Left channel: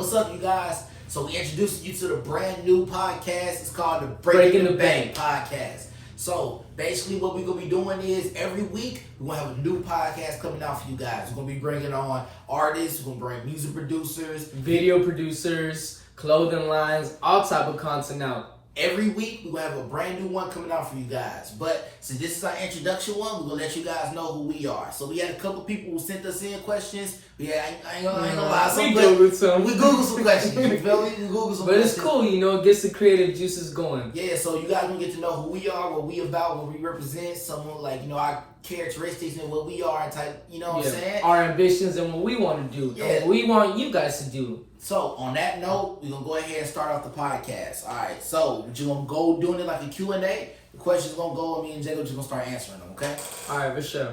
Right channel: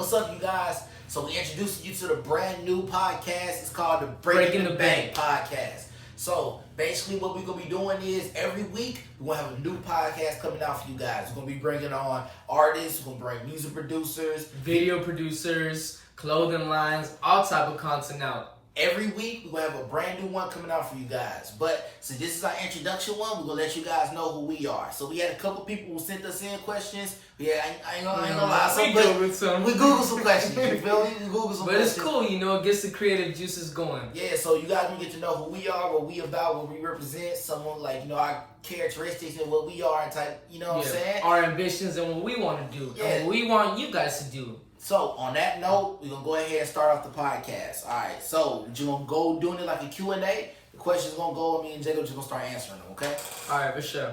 What's up, you guys? So we introducing you to the brand new podcast. It's called the Breaking the Bank podcast. So basically what we're going to be doing is every week we're going to have a new podcast coming out for you guys. We're going to be bringing on artists, we're going to bring music producers, video producers, clothing lines, all type of content out. Every week, we're going to have a brand new one coming out for you guys. But since this is our introduction one, we're going to let you guys know who we are. So we had a couple people who sent us in questions. Yeah, I ain't gonna lie. We Googled some. We Googled some questions. You feel me? We Googled some But questions. it's cool, it gets the creative juices going. Yeah, so you guys gonna get to know who we are, what we about, what we represent, someone like, our characteristics and what we are type, what I'm saying? Our ambitions and what we want to do. Yeah. And what we want you guys to do. So, on that note, we're going to go ahead and start off the podcast. All right, so we're going to go doing it like a Q&A. The questions going to go, and me and Jacob just going to start answering them, okay? All right, for sure.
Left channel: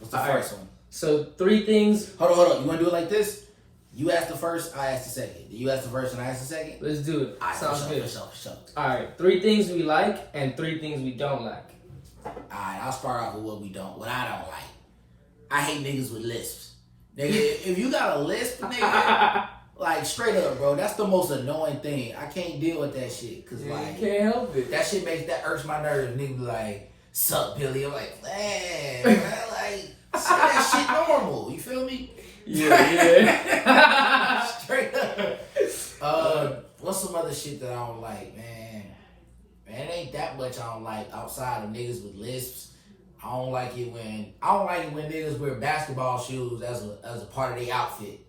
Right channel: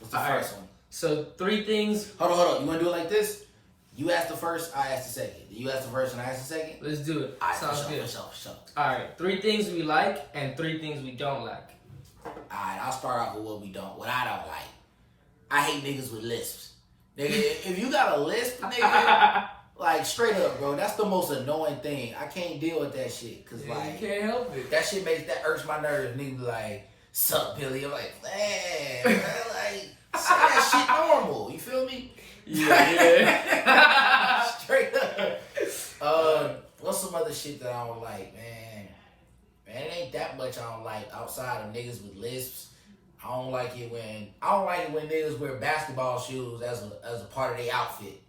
What's the first one? So, 3 things. Hold on. You want to do it like this? You ask the first, I ask the second. You ask the first, and I ask the second? Let's do it. All right, Sounds good. For sure. All right, 3 things we like and 3 things we don't like. All right, I'll start off with what I don't like. I hate niggas with lisps. Nigga, if you got a lisp, nigga... Like, straight up, bro, that's the most annoying thing. I can't deal with that shit. Cause, you like, can't help it. That shit that irks my nerves. Niggas be like, sup, Billy? I'm like, man, like, say that shit normal. You feel me? Yeah. Straight up. What's some other shit that I don't like, man? Man, it ain't that much I don't like outside of niggas with lisps. I don't like it when niggas wear basketball shoes as a part of their outfit.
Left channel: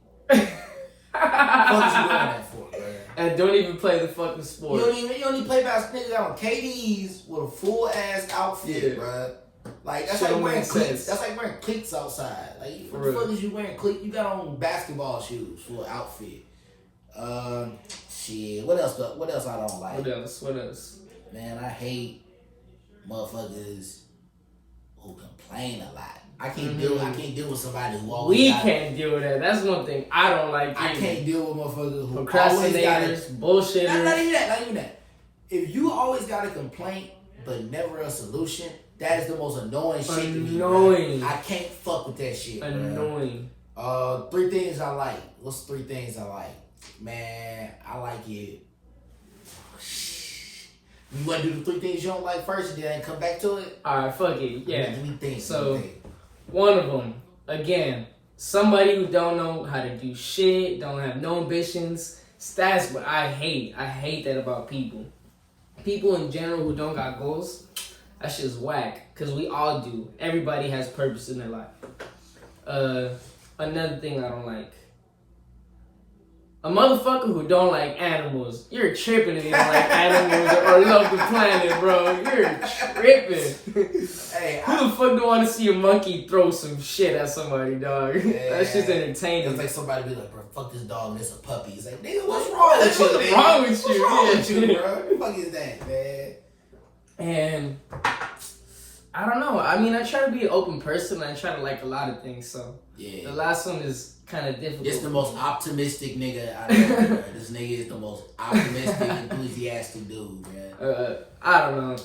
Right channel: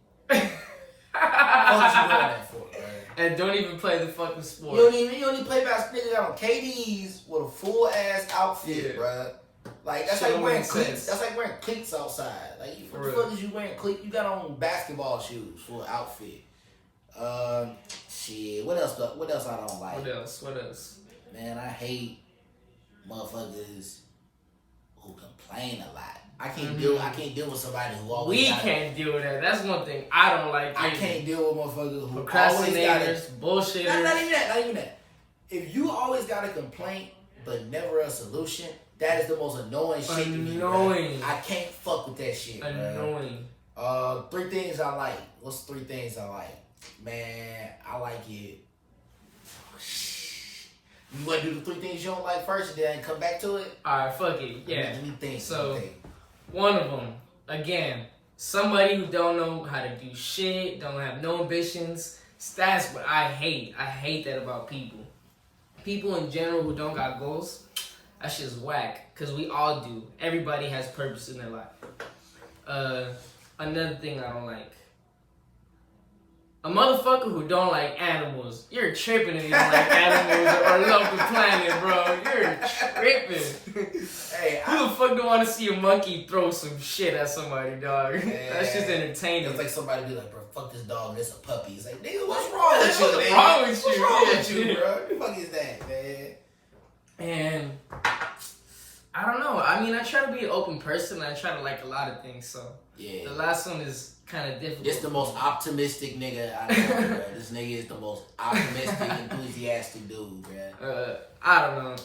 What you doing that for, man? And don't even play the fucking sport. You don't even play basketball. Niggas got on KDs with a full ass outfit, bro. Like that's like wearing cleats. That's like wearing cleats outside. Like what the fuck is you wearing cleats? You got on basketball shoes for an outfit. Shit. What else I don't like? What else? Man, I hate motherfuckers who complain a lot. I can't deal with somebody who always can't deal with that. That's one thing I don't like. I can't deal with motherfuckers who procrastinators, bullshitters. Not even that. If you always got a complaint but never a solution, that is the most annoying shit to me. Annoying. I can't fuck with that shit. Annoying. 3 things I like. What's 3 things I like? Man, I like it. You want to do the 3 things you don't like first and then come back to it? Alright, fuck it. Yeah. Let me think. So, one of them, again, somebody who don't know how to do shit, don't have no ambitions. That's what I hate. I hate that about people. People in general who don't got goals, that shit's whack. Because we all do. Everybody has purpose in their life. Another thing I don't like. A motherfucker who don't like animals. You're tripping if you don't like animals or love the planet, bro. You're tripping. Hey, who the fuck don't want to see a monkey throw some shit at somebody, dog? Yeah, that's just entertaining. It's like somebody be like, bro, fuck this dog and it's a puppy. It's like, nigga, what's wrong with you, What's wrong with you? What's wrong with you, bro? What the fuck is that, man? And I don't know. I mean, I try to be an open person. I try to like a lot of things, so yeah. The last one is kind of difficult. This the most optimistic nigga I know, bro. This nigga is the most optimistic, enthusiastic dude, man. I don't know.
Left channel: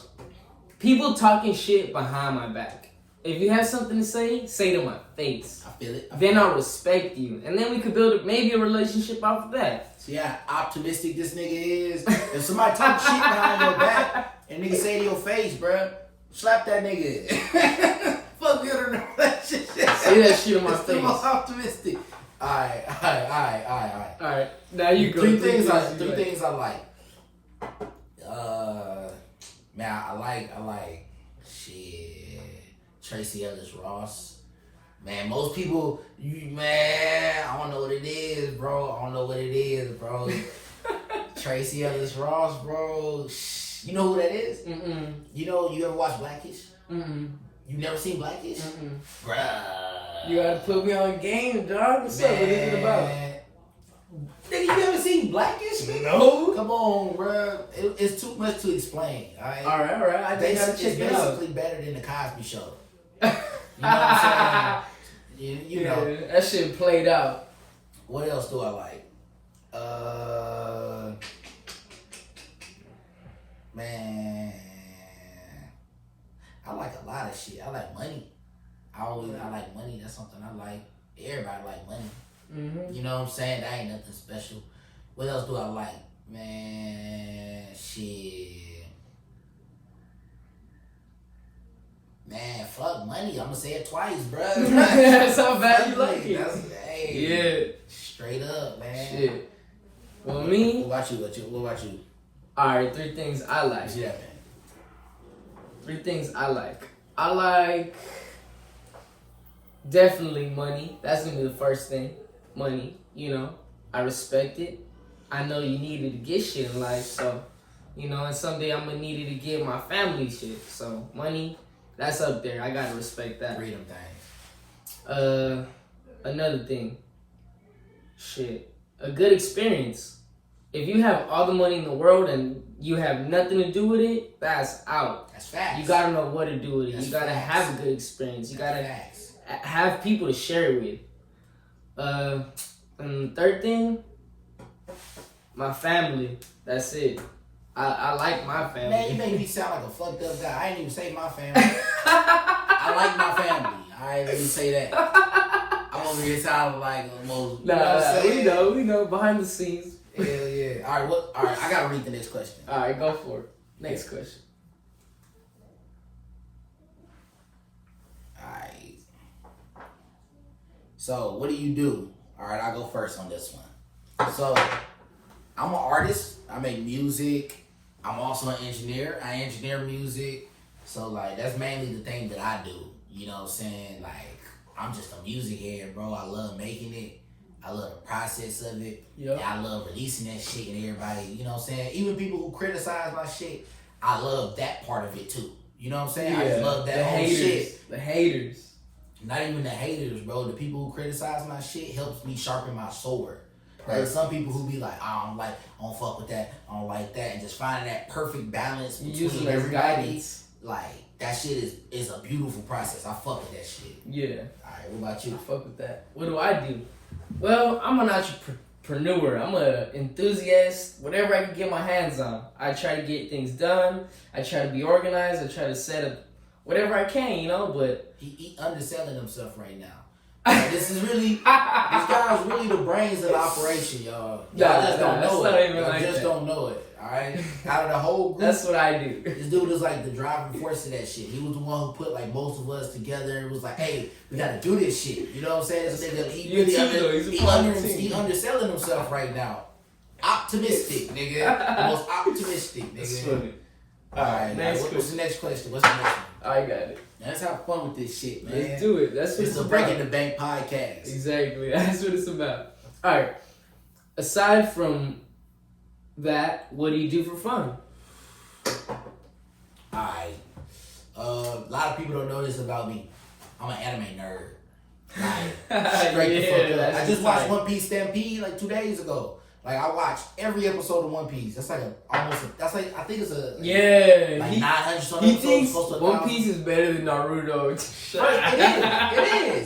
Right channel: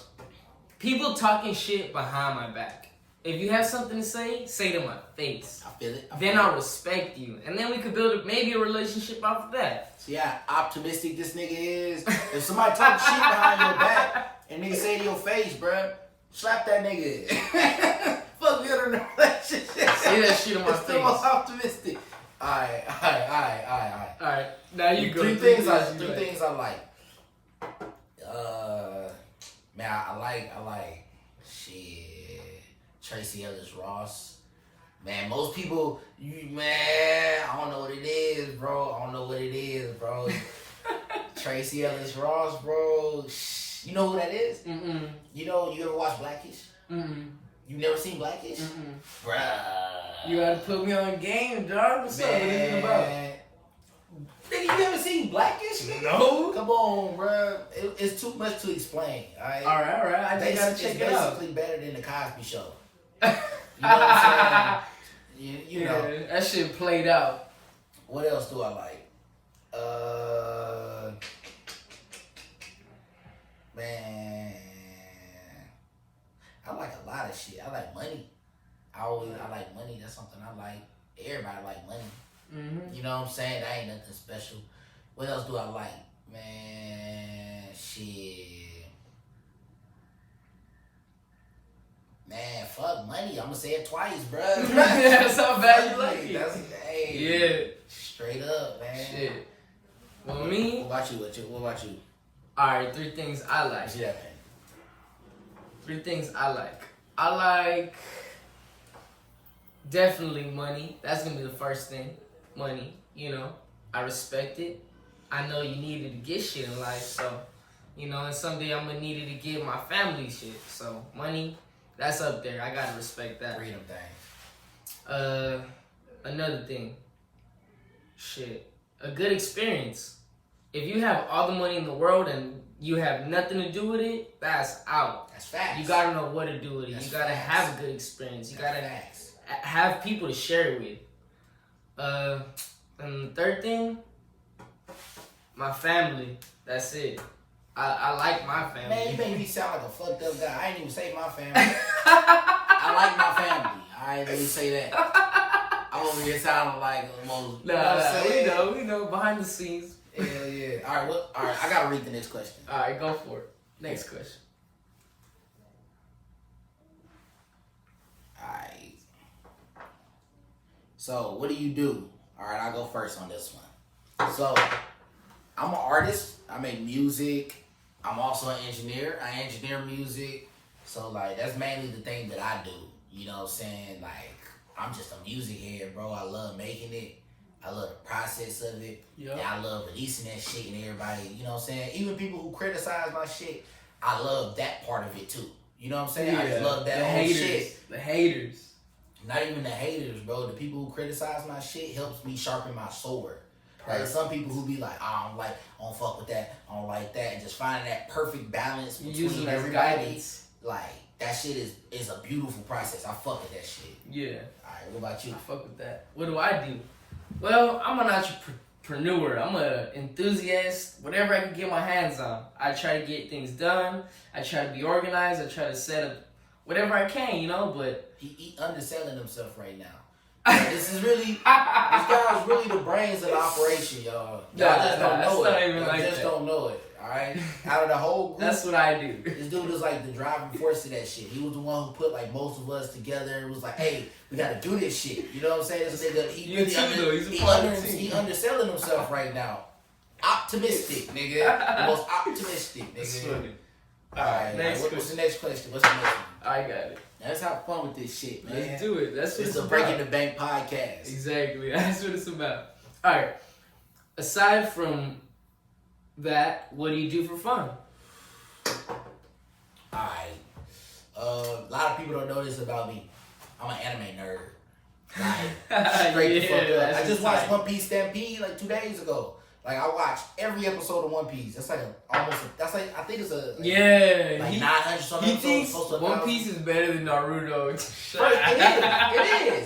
People talking shit behind my back. If you have something to say it in my face. I feel it. Then I'll respect you. And then we could build maybe a relationship off of that. See how optimistic this nigga is? If somebody talk shit behind your back and nigga say it in your face, bro, slap that nigga. Fuck you in a relationship. Say that shit in my face. The most optimistic. Alright. Alright, now you go. 3 things I like. Man, I like shit. Tracy Ellis Ross. Man, most people, I don't know what it is, bro. Tracy Ellis Ross, bro. You know who that is? Mm-mm. You ever watch Blackish? Mm-mm. You never seen Blackish? Mm-mm. Bruh. You gotta put me on game, dog. What's up? What is it about? Nigga, you never seen Blackish, nigga? No. Come on, bruh. It's too much to explain, alright? Alright. I just gotta check it out. It's basically better than the Cosby Show. You know what I'm saying? You know. That shit played out. What else do I like? Man, I like a lot of shit. I like money. I like money. That's something I like. Everybody like money. Mm-hmm. You know what I'm saying? That ain't nothing special. What else do I like? Man, shit. Man, fuck money. I'm gonna say it twice, bro. That's how bad you like it. Hey, Yeah. Straight up, man. Shit. Well, me. What about you? What about you? Alright, 3 things I like. Yeah. 3 things I like. I like definitely money. That's gonna be the first thing. Money. You know, I respect it. I know you needed to get shit in life, so you know, and someday I'm gonna need it to give my family shit. So money, that's up there. I gotta respect that. Freedom thing. Another thing. Shit. A good experience. If you have all the money in the world and you have nothing to do with it, that's out. That's facts. You gotta know what to do with it. That's you gotta facts. have a good experience. You That's gotta facts. have people to share it with. And the third thing, my family. That's it. I like my family. Man, you make me sound like a fucked up guy. I ain't even say my family. I like my family. I ain't even say that. I'm over here sounding like a most. We know behind the scenes. Hell yeah. All right, I gotta read the next question. All right, go for it. Next question. All right. So, what do you do? All right, I'll go first on this one. So, I'm an artist. I make music. I'm also an engineer. I engineer music. So, like, that's mainly the thing that I do. You know what I'm saying? Like, I'm just a music head, bro. I love making it. I love the process of it. Yep. And I love releasing that shit and everybody, you know what I'm saying? Even people who criticize my shit, I love that part of it too. You know what I'm saying? I just love that the whole haters, shit. The haters. Not even the haters, bro. The people who criticize my shit helps me sharpen my sword. There's some people who be like, I don't fuck with that, I don't like that, and just finding that perfect balance between everybody. Like, that shit is a beautiful process. I fuck with that shit. Yeah. Alright, what about you? I fuck with that. What do I do? Well, I'm an entrepreneur. I'm an enthusiast. Whatever I can get my hands on, I try to get things done. I try to be organized. I try to set up whatever I can, you know, but... He underselling himself right now. This is really... this guy's really the brains of the operation, y'all. Y'all just don't know it. Y'all just don't know it. Alright? Out of the whole group, that's what I do. This dude is like the driving force of that shit. He was the one who put like most of us together. It was like, hey, we gotta do this shit. You know what I'm saying? He underselling himself right now. Optimistic, nigga. The most optimistic, nigga. That's funny. Alright, what's the next question? What's the next one? I got it. Now, let's have fun with this shit, man. Let's do it. That's what it's about. Breaking the Bank podcast. Exactly. That's what it's about. Alright. Aside from that, what do you do for fun? Alright. A lot of people don't know this about me. I'm an anime nerd. Like, straight the fuck up. I just watched One Piece Stampede like 2 days ago. Like, I watched every episode of One Piece. That's like I think it's a... Yeah. Like 900 something episodes. He thinks One 1,000. Piece is better than Naruto.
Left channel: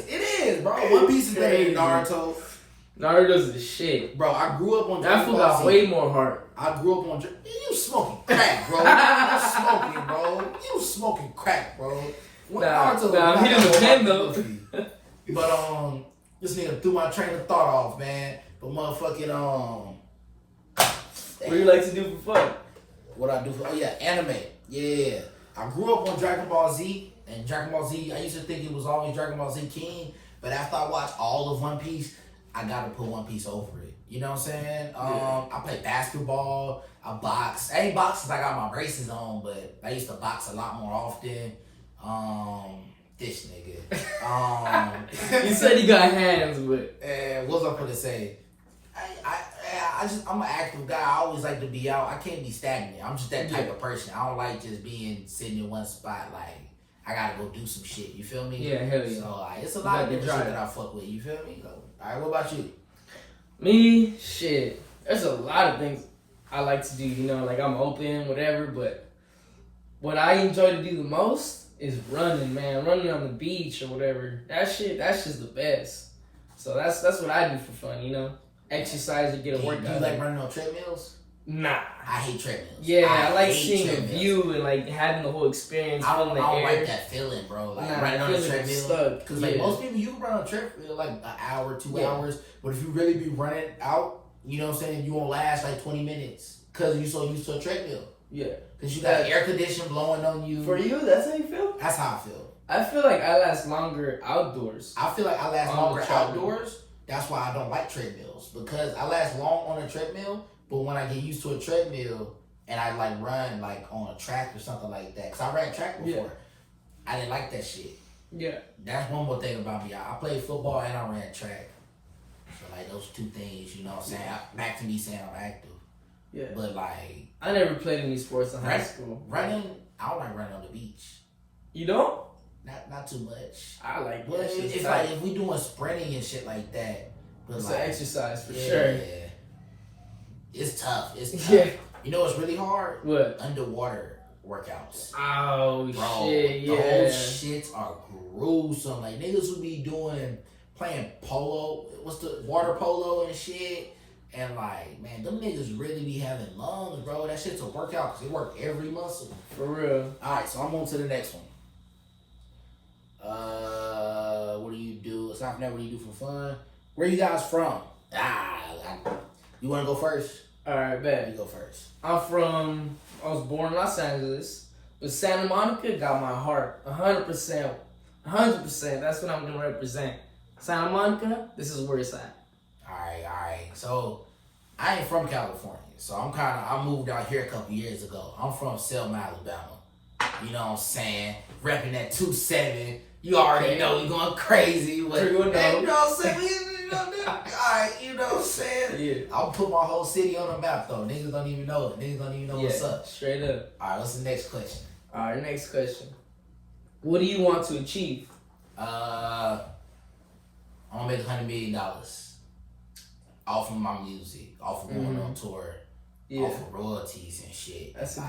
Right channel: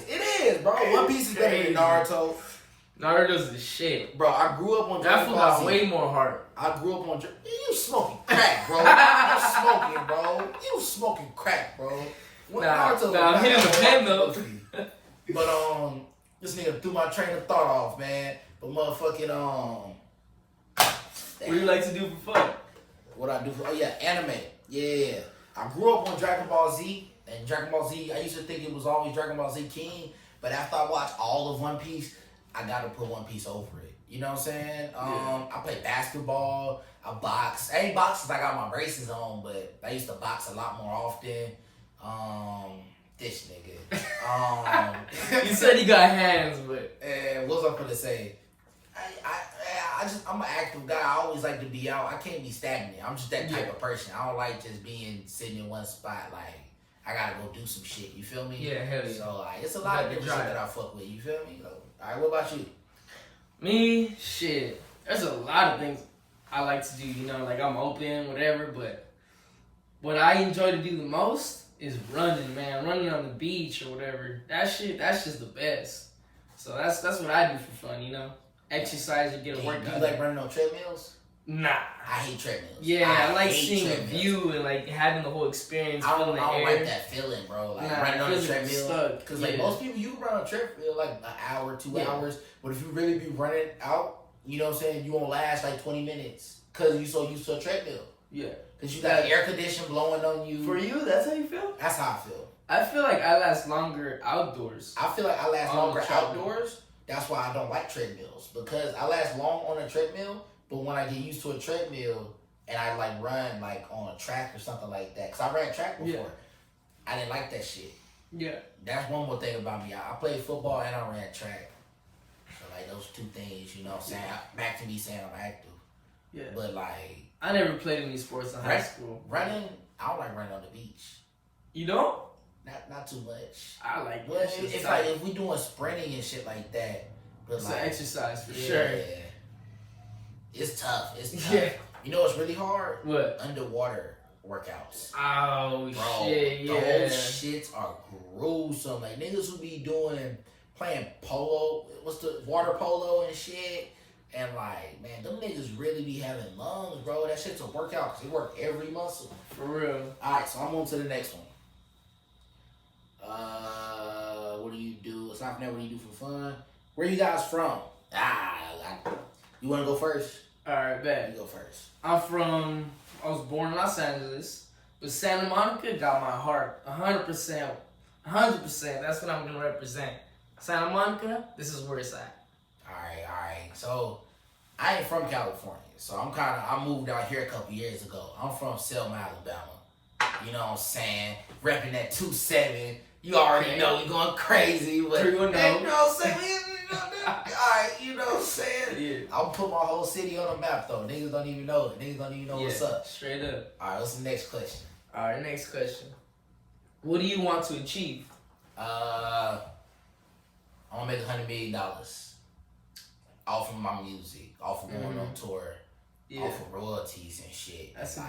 It is, bro. One Piece is better than Naruto. Naruto's the shit. Bro, I grew up on That fool got way more heart. I grew up on... You smoking crack, bro. You smoking, bro. You smoking crack, bro. I'm hitting the pen, though. But, this nigga threw my train of thought off, man. But motherfucking, what do you like to do for fun? What I do for... Oh, yeah, anime. Yeah. I grew up on Dragon Ball Z. And Dragon Ball Z, I used to think it was always Dragon Ball Z King. But after I watched all of One Piece, I gotta put One Piece over it. You know what I'm saying? I play basketball. I box. I ain't box because I got my braces on, but I used to box a lot more often. This nigga. You said he got hands, but... And what was I gonna say? I'm an active guy. I always like to be out. I can't be stagnant. I'm just that type of person. I don't like just being sitting in one spot. Like, I gotta go do some shit. You feel me? Yeah, hell yeah. So, it's a lot of different shit that I fuck with. You feel me? So, alright, what about you? Me? Shit. There's a lot of things I like to do, you know, like I'm open, whatever, but what I enjoy to do the most is running, man. Running on the beach or whatever. That's just the best. So that's what I do for fun, you know? Exercise to get a workout. You like running on treadmills? Nah. I hate treadmills. Yeah, I like hate seeing a treadmills. view and like having the whole experience. I Feeling don't the air. like that feeling, bro. Like Nah, running on the feeling treadmill. stuck. Because like most people, you can run on a treadmill like an hour, 2 hours. But if you really be running out, you know what I'm saying, you won't last like 20 minutes. Because you're so used to a treadmill. Yeah. Because you got air conditioning blowing on you. For you, that's how you feel? That's how I feel. I feel like I last longer outdoors. I feel like I last longer outdoors. That's why I don't like treadmills. Because I last long on a treadmill, but when I get used to a treadmill and I like run like on a track or something like that, because I ran track before, I didn't like that shit. Yeah. That's one more thing about me. I played football and I ran track. So like those two things, you know what I'm saying? Back to me saying I'm active. Yeah. But like, I never played any sports in high school. Running, I don't like running on the beach. You don't? Not too much. I like that. It's like if we doing sprinting and shit like that. But it's like, an exercise for sure. It's tough. It's tough. Yeah. You know what's really hard? What? Underwater workouts. Oh, bro, shit, yeah. Those shits are gruesome. Like, niggas who be playing polo, what's the water polo and shit. And like, man, them niggas really be having lungs, bro. That shit's a workout because they work every muscle. For real. Alright, so I'm on to the next one. What do you do? It's not what you do for fun. Where you guys from? You want to go first? Alright, bet. You go first. I was born in Los Angeles, but Santa Monica got my heart. 100%. 100%. That's what I'm going to represent. Santa Monica, this is where it's at. Alright. So, I ain't from California. So, I moved out here a couple years ago. I'm from Selma, Alabama. You know what I'm saying? Repping that 2-7. You already know we going crazy. But, you know what I'm saying? Alright, you know what I'm saying? Yeah. I'll put my whole city on the map, though. Niggas don't even know it. Niggas don't even know what's up. Straight up. Alright, what's the next question? Alright, next question. What do you want to achieve? I'm gonna make $100 million off of my music, off of going on tour, off of royalties and shit. That's a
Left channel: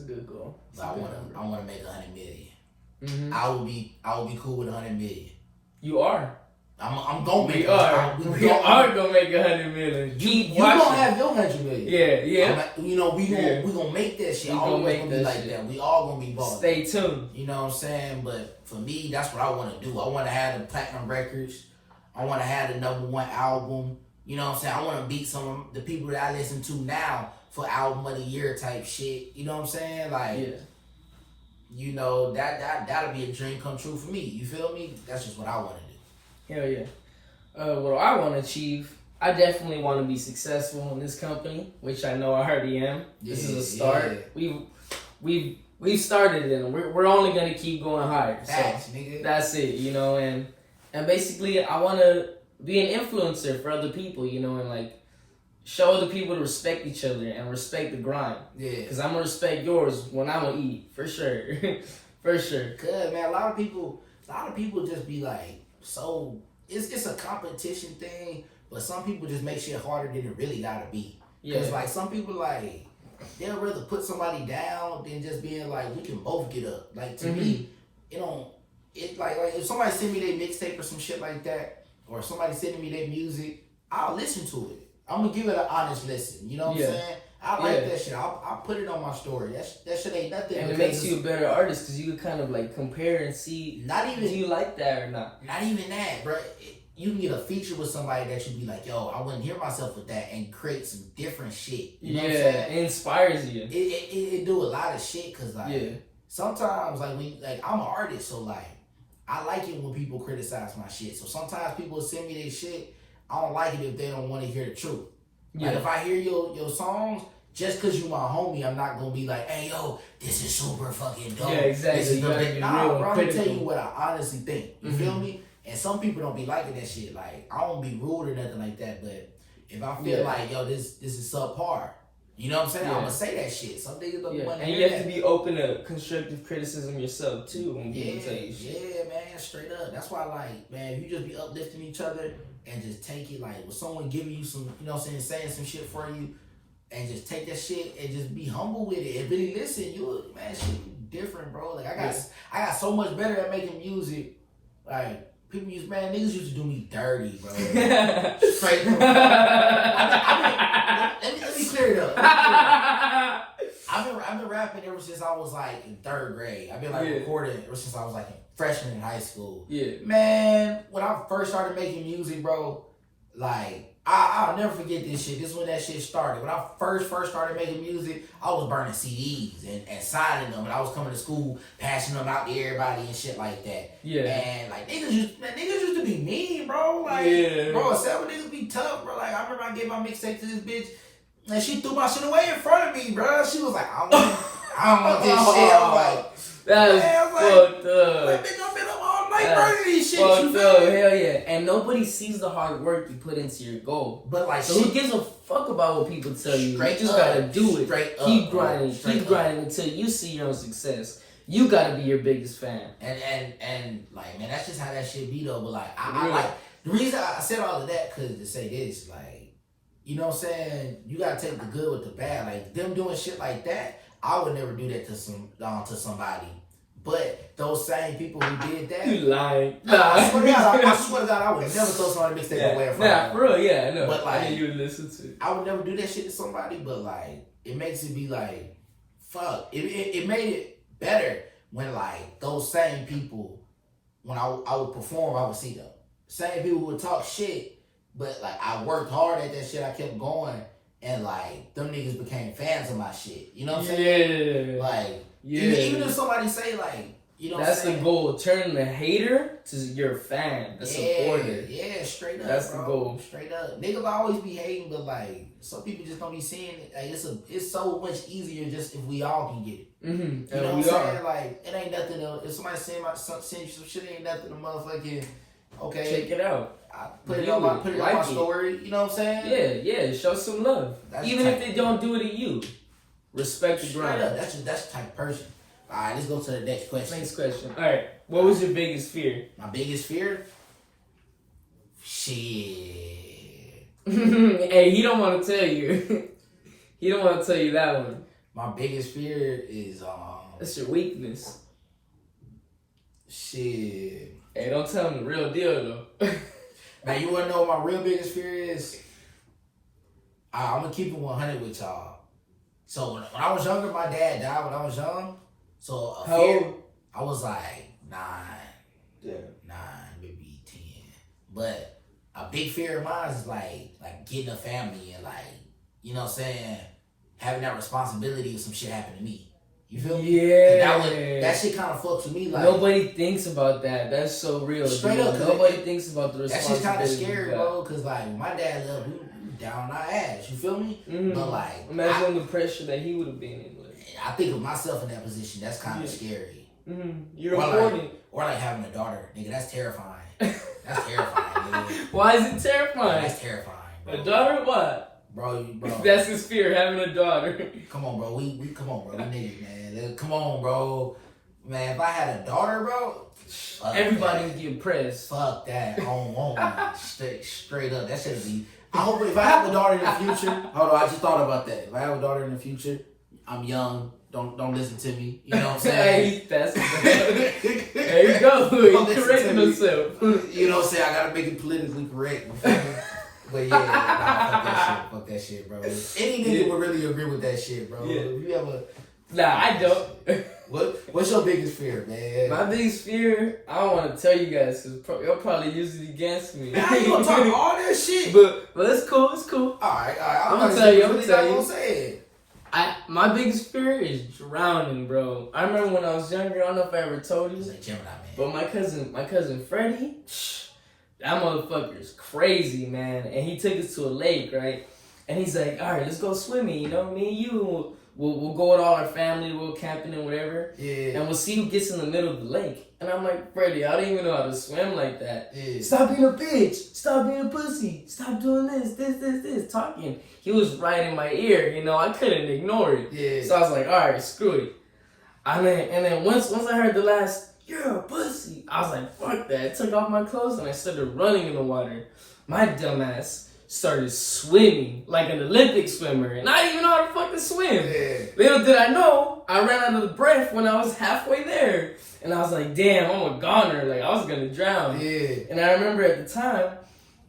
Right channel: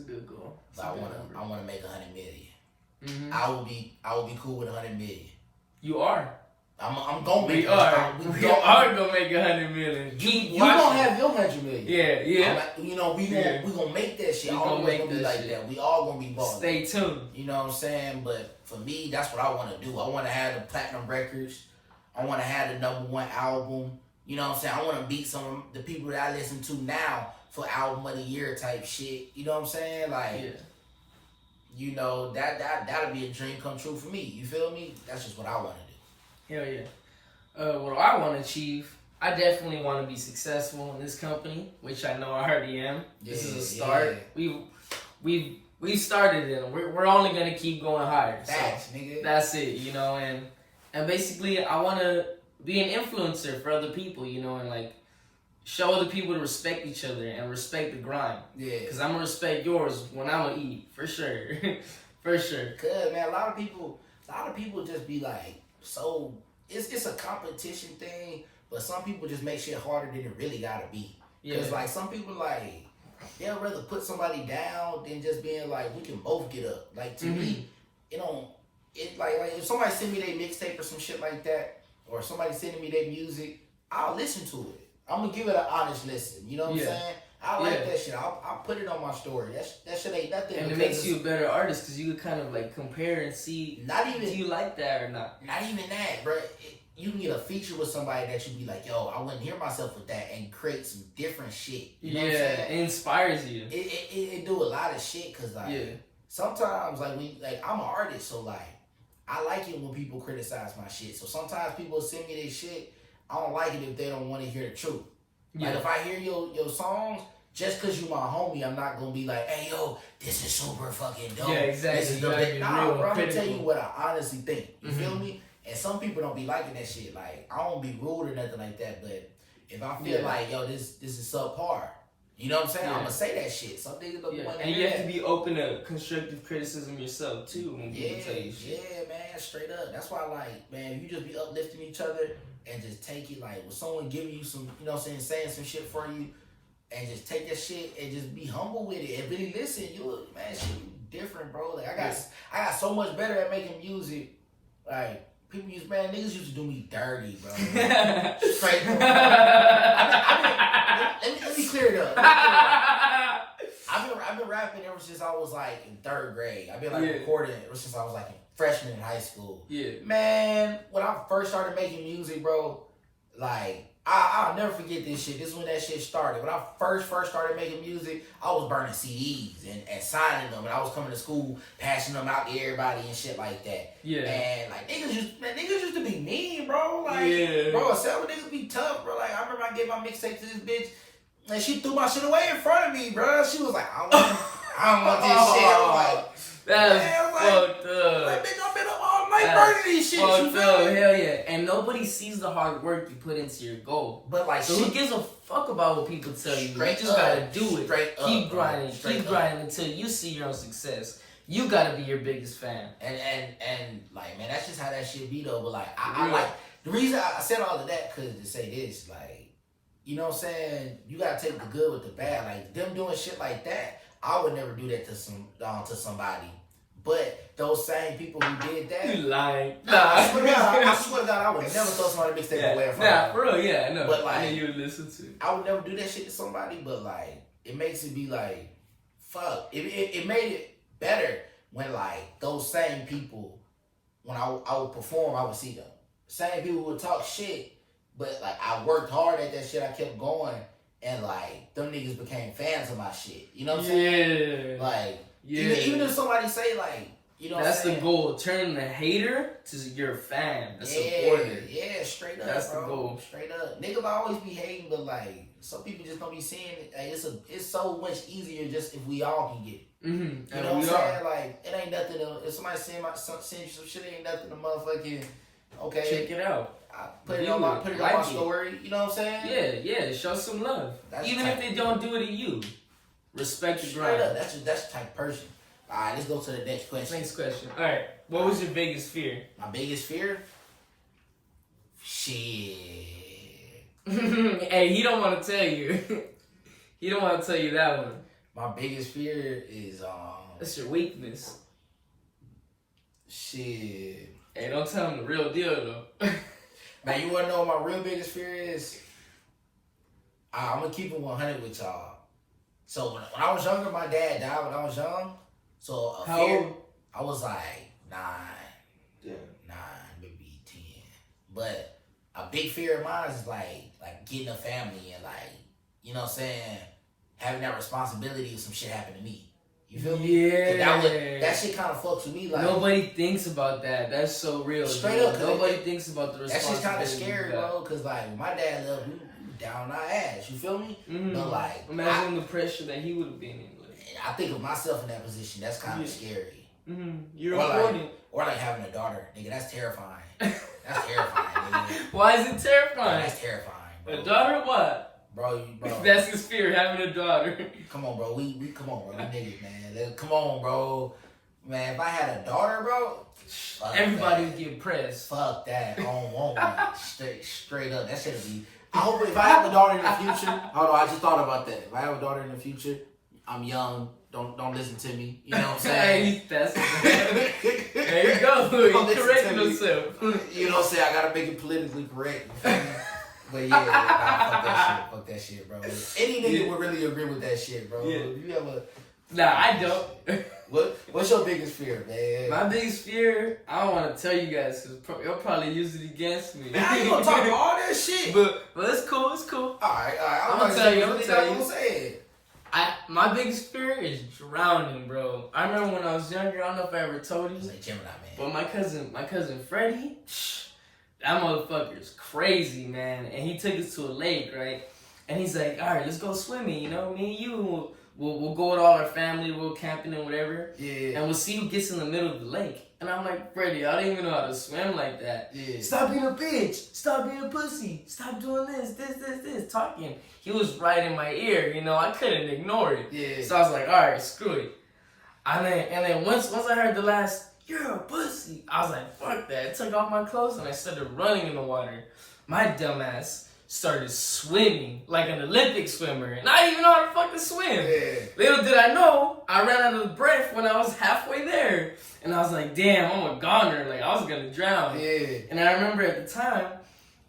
good goal. But I wanna make $100 million. Mm-hmm. I will be cool with $100 million. You are. I'm gonna make. We are gonna make $100 million. You gonna have your $100 million. Yeah. We gonna make that shit. All gonna be like that. We all gonna be balling. Stay tuned. You know what I'm saying? But for me, that's what I want to do. I want to have the platinum records. I want to have the #1 album. You know what I'm saying? I want to beat some of the people that I listen to now for album of the year type shit. You know what I'm saying? Like, you know, that'll be a dream come true for me. You feel me? That's just what I want to do. Hell yeah. What I want to achieve, I definitely want to be successful in this company, which I know I already am. This is a start. We've started it, and we're only gonna keep going higher. Facts, so nigga. That's it, you know. And basically, I want to be an influencer for other people, you know, and like show other people to respect each other and respect the grind. Yeah. Because I'm gonna respect yours when I'm gonna eat, for sure, for sure. Cause man, a lot of people just be like. So it's a competition thing, but some people just make shit harder than it really gotta be. Cause like some people like they'll rather put somebody down than just being like we can both get up. Like to me, it like if somebody send me their mixtape or some shit like that, or somebody sending me their music, I'll listen to it. I'm gonna give it an honest listen. You know what I'm saying? I like that shit. I'll put it on my story. That shit ain't nothing. And it makes you a better artist because you can kind of like compare and see. Do you like that or not? Not even that, bro. You can get a feature with somebody that you be like, yo, I wouldn't hear myself with that, and create some different shit. You know what I'm saying? It inspires you. It do a lot of shit because like sometimes like I'm an artist, so like I like it when people criticize my shit. So sometimes people send me their shit. I don't like it if they don't want to hear the truth. Like if I hear your songs, just cause you my homie, I'm not gonna be like, hey yo, this is super fucking dope. Yeah, exactly. This is bro, I'm gonna tell you what I honestly think. You feel me? And some people don't be liking that shit. Like I don't be rude or nothing like that, but if I feel like yo, this is subpar, you know what I'm saying? I'm gonna say that shit. Some niggas don't want to and hear you have to be open to constructive criticism yourself too when people tell you shit. Yeah, man, straight up. That's why like, man, you just be uplifting each other and just take it like with someone giving you some, you know what I'm saying some shit for you, and just take that shit and just be humble with it and really listen. You man, shit different, bro. Like I got so much better at making music. Like people niggas used to do me dirty, bro. Straight. Let me clear straight up. I've been rapping ever since I was like in 3rd grade. I've been like recording ever since I was like a freshman in high school. Yeah. Man, when I first started making music, bro, like I'll never forget this shit. This is when that shit started. When I first started making music, I was burning CDs and signing them, and I was coming to school, passing them out to everybody and shit like that. Yeah. And like niggas used to be mean, bro. Like, bro, some niggas be tough, bro. Like I remember I gave my mixtape to this bitch, and she threw my shit away in front of me, bro. She was like, I don't want this shit. I was like, that's fucked up. Like, bitch, I've been up all night burning these shit. Fucked up, hell yeah. And nobody sees the hard work you put into your goal. But like, so who gives a fuck about what people tell you? You just gotta do it. Keep grinding, keep grinding until you see your own success. You gotta be your biggest fan. And like, man, that's just how that shit be though. But like, I like the reason I said all of that because to say this, like, you know what I'm saying? You gotta take the good with the bad. Like them doing shit like that, I would never do that to somebody. But those same people who did that, you lying. I swear to God, I would never throw somebody mixtape away from Nah, for real, yeah, I know. But like, I mean, you would listen to it. I would never do that shit to somebody, but like, it makes it be like, fuck. It made it better when like those same people, when I would perform, I would see them. Same people would talk shit, but like I worked hard at that shit. I kept going, and like them niggas became fans of my shit. You know what I'm saying? Like, even if somebody say like, you know, that's the goal. Turn the hater to your fan, the supporter. Yeah, straight up. That's bro. the goal. Straight up. Niggas always be hating, but like some people just don't be seeing it. Like, it's so much easier just if we all can get it. Mm-hmm. You know what I'm saying? Like, it ain't nothing. If somebody send you some shit, it ain't nothing to motherfucking. Okay, check it out. I put it on my story. You know what I'm saying? Yeah. Show some love. Even if they don't do it to you, respect the grind. Up. That's the type of person. All right, let's go to the next question. Next question. All right, what was your biggest fear? My biggest fear? Shit. Hey, he don't want to tell you. He don't want to tell you that one. My biggest fear is That's your weakness. Shit. Hey, don't tell him the real deal though. Now you wanna know what my real biggest fear is? I'm gonna keep it 100 with y'all. So when I was younger, my dad died when I was young. So how old? I was like 9. Yeah. 9, maybe 10. But a big fear of mine is like getting a family and like, you know what I'm saying, having that responsibility if some shit happened to me. You feel me? Yeah. That shit kind of fucks with me. Like, nobody thinks about that. That's so real. Straight up. Nobody thinks about the responsibility. That shit's kind of scary, bro. Cause like when my dad left, we down our ass. You feel me? Mm-hmm. But like, imagine the pressure that he would have been in. I think of myself in that position. That's kind of scary. Mm-hmm. You're important. Or like having a daughter, nigga. That's terrifying. That's terrifying, nigga. Why is it terrifying? That's terrifying, bro. A daughter? What? Bro. That's his fear, having a daughter. Come on, bro. We come on, bro. We niggas, man. Come on, bro. Man, if I had a daughter, bro, everybody would get pressed. Fuck that. I don't want one. Straight up. That should be. I hope if I have a daughter in the future. Hold on, I just thought about that. If I have a daughter in the future, I'm young. Don't listen to me. You know what I'm saying? There you go. He's correcting himself. You know what I'm saying? I gotta make it politically correct. You feel me? But yeah, fuck that shit, bro. Any nigga would really agree with that shit, bro. Yeah. If you ever, nah, I don't. What's your biggest fear, man? My biggest fear, I don't want to tell you guys because you'll probably use it against me. Man, how you gonna talk all that shit? But it's cool. It's cool. All right. I'm gonna tell you. Say it. My biggest fear is drowning, bro. I remember when I was younger. I don't know if I ever told you, but my cousin Freddie, that motherfucker's crazy, man. And he took us to a lake, right? And he's like, all right, let's go swimming. You know, me and you, we'll go with all our family. We'll camping and whatever. Yeah. And we'll see who gets in the middle of the lake. And I'm like, Freddie, I don't even know how to swim like that. Yeah. Stop being a bitch. Stop being a pussy. Stop doing this. Talking. He was right in my ear, you know. I couldn't ignore it. Yeah. So I was like, all right, screw it. And then once I heard the last, you're a pussy, I was like, fuck that. I took off my clothes and I started running in the water. My dumbass started swimming like an Olympic swimmer. And I didn't even know how to fucking swim. Yeah. Little did I know, I ran out of breath when I was halfway there. And I was like, damn, I'm a goner. Like, I was going to drown. Yeah. And I remember at the time,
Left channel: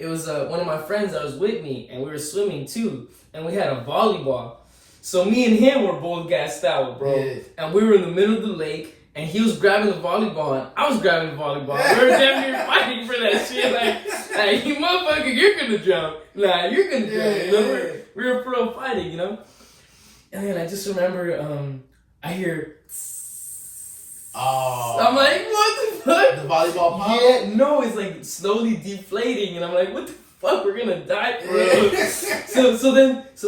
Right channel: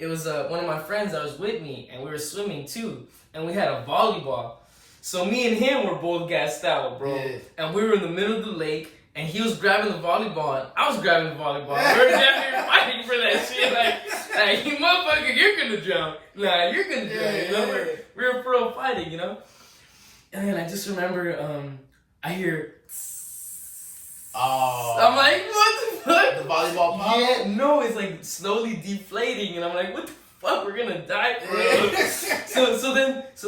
it was one of my friends that was with me, and we were swimming too, and we had a volleyball. So me and him were both gassed out, bro. Yeah. And we were in the middle of the lake, and he was grabbing the volleyball, and I was grabbing the volleyball. We were damn near fighting for that shit. Like, you motherfucker, you're gonna drown. Nah, you're gonna drown. You know, we were pro fighting, you know. And then I just remember, I hear. Oh. I'm like, what the fuck? The volleyball pop? Yeah, no, it's like slowly deflating, and I'm like, what the fuck? We're gonna die, bro. so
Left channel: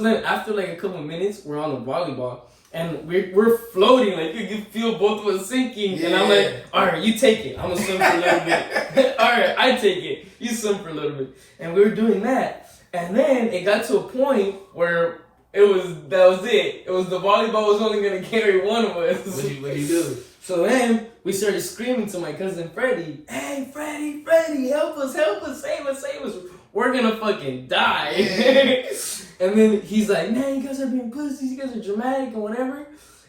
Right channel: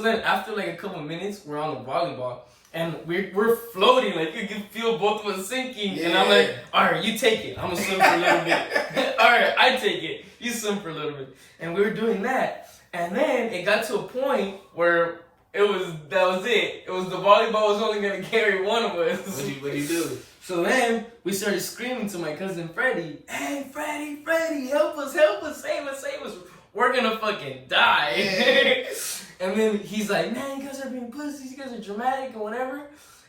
then after like a couple minutes, we're on the volleyball, and we're floating, like you can feel both of us sinking, and I'm like, all right, you take it, I'm gonna swim for a little bit. All right, I take it, you swim for a little bit, and we were doing that, and then it got to a point where that was it. It was the volleyball was only gonna carry one of us. What do you do? So then we started screaming to my cousin Freddie, hey, Freddie, help us, save us. We're gonna fucking die. And then he's like, man, you guys are being pussies, you guys are dramatic and whatever.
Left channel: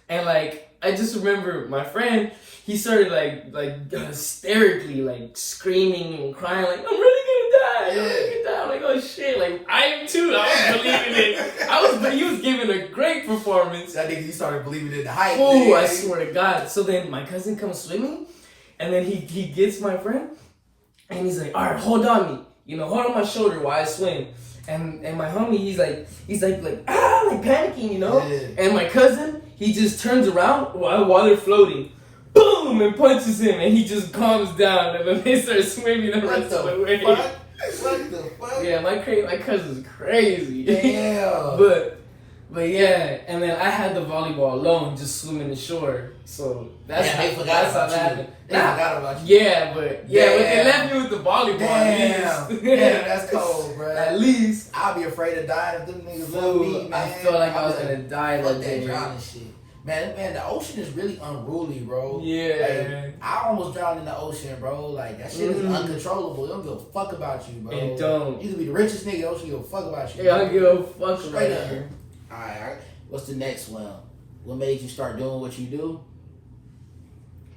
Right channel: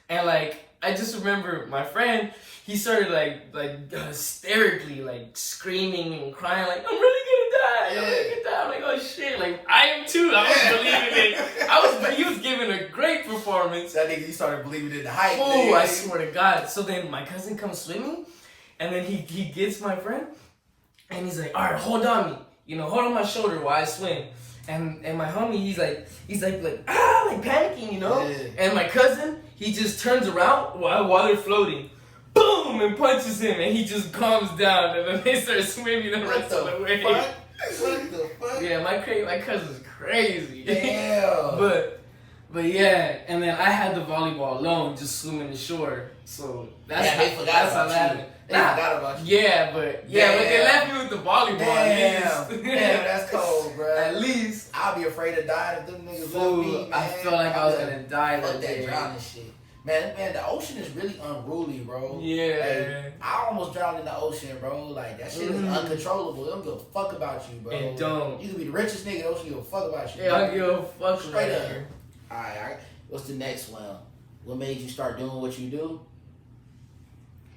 And like, I just remember my friend, he started like hysterically like screaming and crying like, I'm really gonna die. I'm like, oh shit, like I am too. I was believing it. He was giving a great performance. I think he started believing in the hype. Oh, I swear to God. So then my cousin comes swimming, and then he gets my friend, and he's like, all right, hold on me. You know, hold on my shoulder while I swim. And my homie, he's like panicking, you know? Yeah. And my cousin, he just turns around while they're floating. Boom! And punches him, and he just calms down, and then they start swimming the rest of the way. What the fuck? Yeah, my cousin's crazy. Damn. But yeah, and then I had the volleyball alone, just swimming the shore. So that's they forgot how about that you. happened. They forgot about you. Yeah, but they left me with the volleyball at least. Damn, that's cold, bro. At least. I'll be afraid of dying if them niggas love me, man. I felt like I was gonna die Fuck that that day. drowning shit. Man, the ocean is really unruly, bro. Yeah. Like, I almost drowned in the ocean, bro. Like, that shit is uncontrollable. They don't give a fuck about you, bro. It don't. You can be the richest nigga, they don't give a fuck about you. Yeah, I don't give a fuck Straight about up. you. Alright. What's the next one? What made you start doing what you do?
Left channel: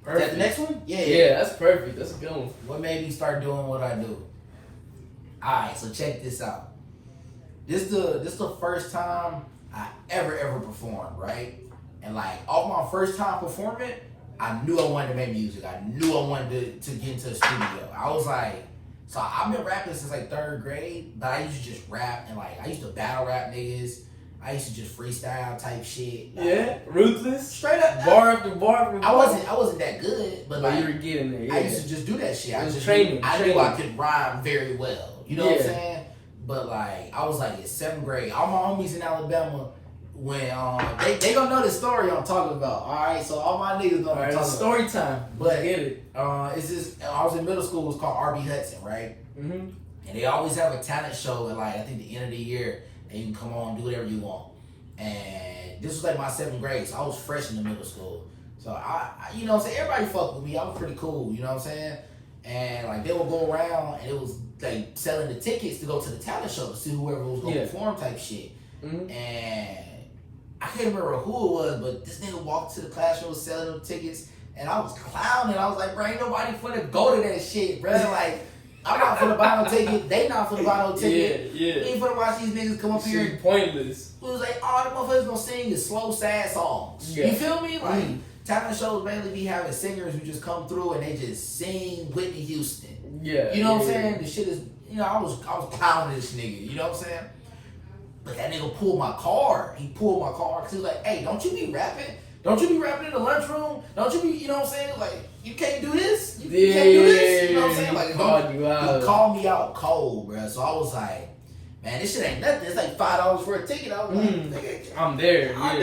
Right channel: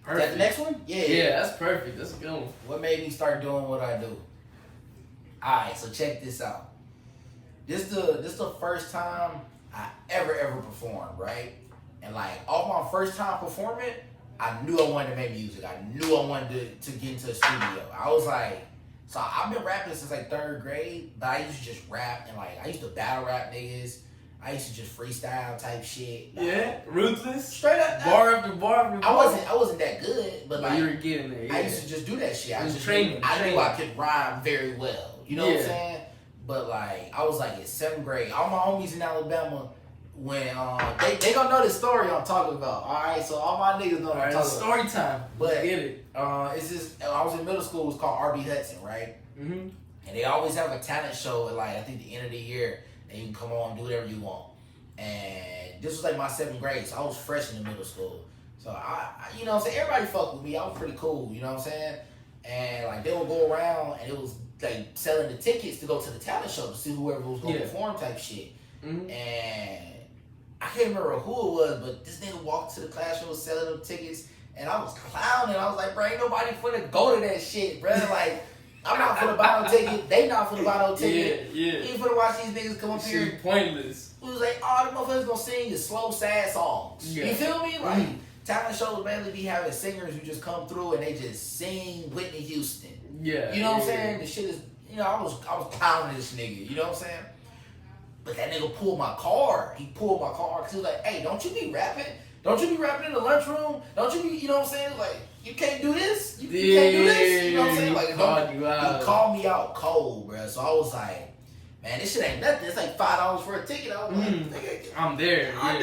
Perfect. Is that the next one? Yeah, that's perfect. That's a good one. What made me start doing what I do? Alright, so check this out. This the first time I ever performed, right? And like off my first time performing, I knew I wanted to make music. I knew I wanted to get into a studio. I was like, so I've been rapping since like 3rd grade, but I used to just rap and like I used to battle rap niggas. I used to just freestyle type shit. Yeah, ruthless. Straight up. Bar after bar after bar. I wasn't that good, but like you were getting there. Yeah. I used to just do that shit. I was just training. I knew I could rhyme very well. You know what I'm saying? But like I was like in 7th grade. All my homies in Alabama, when they gonna know the story I'm talking about. All right, so all my niggas know what I'm talking about. Story time. But get it. It's just I was in middle school. It was called RB Hudson, right? Mm-hmm. And they always have a talent show at like I think the end of the year, and you can come on and do whatever you want. And this was like my 7th grade, so I was fresh in the middle school. So I you know what I'm saying, everybody fucked with me. I was pretty cool, you know what I'm saying? And like they would go around and it was like selling the tickets to go to the talent show to see whoever was gonna perform type shit. Mm-hmm. And I can't remember who it was, but this nigga walked to the classroom selling them tickets, and I was clowning. I was like, bro, ain't nobody finna go to that shit, bro. Like, I'm not finna buy no ticket. They not finna buy no ticket. Yeah. We ain't finna watch these niggas come up here. It's pointless. It was like, all the motherfuckers gonna sing is slow, sad songs. Yeah. You feel me? Like, talent shows mainly be having singers who just come through and they just sing Whitney Houston. Yeah. You know what I'm saying? The shit is, you know, I was clowning this nigga. You know what I'm saying? But that nigga pulled my card. He pulled my card because he was like, hey, don't you be rapping? Don't you be rapping in the lunchroom? Don't you be, you know what I'm saying? Like, you can't do this? You can't do this? You know what I'm saying? Like, he called me out cold, bro. So I was like, man, this shit ain't nothing. It's like $5 for a ticket. I was like, nigga, I'm there. I'll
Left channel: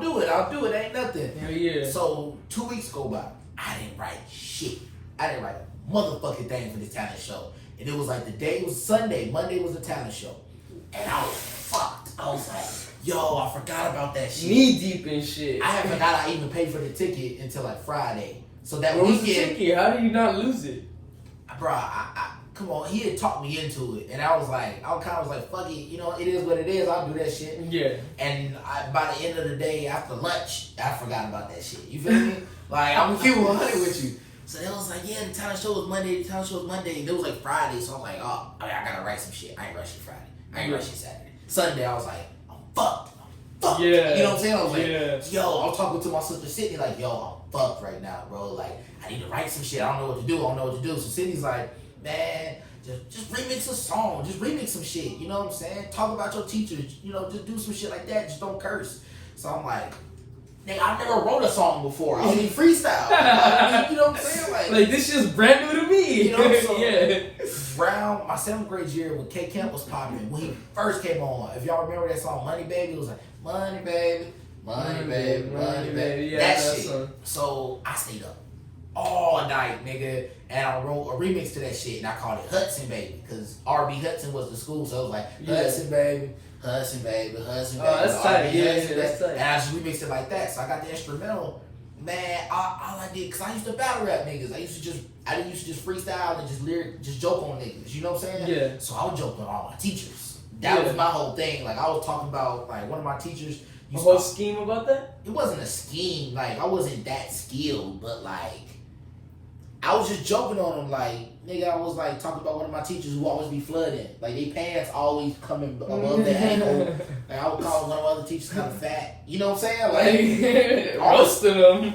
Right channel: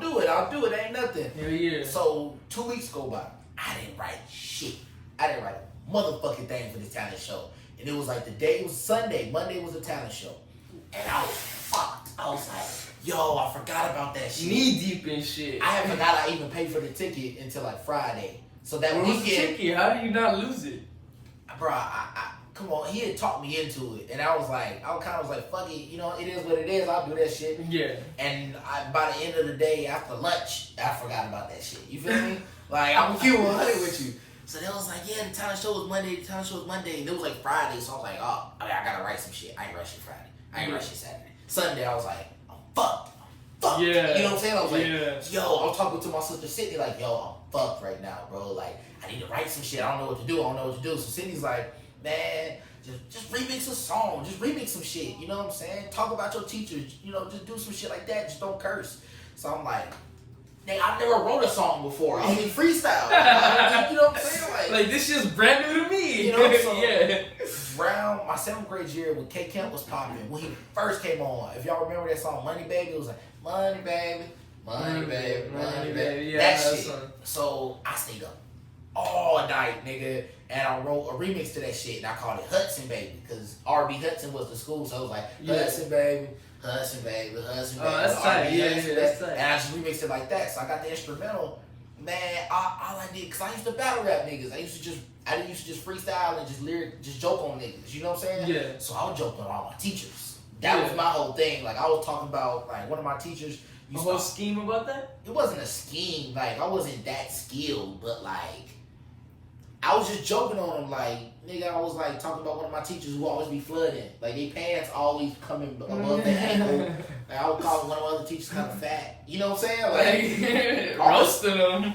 do it. It ain't nothing. Yeah. So 2 weeks go by. I didn't write shit. I didn't write a motherfucking thing for this talent show. And it was like the day was Sunday. Monday was a talent show. And I was fucked. I was like, yo, I forgot about that shit. Knee deep in shit. I forgot I even paid for the ticket until like Friday. So that Where was the weekend, ticket? How did you not lose it? bro, I come on, he had talked me into it. And I was like, fuck it, you know, it is what it is, I'll do that shit. Yeah. And by the end of the day, after lunch, I forgot about that shit. You feel me? Like, I'm gonna keep 100 with you. So they was like, yeah, the talent show was Monday, the talent show was Monday. And it was like Friday, so I was like, oh, I gotta write some shit. I ain't rushing Friday. I ain't rushing Saturday. Sunday, I was like, I'm fucked. Fuck. Yeah. You know what I'm saying? I was like, Yeah. yo, I was talking to my sister Sydney, like, yo, I'm fucked right now, bro. Like, I need to write some shit. I don't know what to do. I don't know what to do. So Sydney's like, man, just remix a song. Just remix some shit. You know what I'm saying? Talk about your teachers. You know, just do some shit like that. Just don't curse. So I'm like, nigga, I never wrote a song before. I only freestyle. You know what I'm saying? Like this shit's brand new to me. You know, so Yeah. Around my 7th grade year when K Camp was popping, when he first came on, if y'all remember that song Money Baby, it was like Money Baby, Money Baby, Money Baby. Yeah, that that shit. song. So I stayed up all night, nigga, and I wrote a remix to that shit, and I called it Hudson Baby, because R.B. Hudson was the school, so it was like Hudson Baby, Hudson Baby, Hudson Baby. Oh, that's tight. Yeah, that's tight. And I just remixed it like that. So I got the instrumental. Man, all I did, because I used to battle rap niggas. I didn't used to just freestyle and just joke on niggas. You know what I'm saying? Yeah. So I would joke on all my teachers. That was my whole thing. Like, I was talking about, like, one of my teachers. A whole scheme about that? It wasn't a scheme. Like, I wasn't that skilled, but, like, I was just joking on him. Like, nigga, I was, like, talking about one of my teachers who always be flooding. Like, their pants always coming above their ankle. Like, I would call one of my other teachers kind of fat. You know what I'm saying? Like, roasting them.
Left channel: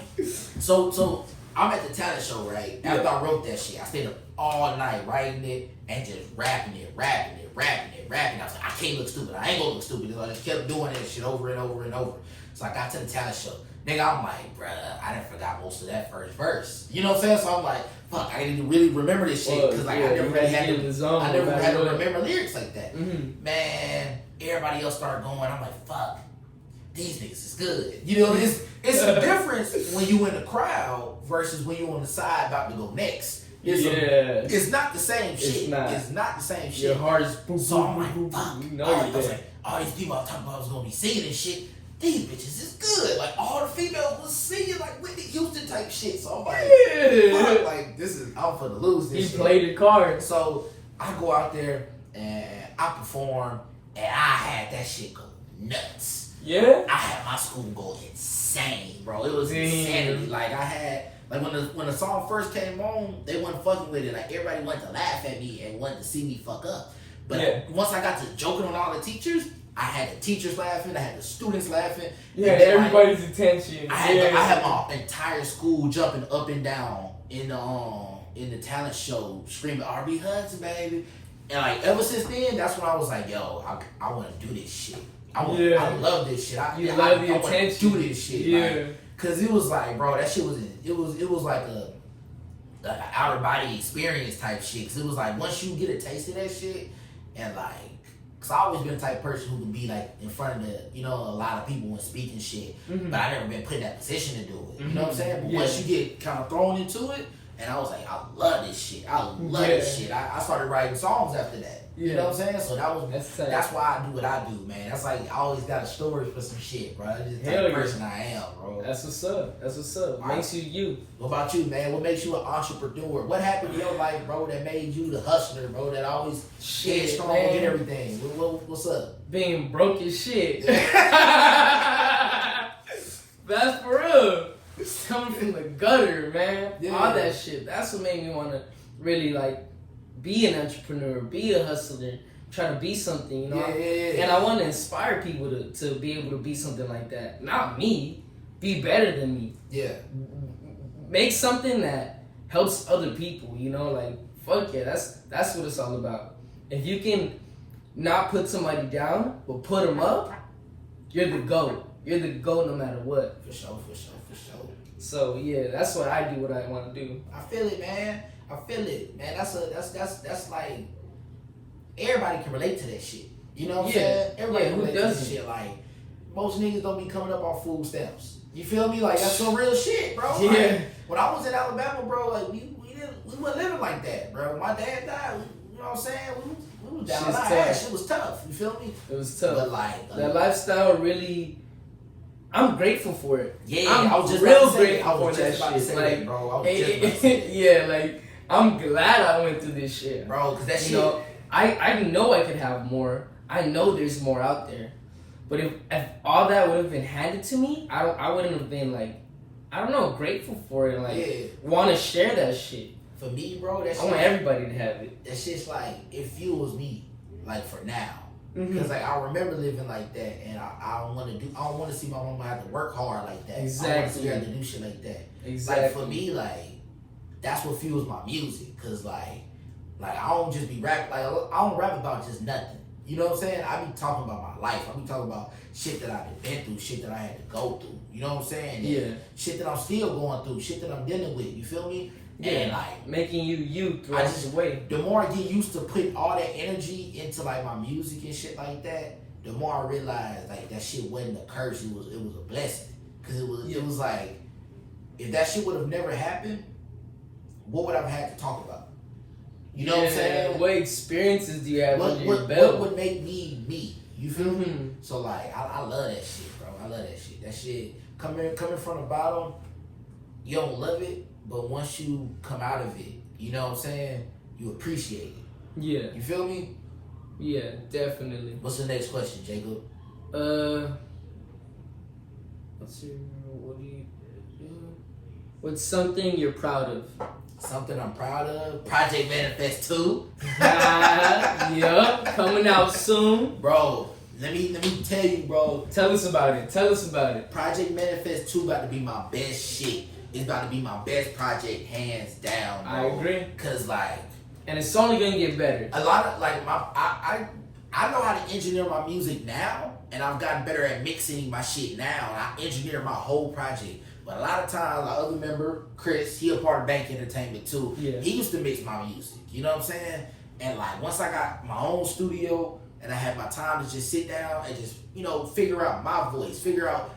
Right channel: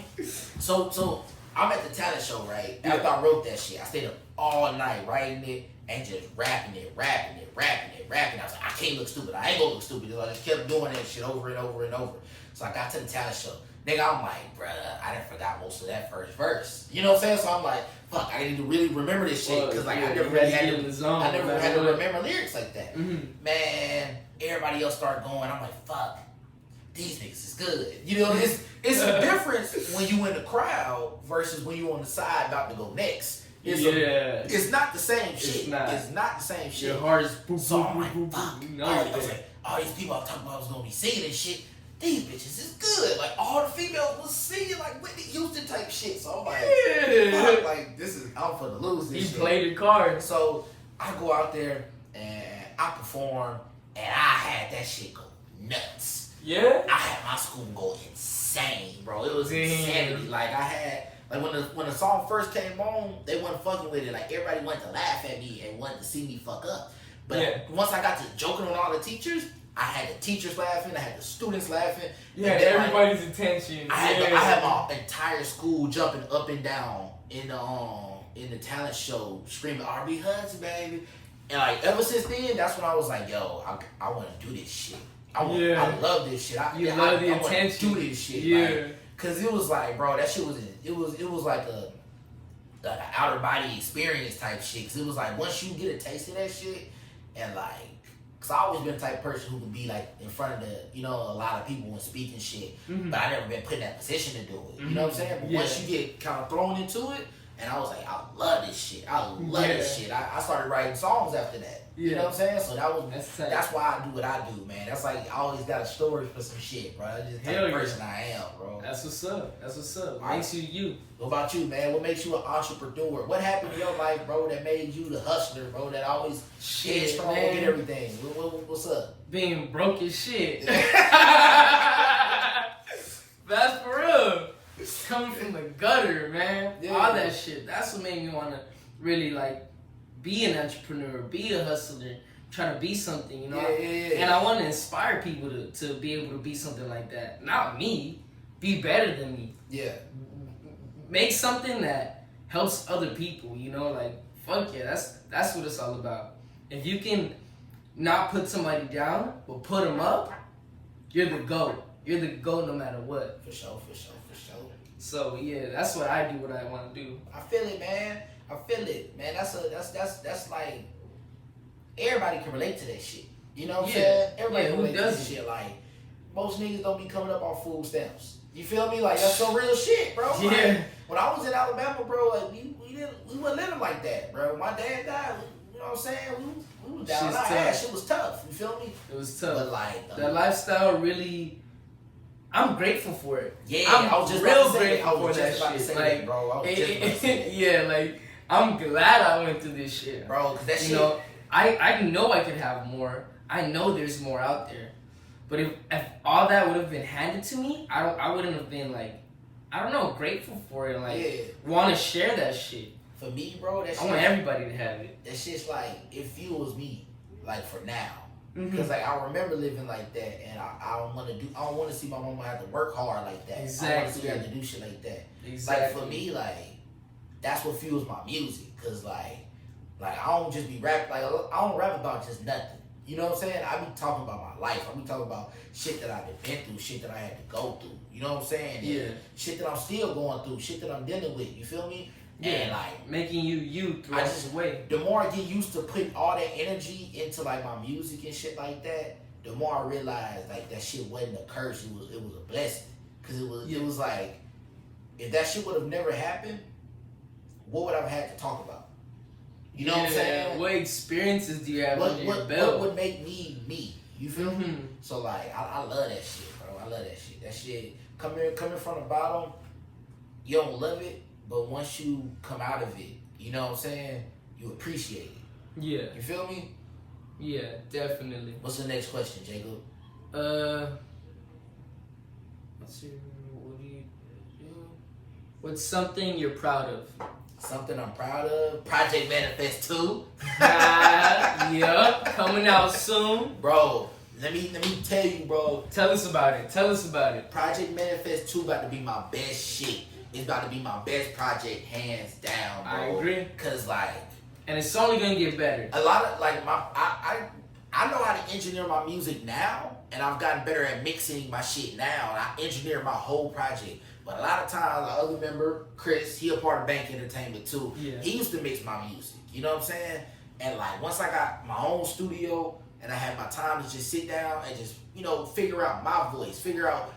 So I'm at the talent show, right? After I wrote that shit, I stayed up all night writing it and just rapping it. I was like, I can't look stupid. I ain't gonna look stupid. I just kept doing that shit over and over and over. So I got to the talent show. Nigga, I'm like, bruh, I done forgot most of that first verse. You know what I'm saying? So I'm like, fuck, I need to really remember this shit. Because, like, I never really had to remember lyrics like that. Mm-hmm. Man, everybody else started going. I'm like, fuck, these niggas is good. You know, it's a difference when you in the crowd versus when you on the side about to go next. It's not the same shit. It's not the same shit. Your heart's boom, so boom, I'm like, boom, fuck. boom. I was like, all these people I talking about I was gonna be singing and shit. These bitches is good. Like, all the females was singing like Whitney Houston type shit. So I'm like, fuck, like, this is out for the lose. This he shit. played the card. So I go out there and I perform, and I had that shit go nuts. Yeah? I had my school go insane, bro. It was insanity. Like, I had, like, when the song first came on, they wasn't fucking with it. Like, everybody wanted to laugh at me and wanted to see me fuck up. But once I got to joking on all the teachers, I had the teachers laughing, I had the students laughing. Yeah, everybody's attention. I had my entire school jumping up and down in the talent show, screaming R.B. Hudson, baby. And, like, ever since then, that's when I was like, yo, I want to do this shit. I love this shit. I love the attention. I want to do this shit. Yeah. Like, cause it was like, bro, that shit was like an outer body experience type shit. Cause it was like, once you get a taste of that shit, and like, cause I always been the type of person who can be like in front of a lot of people and speaking shit, but I never been put in that position to do it. You know what I'm saying? But once you get kind of thrown into it, and I was like, I love this shit. I love this shit. I started writing songs after that. You know what I'm saying? So that's why I do what I do, man. That's like, I always got a story for some shit, bro. That's just the type of person I am, bro. That's what's up. Makes you you. What about you, man? What makes you an entrepreneur? What happened in your life, bro, that made you the hustler, bro, that always get strong and get everything? What's up? Being broke as shit. That's for real. Coming from the gutter, man. Yeah. All that shit. That's what made me want to really, like, be an entrepreneur, be a hustler, try to be something, you know? Yeah. And I want to inspire people to be able to be something like that. Not me. Be better than me. Yeah. Make something that helps other people, you know? Like, fuck yeah, that's what it's all about. If you can not put somebody down, but put them up, you're the GOAT. You're the GOAT no matter what. For sure. So yeah, that's what I do. What I want to do. I feel it, man. That's like, everybody can relate to that shit. You know what I'm saying? Everybody can relate to that shit. Like, most niggas don't be coming up on food stamps. You feel me? Like, that's some real shit, bro. Yeah. Like, when I was in Alabama, bro, like, we weren't living like that, bro. My dad died. You know what I'm saying? We was down. Shit was tough. You feel me? It was tough. But like, that lifestyle really. I'm grateful for it. Yeah, I'm I was just real grateful for that shit. Like, bro, I was just about to say that. Yeah, like, I'm glad I went through this shit, bro. Cause that shit. You know, I know I could have more. I know there's more out there. But if all that would have been handed to me, I wouldn't have been like I don't know, grateful for it. Like, Yeah. want to share that shit. For me, bro, that I shit. want everybody to have it. That shit's like, it fuels me, like, for now. Mm-hmm. Because, like, I remember living like that, and I don't want to see my mama have to work hard like that. Exactly. I don't want to see her have to do shit like that. Exactly. Like, for me, like, that's what fuels my music. Because, like, I don't just be rap, like, I don't rap about just nothing. You know what I'm saying? I be talking about my life. I be talking about shit that I've been through, shit that I had to go through. You know what I'm saying? Yeah. And shit that I'm still going through, shit that I'm dealing with. You feel me? Yeah. And like making you throughout the way. The more I get used to putting all that energy into like my music and shit like that, the more I realize like that shit wasn't a curse. It was a blessing. Cause it was like if that shit would have never happened, what would I have had to talk about? You know what I'm saying? What experiences do you have under your belt? What would make me me? You feel me? So like I love that shit, bro. I love that shit. That shit coming from the bottom, you don't love it, but once you come out of it, you know what I'm saying? You appreciate it. Yeah. You feel me? Yeah, definitely. What's the next question, Jacob? Let's see. What do you do? What's something you're proud of? Something I'm proud of? Project Manifest 2. Yup, coming out soon. Bro, let me tell you, bro. Tell us about it. Project Manifest 2 about to be my best shit. It's about to be my best project, hands down, bro. I agree. Cause like, and it's only gonna get better. A lot of like I know how to engineer my music now, and I've gotten better at mixing my shit now, and I engineer my whole project. But a lot of times, the other member, Chris, he a part of Bank Entertainment too. Yeah. He used to mix my music. You know what I'm saying? And like once I got my own studio and I had my time to just sit down and just figure out my voice, figure out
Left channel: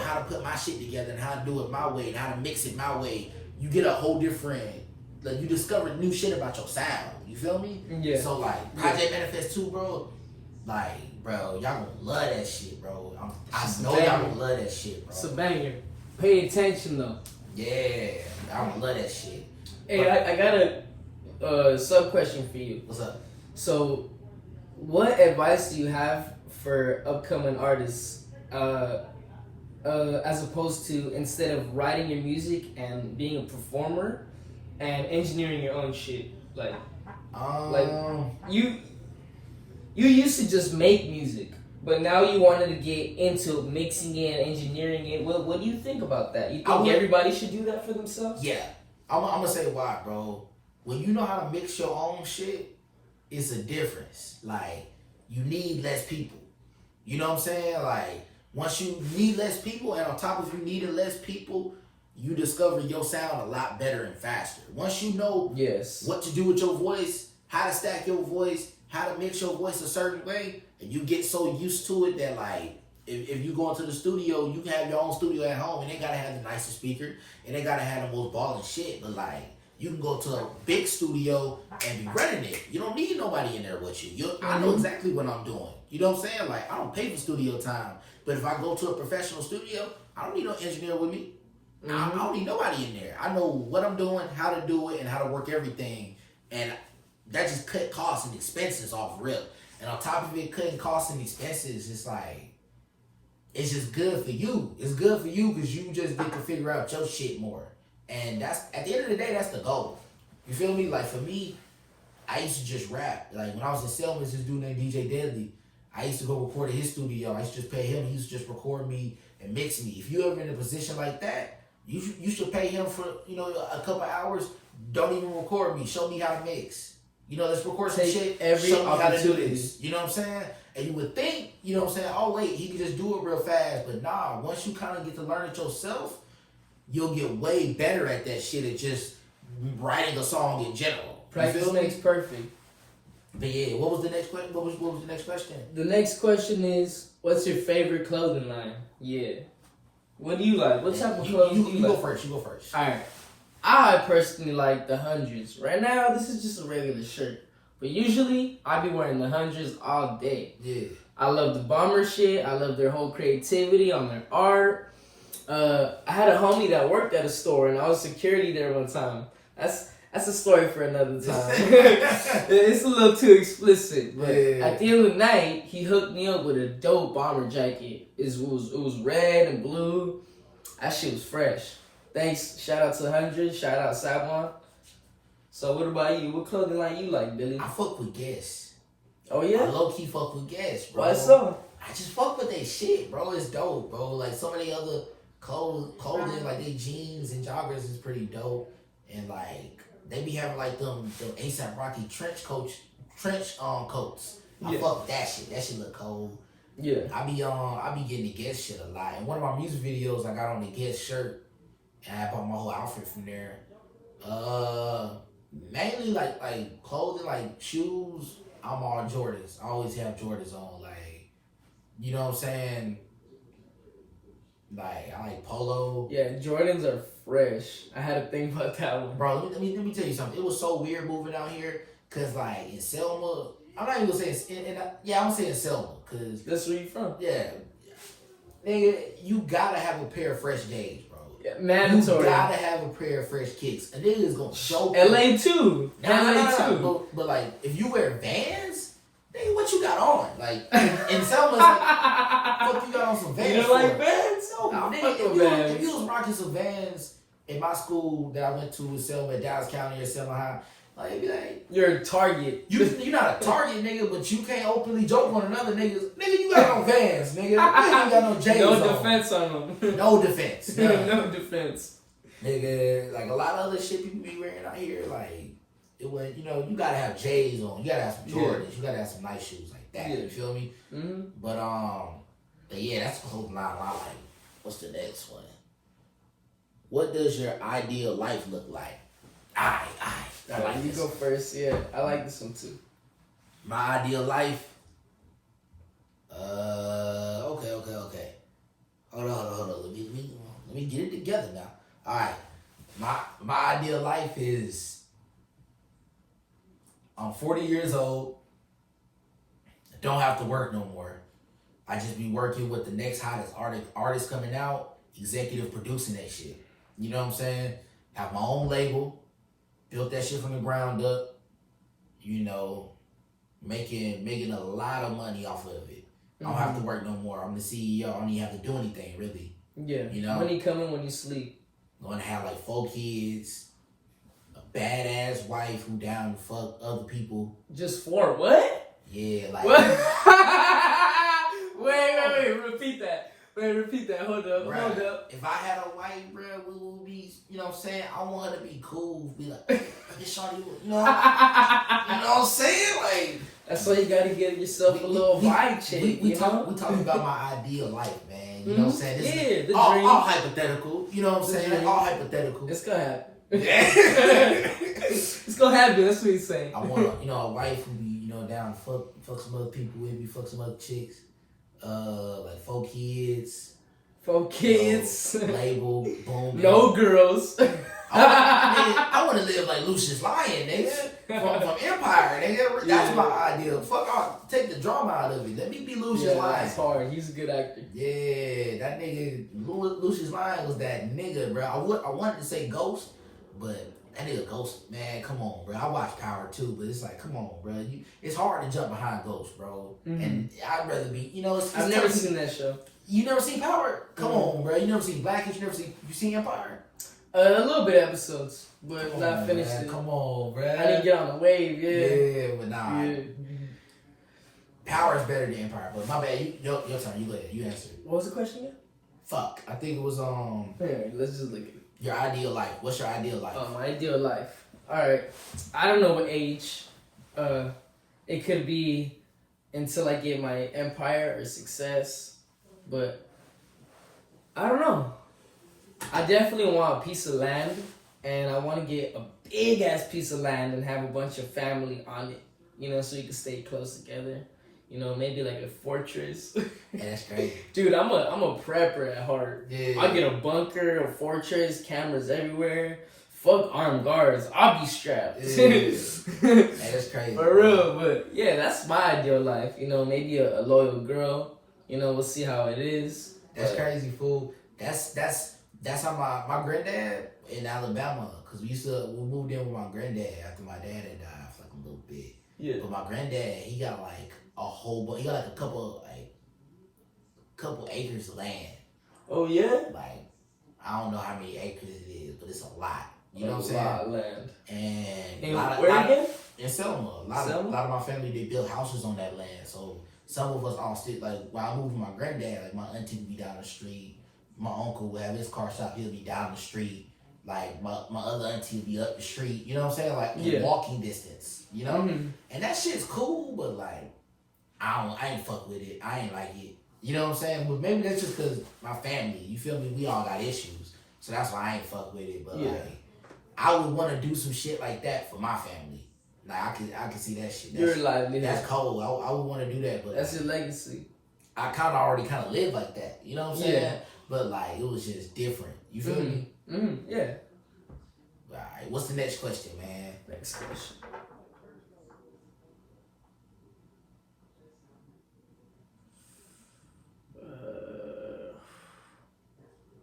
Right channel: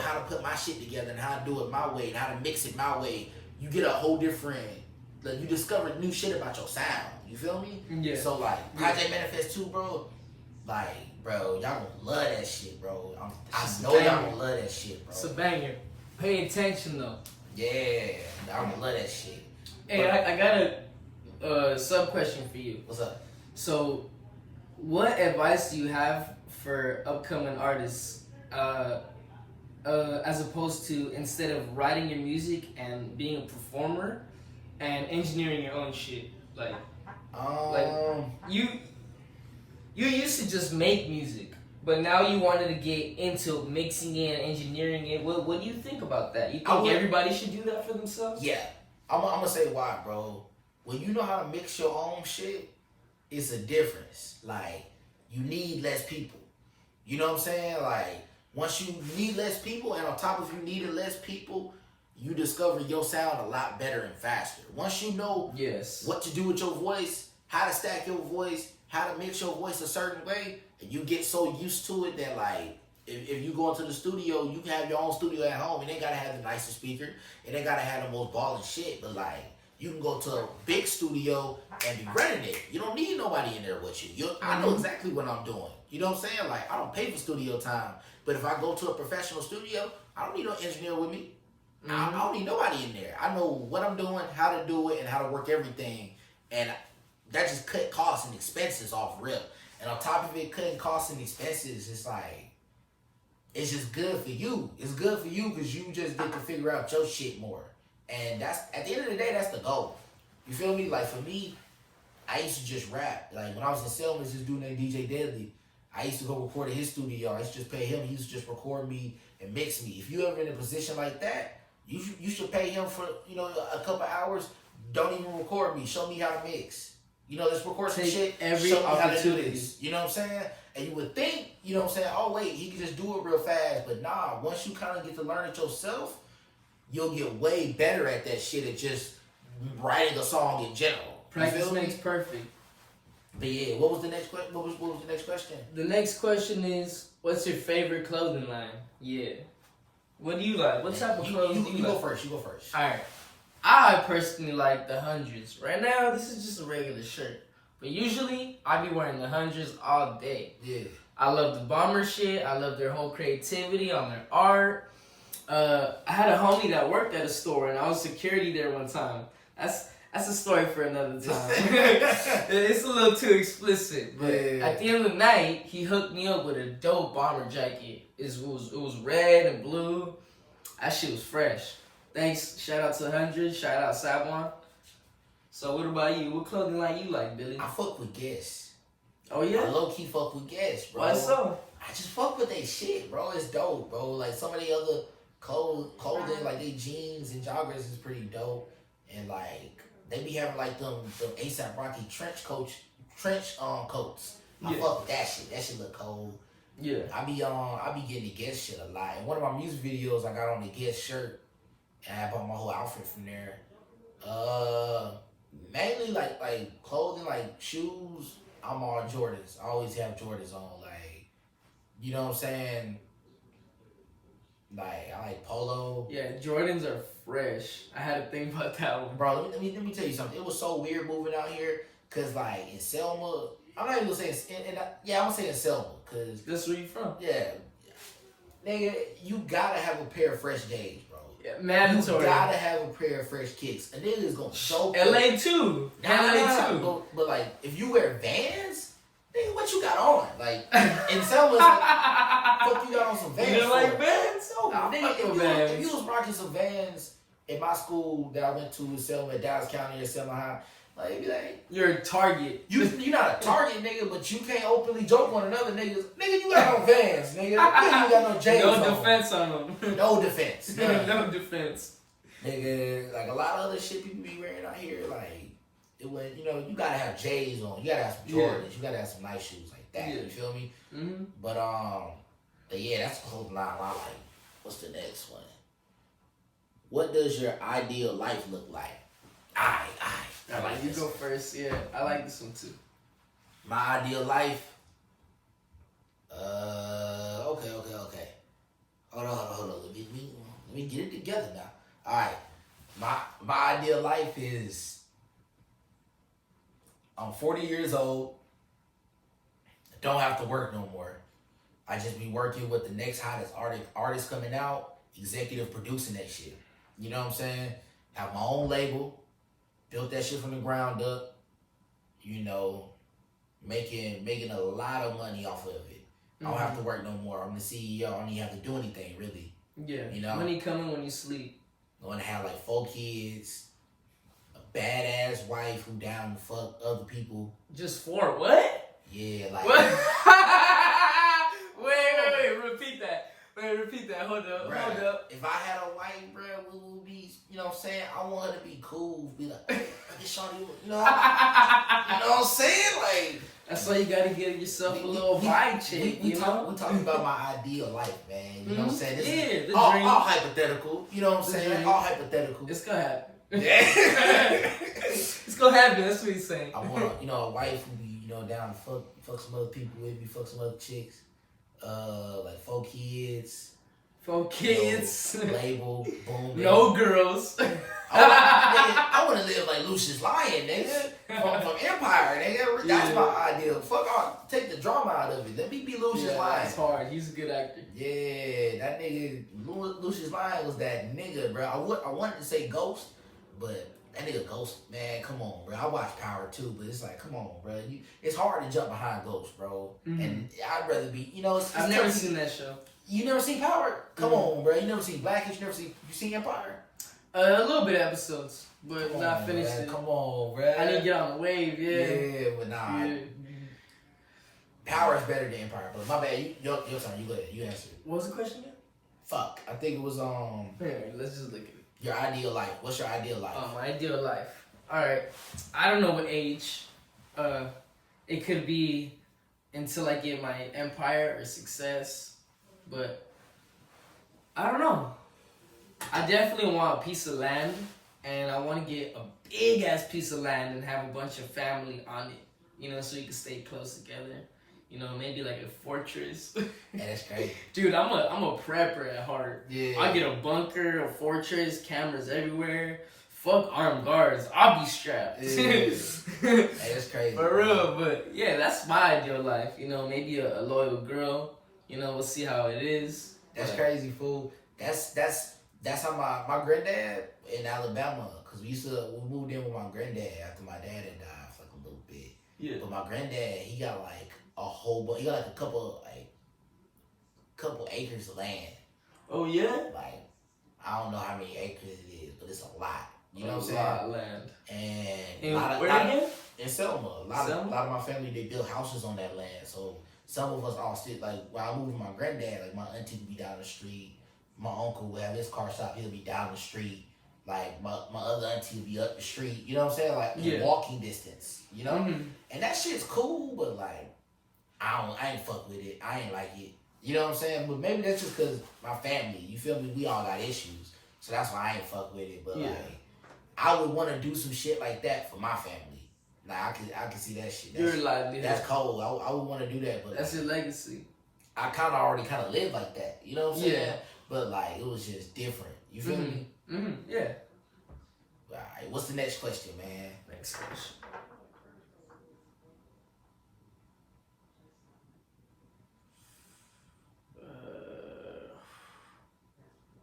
how to put my shit together and how to do it my way and how to mix it my way, you get a whole different, like you discover new shit about your sound. You feel me? Yeah. So like Project Manifest 2, bro, like bro, y'all gonna love that shit, bro. I know y'all gonna love that shit, bro. It's a banger. Pay attention though. Yeah, y'all gonna love that shit. Hey, I got a sub question for you. What's up? So, what advice do you have for upcoming artists? As opposed to instead of writing your music and being a performer and engineering your own shit, like you used to just make music, but now you wanted to get into mixing it, engineering it. What do you think about that? You think everybody should do that for themselves? Yeah, I'm gonna say why, bro. When you know how to mix your own shit, it's a difference. Like you need less people. You know what I'm saying? Like. Once you need less people, and on top of you needing less people, you discover your sound a lot better and faster. Once you know what to do with your voice, how to stack your voice, how to mix your voice a certain way, and you get so used to it that like, if you go into the studio, you can have your own studio at home, and they gotta have the nicest speaker, and they gotta have the most ballin' shit, but like, you can go to a big studio and be running it. You don't need nobody in there with you. I know exactly what I'm doing. You know what I'm saying? Like, I don't pay for studio time. But if I go to a professional studio, I don't need no engineer with me. I don't need nobody in there. I know what I'm doing, how to do it, and how to work everything. And that just cut costs and expenses off rip. And on top of it, cutting costs and expenses, it's like, it's just good for you. It's good for you because you just get to figure out your shit more. And that's, at the end of the day, that's the goal. You feel me? Like for me, I used to just rap. Like when I was in Selma, this dude named DJ Deadly, I used to go record at his studio. I used to just pay him. He used to just record me and mix me. If you ever in a position like that, you should pay him for a couple hours. Don't even record me. Show me how to mix. Let's record some shit. Show me how to do this. You know what I'm saying? And you would think, oh wait, he can just do it real fast. But nah, once you kind of get to learn it yourself, you'll get way better at that shit at just writing a song in general. Practice makes perfect. But yeah, what was the next question? What was the next question? The next question is, what's your favorite clothing line? Yeah. What do you like? What type of clothes do you like? You go first. All right. I personally like the hundreds. Right now, this is just a regular shirt. But usually, I be wearing the hundreds all day. Yeah. I love the bomber shit. I love their whole creativity on their art. I had a homie that worked at a store, and I was security there one time. That's a story for another time. It's a little too explicit. But at the end of the night, he hooked me up with a dope bomber jacket. It was red and blue. That shit was fresh. Thanks. Shout out to 100. Shout out Tha BAANC. So what about you? What clothing line you like, Billy? I fuck with Guess. Oh yeah. I low key fuck with Guess, bro. Why so? I just fuck with their shit, bro. It's dope, bro. Like some of the other clothing, like they jeans and joggers is pretty dope, and like they be having like them ASAP Rocky trench coats. I fuck with that shit. That shit look cold. Yeah. I be getting the Guess shit a lot. And one of my music videos, I got on the Guess shirt, and I bought my whole outfit from there. Mainly like clothing, like shoes. I'm all Jordans. I always have Jordans on, like, you know what I'm saying? Like I like polo. Yeah, Jordans are fresh. I had to think about that one. Bro, let me tell you something. It was so weird moving out here, cause like in Selma, I'm not even gonna say I'm saying Selma, cause That's where you from? yeah, nigga, you gotta have a pair of fresh J's, bro. Yeah, mandatory. You gotta have a pair of fresh kicks. A nigga is gonna show LA too. LA too. too. But like, if you wear Vans, nigga, what you got on? Like in Selma, it's like, fuck you got on some Vans. You for? like Vans? No, I nigga, fuck if with Vans. if you was rocking some Vans in my school that I went to in Selma, Dallas County or Selma High, like, be like, You're a target. you're not a target, nigga, but you can't openly joke on another nigga. Nigga, you got on Vans, nigga. You ain't got no J's No on. defense on them. No defense. None. No defense. Nigga, like a lot of other shit people be wearing out here, like, it was, you know, you gotta have J's on. You gotta have some Jordans. You gotta have some nice shoes like that. Yeah. You feel me? Mm-hmm. But yeah, that's the whole line I like. What's the next one? What does your ideal life look like? I like You this. go first. Yeah, I like this one too. My ideal life. Okay. Hold on. Let me get it together now. All right. My ideal life is I'm 40 years old. I don't have to work no more. I just be working with the next hottest artist coming out, executive producing that shit. You know what I'm saying? Have my own label, built that shit from the ground up. You know, making a lot of money off of it. I don't have to work no more. I'm the CEO. I don't even have to do anything really. Yeah. You know? Money coming when you sleep. Going to have like 4 kids, a badass wife who down to fuck other people. Just 4? What? Yeah, like. What? Wait. Repeat that. Hold up. If I had a wife, bro, we would be, you know what I'm saying? I want her to be cool. Be like, I just shawty, you know? You know what I'm saying? Like. That's why you gotta get yourself a little vibe check. We talking about my ideal life, man. You know what I'm saying? This the all, dream. all hypothetical. You know what I'm saying? Dream. All hypothetical. It's gonna happen. It's gonna happen. That's what he's saying. I want a wife who be, down to fuck some other people with me, fuck some other chicks. Like 4 kids. 4 kids. Label, boom. No girls. I want to live like Lucius Lyon, nigga. From Empire, nigga. That's my ideal. Fuck off. Take the drama out of it. Let me be Lucius Lyon. That's hard. He's a good actor. Yeah, that nigga, Lucius Lyon was that nigga, bro. I wanted to say Ghost, but that nigga Ghost, man, come on, bro. I watch Power too, but it's like, come on, bro. It's hard to jump behind Ghost, bro. Mm-hmm. And I'd rather be, it's I've never seen that show. You never seen Power? Come on, bro. You never seen Blackish? You seen Empire? A little bit of episodes, but not finished it. Come on, bro. I didn't get on the wave, Yeah, but nah. Yeah. Power is better than Empire, but my bad. Your turn. You go ahead. You answer it. What was the question again? Fuck. I think it was Here, let's just look at it. Your ideal life. What's your ideal life? My ideal life. All right. I don't know what age. It could be until I get my empire or success, but I don't know. I definitely want a piece of land, and I want to get a big ass piece of land and have a bunch of family on it. So you can stay close together. Maybe like a fortress. That's crazy. Dude, I'm a prepper at heart. Yeah. I get a bunker, a fortress, cameras everywhere. Fuck armed guards. I'll be strapped. Yeah. That's crazy. For real, but yeah, that's my ideal life. Maybe a loyal girl. We'll see how it is. That's crazy, fool. That's how my granddad in Alabama, because we moved in with my granddad after my dad had died for like a little bit. Yeah. But my granddad, he got like a whole bunch. He got like a couple acres of land. Oh yeah. Like I don't know how many acres it is, but it's a lot. You know what I'm saying? A lot of land. And where again? In Selma. A lot of my family, they built houses on that land. So some of us all sit, like, while I moved with my granddad, like, my auntie would be down the street. My uncle would have his car shop, he'll be down the street. Like, my other auntie would be up the street. You know what I'm saying? Like, in walking distance, you know? Mm-hmm. And that shit's cool, but, like, I ain't fuck with it. I ain't like it. You know what I'm saying? But maybe that's just because my family, you feel me? We all got issues. So that's why I ain't fuck with it. But, like, I would want to do some shit like that for my family. Like, I can see that shit. Your livelihood. That's cold. I would want to do that. But that's your legacy. I already live like that. You know what I'm saying? Yeah. But, like, it was just different. You feel me? Mm-hmm. Yeah. All right. What's the next question, man? Next question.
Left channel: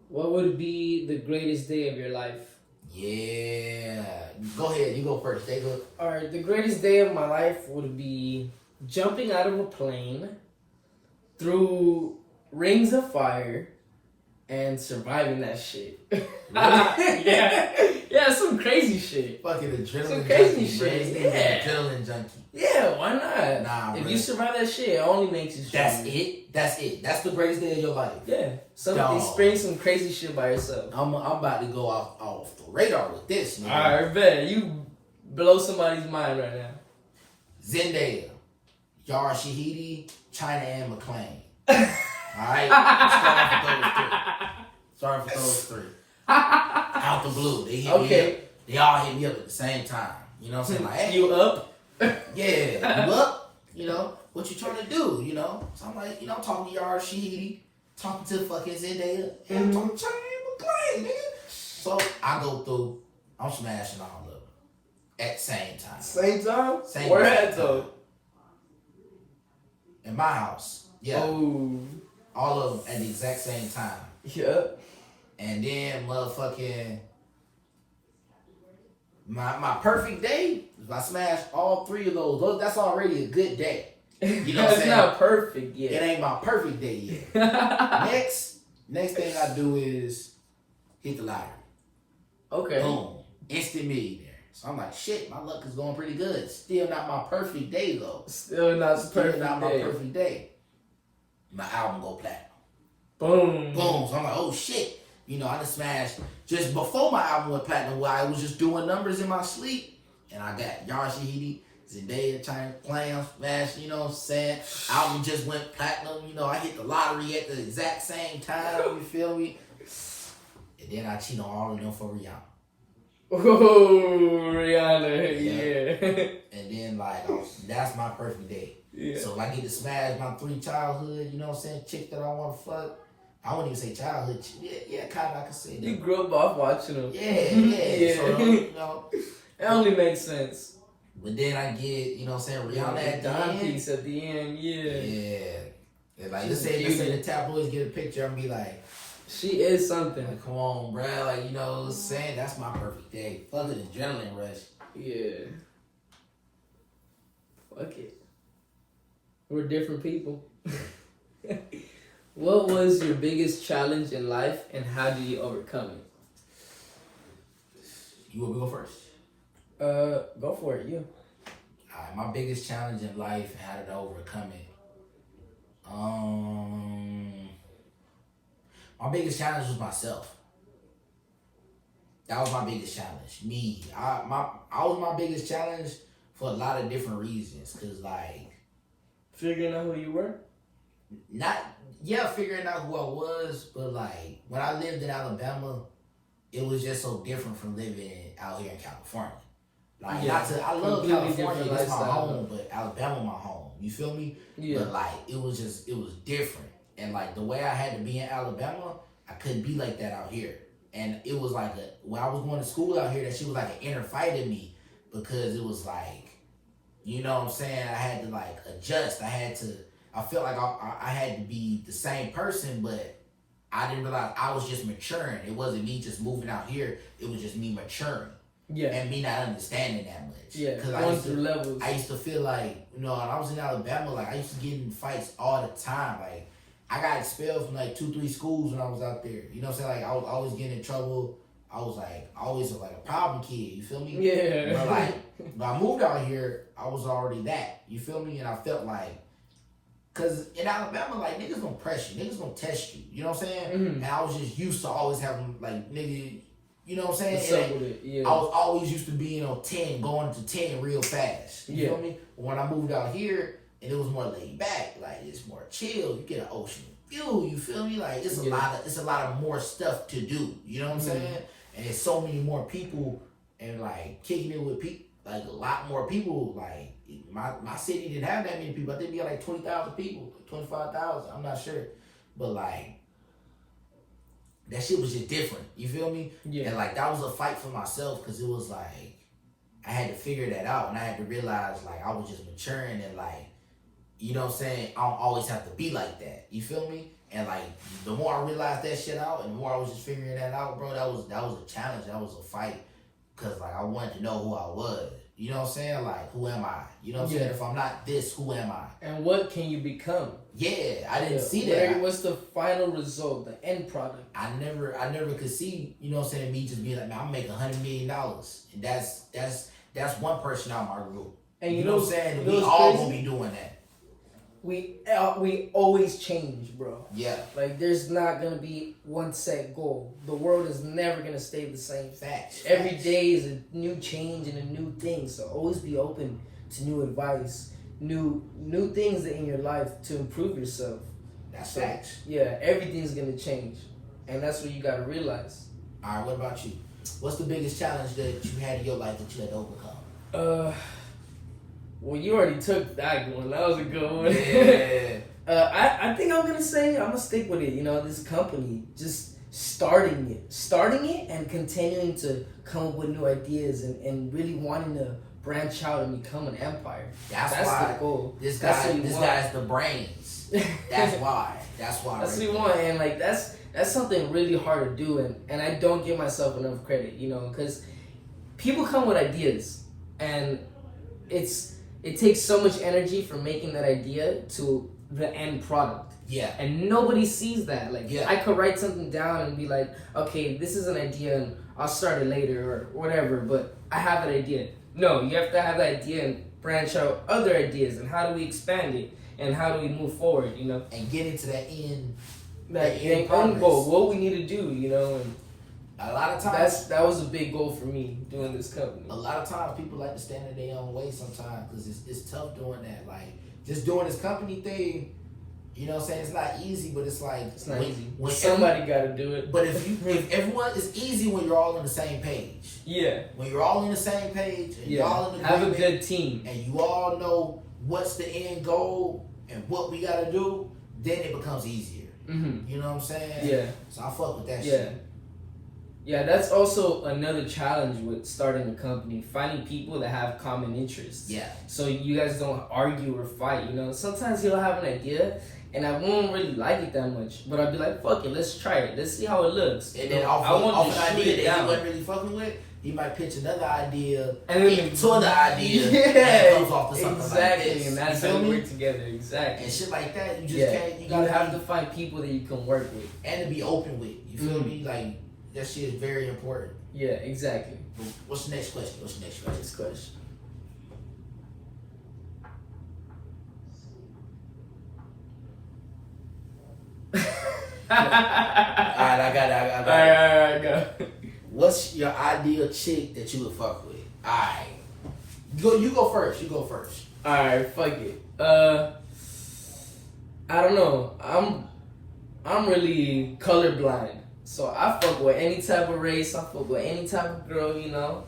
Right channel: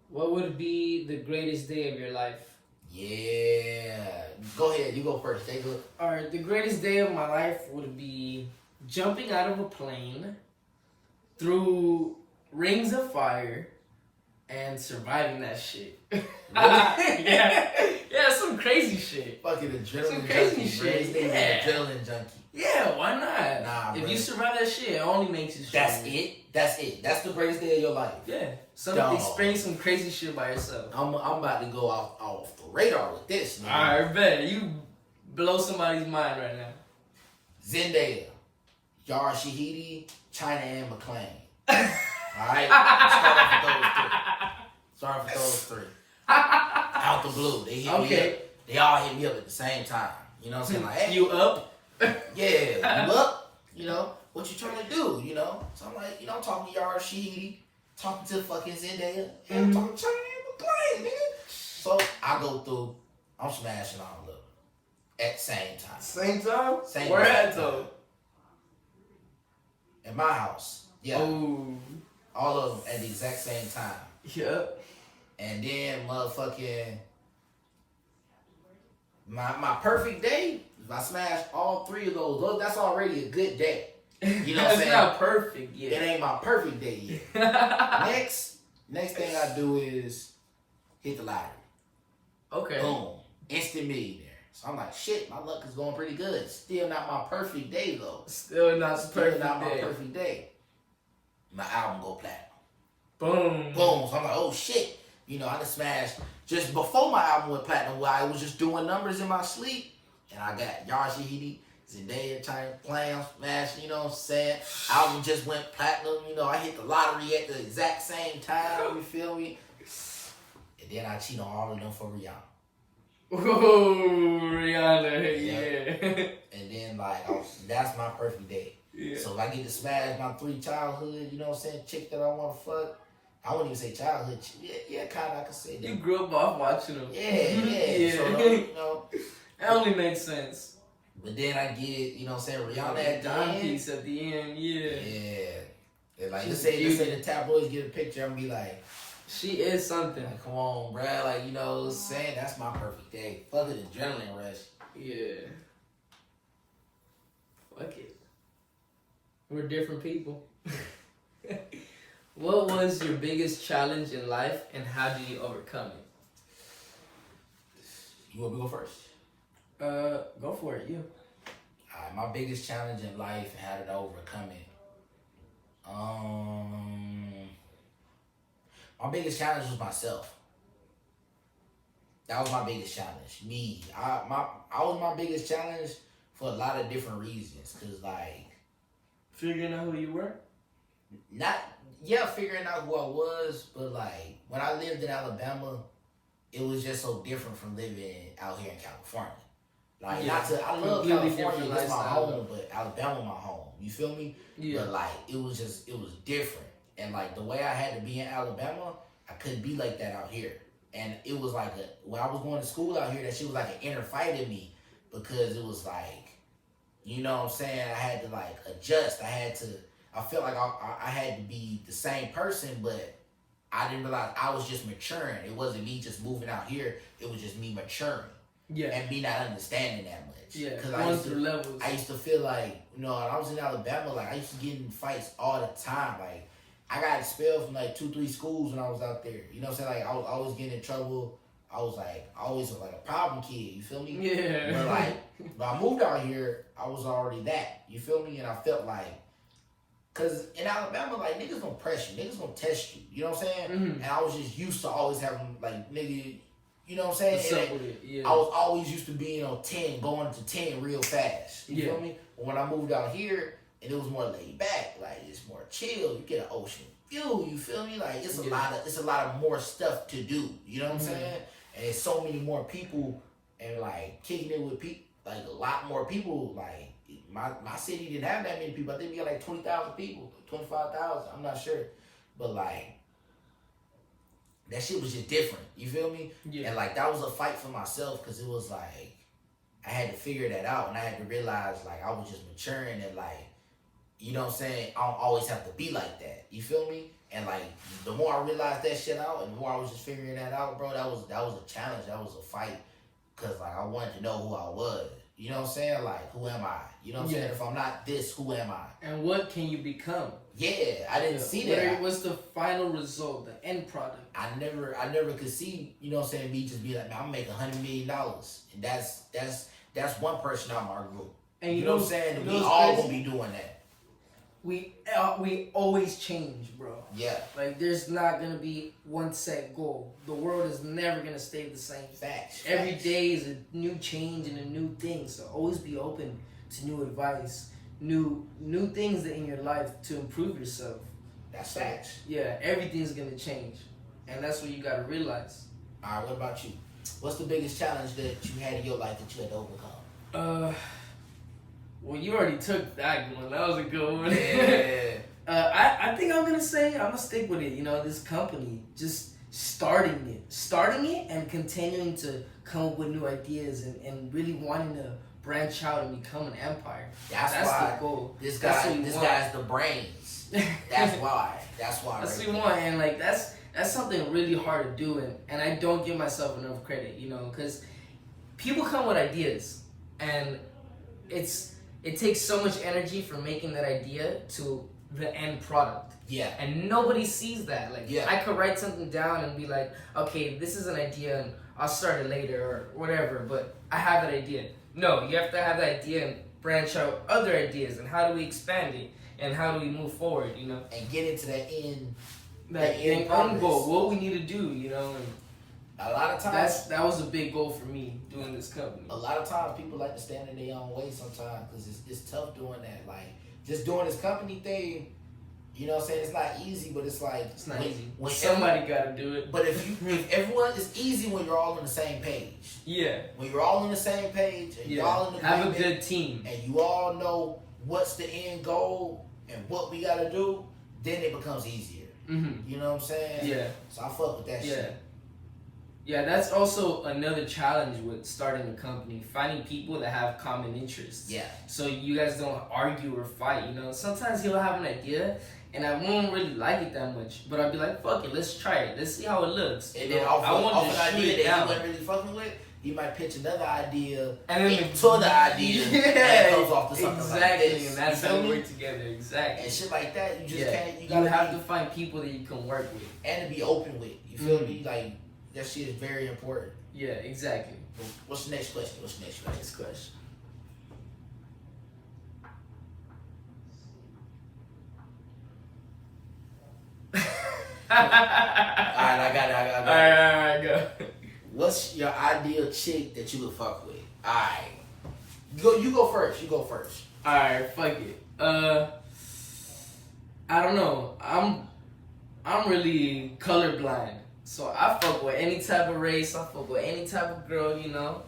What would be the greatest day of your life? Yeah. Go ahead. You go first. Take a... All right. The greatest day of my life would be jumping out of a plane through rings of fire and surviving that shit. Really? Yeah, some crazy shit. Fucking adrenaline some crazy junkie, shit. Yeah. Adrenaline junkie. Yeah, why not? Nah, if you survive that shit, it only makes you stronger. That's it. That's the greatest day of your life. Yeah. Experience some crazy shit by yourself. I'm about to go off the radar with this, man. Alright, bet. You blow somebody's mind right now. Zendaya, Yara Shahidi, China and McClain. Alright? Start with those three. Out the blue. They hit me up. They all hit me up at the same time. You know what I'm saying? Like, hey, you up? Yeah, you up? You know, what you trying to do, you know? So I'm like, I'm talking to Yara Shahidi, talking to fucking Zendaya, and I'm talking to China and McClain, nigga. So I go through, I'm smashing all of them at the same time. Same time? Where at though? In my house. Yeah. Ooh. All of them at the exact same time. Yep. And then motherfucking my perfect day, if I smash all three of those, that's already a good day. You know what I'm saying? It's not perfect yet. It ain't my perfect day yet. Next thing I do is hit the lottery. Okay. Boom. Instant millionaire. So I'm like, shit, my luck is going pretty good. Still not my perfect day though. Still not my perfect day. My album go platinum. Boom. Boom. So I'm like, oh shit. You know, I just smashed just before my album went platinum, where I was just doing numbers in my sleep. And I got Yara Shahidi, Zendaya, China, Clam, smash, you know what I'm saying? Album just went platinum, you know, I hit the lottery at the exact same time, you feel me? And then I cheat on all of them for Rihanna. Ooh, Rihanna, yeah. And then, like, that's my perfect day. Yeah. So if I get to smash my 3 childhood, you know what I'm saying, chick that I want to fuck, I wouldn't even say childhood. Yeah, kind of, I can say that. You grew up off watching them. Yeah. So, you know. It only makes sense. But then I get, you know what I'm saying, Rihanna at the end. Piece at the end, Yeah. And like, let's say the tabloids get a picture, I'm going to be like, she is something. Like, come on, bro. Like, you know what I'm saying? That's my perfect day. Fuck the adrenaline rush. Yeah. Fuck it. We're different people. What was your biggest challenge in life and how did you overcome it? You want me to go first? Go for it, yeah. Alright, my biggest challenge in life and how did I overcome it? My biggest challenge was myself. That was my biggest challenge. Me. I was my biggest challenge for a lot of different reasons. Cause like figuring out who you were? Figuring out who I was, but like when I lived in Alabama, it was just so different from living out here in California. Like I love California, that's my home, but Alabama my home. You feel me? Yeah. But like it was different. And like the way I had to be in Alabama, I couldn't be like that out here. And it was like when I was going to school out here, that shit was like an inner fight in me, because it was like, you know what I'm saying, I had to like adjust. I felt like I had to be the same person, but I didn't realize I was just maturing. It wasn't me just moving out here. It was just me maturing. Yeah. And me not understanding that much. Yeah. Because I used to feel like, you know, when I was in Alabama, like I used to get in fights all the time. Like I got expelled from like 2-3 schools when I was out there. You know what I'm saying? Like I was always getting in trouble. I was like always like a problem kid. You feel me? Yeah. But like when I moved out here, I was already that. You feel me? And I felt like, cause in Alabama, like niggas gonna press you, niggas gonna test you. You know what I'm saying? Mm-hmm. And I was just used to always having like nigga. You know what I'm saying? Yeah. I was always used to being on 10, going to 10 real fast. You feel me? But when I moved out here, and it was more laid back, like it's more chill. You get an ocean view. You feel me? Like it's a lot of more stuff to do. You know what I'm saying? And there's so many more people, and like kicking it with people, like a lot more people. Like my city didn't have that many people. I think we got like 20,000 people, 25,000. I'm not sure, but like. That shit was just different. You feel me? Yeah. And like that was a fight for myself because it was like I had to figure that out and I had to realize like I was just maturing and like, you know what I'm saying? I don't always have to be like that. You feel me? And like the more I realized that shit out and the more I was just figuring that out, bro, that was a challenge. That was a fight because like I wanted to know who I was. You know what I'm saying? Like, who am I? You know what I'm saying? If I'm not this, who am I? And what can you become? Yeah, I didn't see that. What's the final result, the end product? I never could see, you know what I'm saying, me just be like, man, I'm making $100 million. And that's one person out of my group. And you know what I'm saying? And we all gonna be doing that. We always change, bro. Yeah. Like there's not gonna be one set goal. The world is never gonna stay the same. Facts. Every day is a new change and a new thing. So always be open to new advice, new things in your life to improve yourself. That's facts. Yeah, everything's gonna change, and that's what you gotta realize. All right, what about you? What's the biggest challenge that you had in your life that you had to overcome? Well, you already took that one. That was a good one. Yeah. I think I'm gonna stick with it. You know, this company, just starting it, and continuing to come up with new ideas and really wanting to branch out and become an empire. That's the goal. This guy's the brains. That's why. That's what you want, and like that's something really hard to do, and I don't give myself enough credit, you know, because people come with ideas, and it takes so much energy from making that idea to the end product. Yeah. And nobody sees that. Like, yeah. I could write something down and be like, okay, this is an idea and I'll start it later or whatever, but I have that idea. No, you have to have that idea and branch out other ideas and how do we expand it and how do we move forward, you know? And get into that end. That end goal, what we need to do, you know? And a lot of times that was a big goal for me doing this company. A lot of times people like to stand in their own way sometimes because it's tough doing that. Like just doing this company thing, you know what I'm saying? It's not easy, but it's like it's not easy. When somebody got to do it. But if everyone, it's easy when you're all on the same page. Yeah. When you're all on the same page and you're all in the have a good team and you all know what's the end goal and what we got to do, then it becomes easier. Mm-hmm. You know what I'm saying? Yeah. So I fuck with that shit. Yeah, that's also another challenge with starting a company, finding people that have common interests. Yeah. So you guys don't argue or fight, you know? Sometimes he'll have an idea, and I won't really like it that much, but I'll be like, fuck it, let's try it. Let's see how it looks. And then off an idea that he wasn't really fucking with, he might pitch another idea and then into the idea and it comes off to something like this. Exactly, and that's how we work together, exactly. And shit like that, you just can't, you have to find people that you can work with. And to be open with, you feel me? Like, that shit is very important. Yeah, exactly. What's the next question? Next question. Alright, I got it. Alright, go. What's your ideal chick that you would fuck with? Alright. You go first. Alright, fuck it. I don't know. I'm really colorblind. So I fuck with any type of race, I fuck with any type of girl, you know.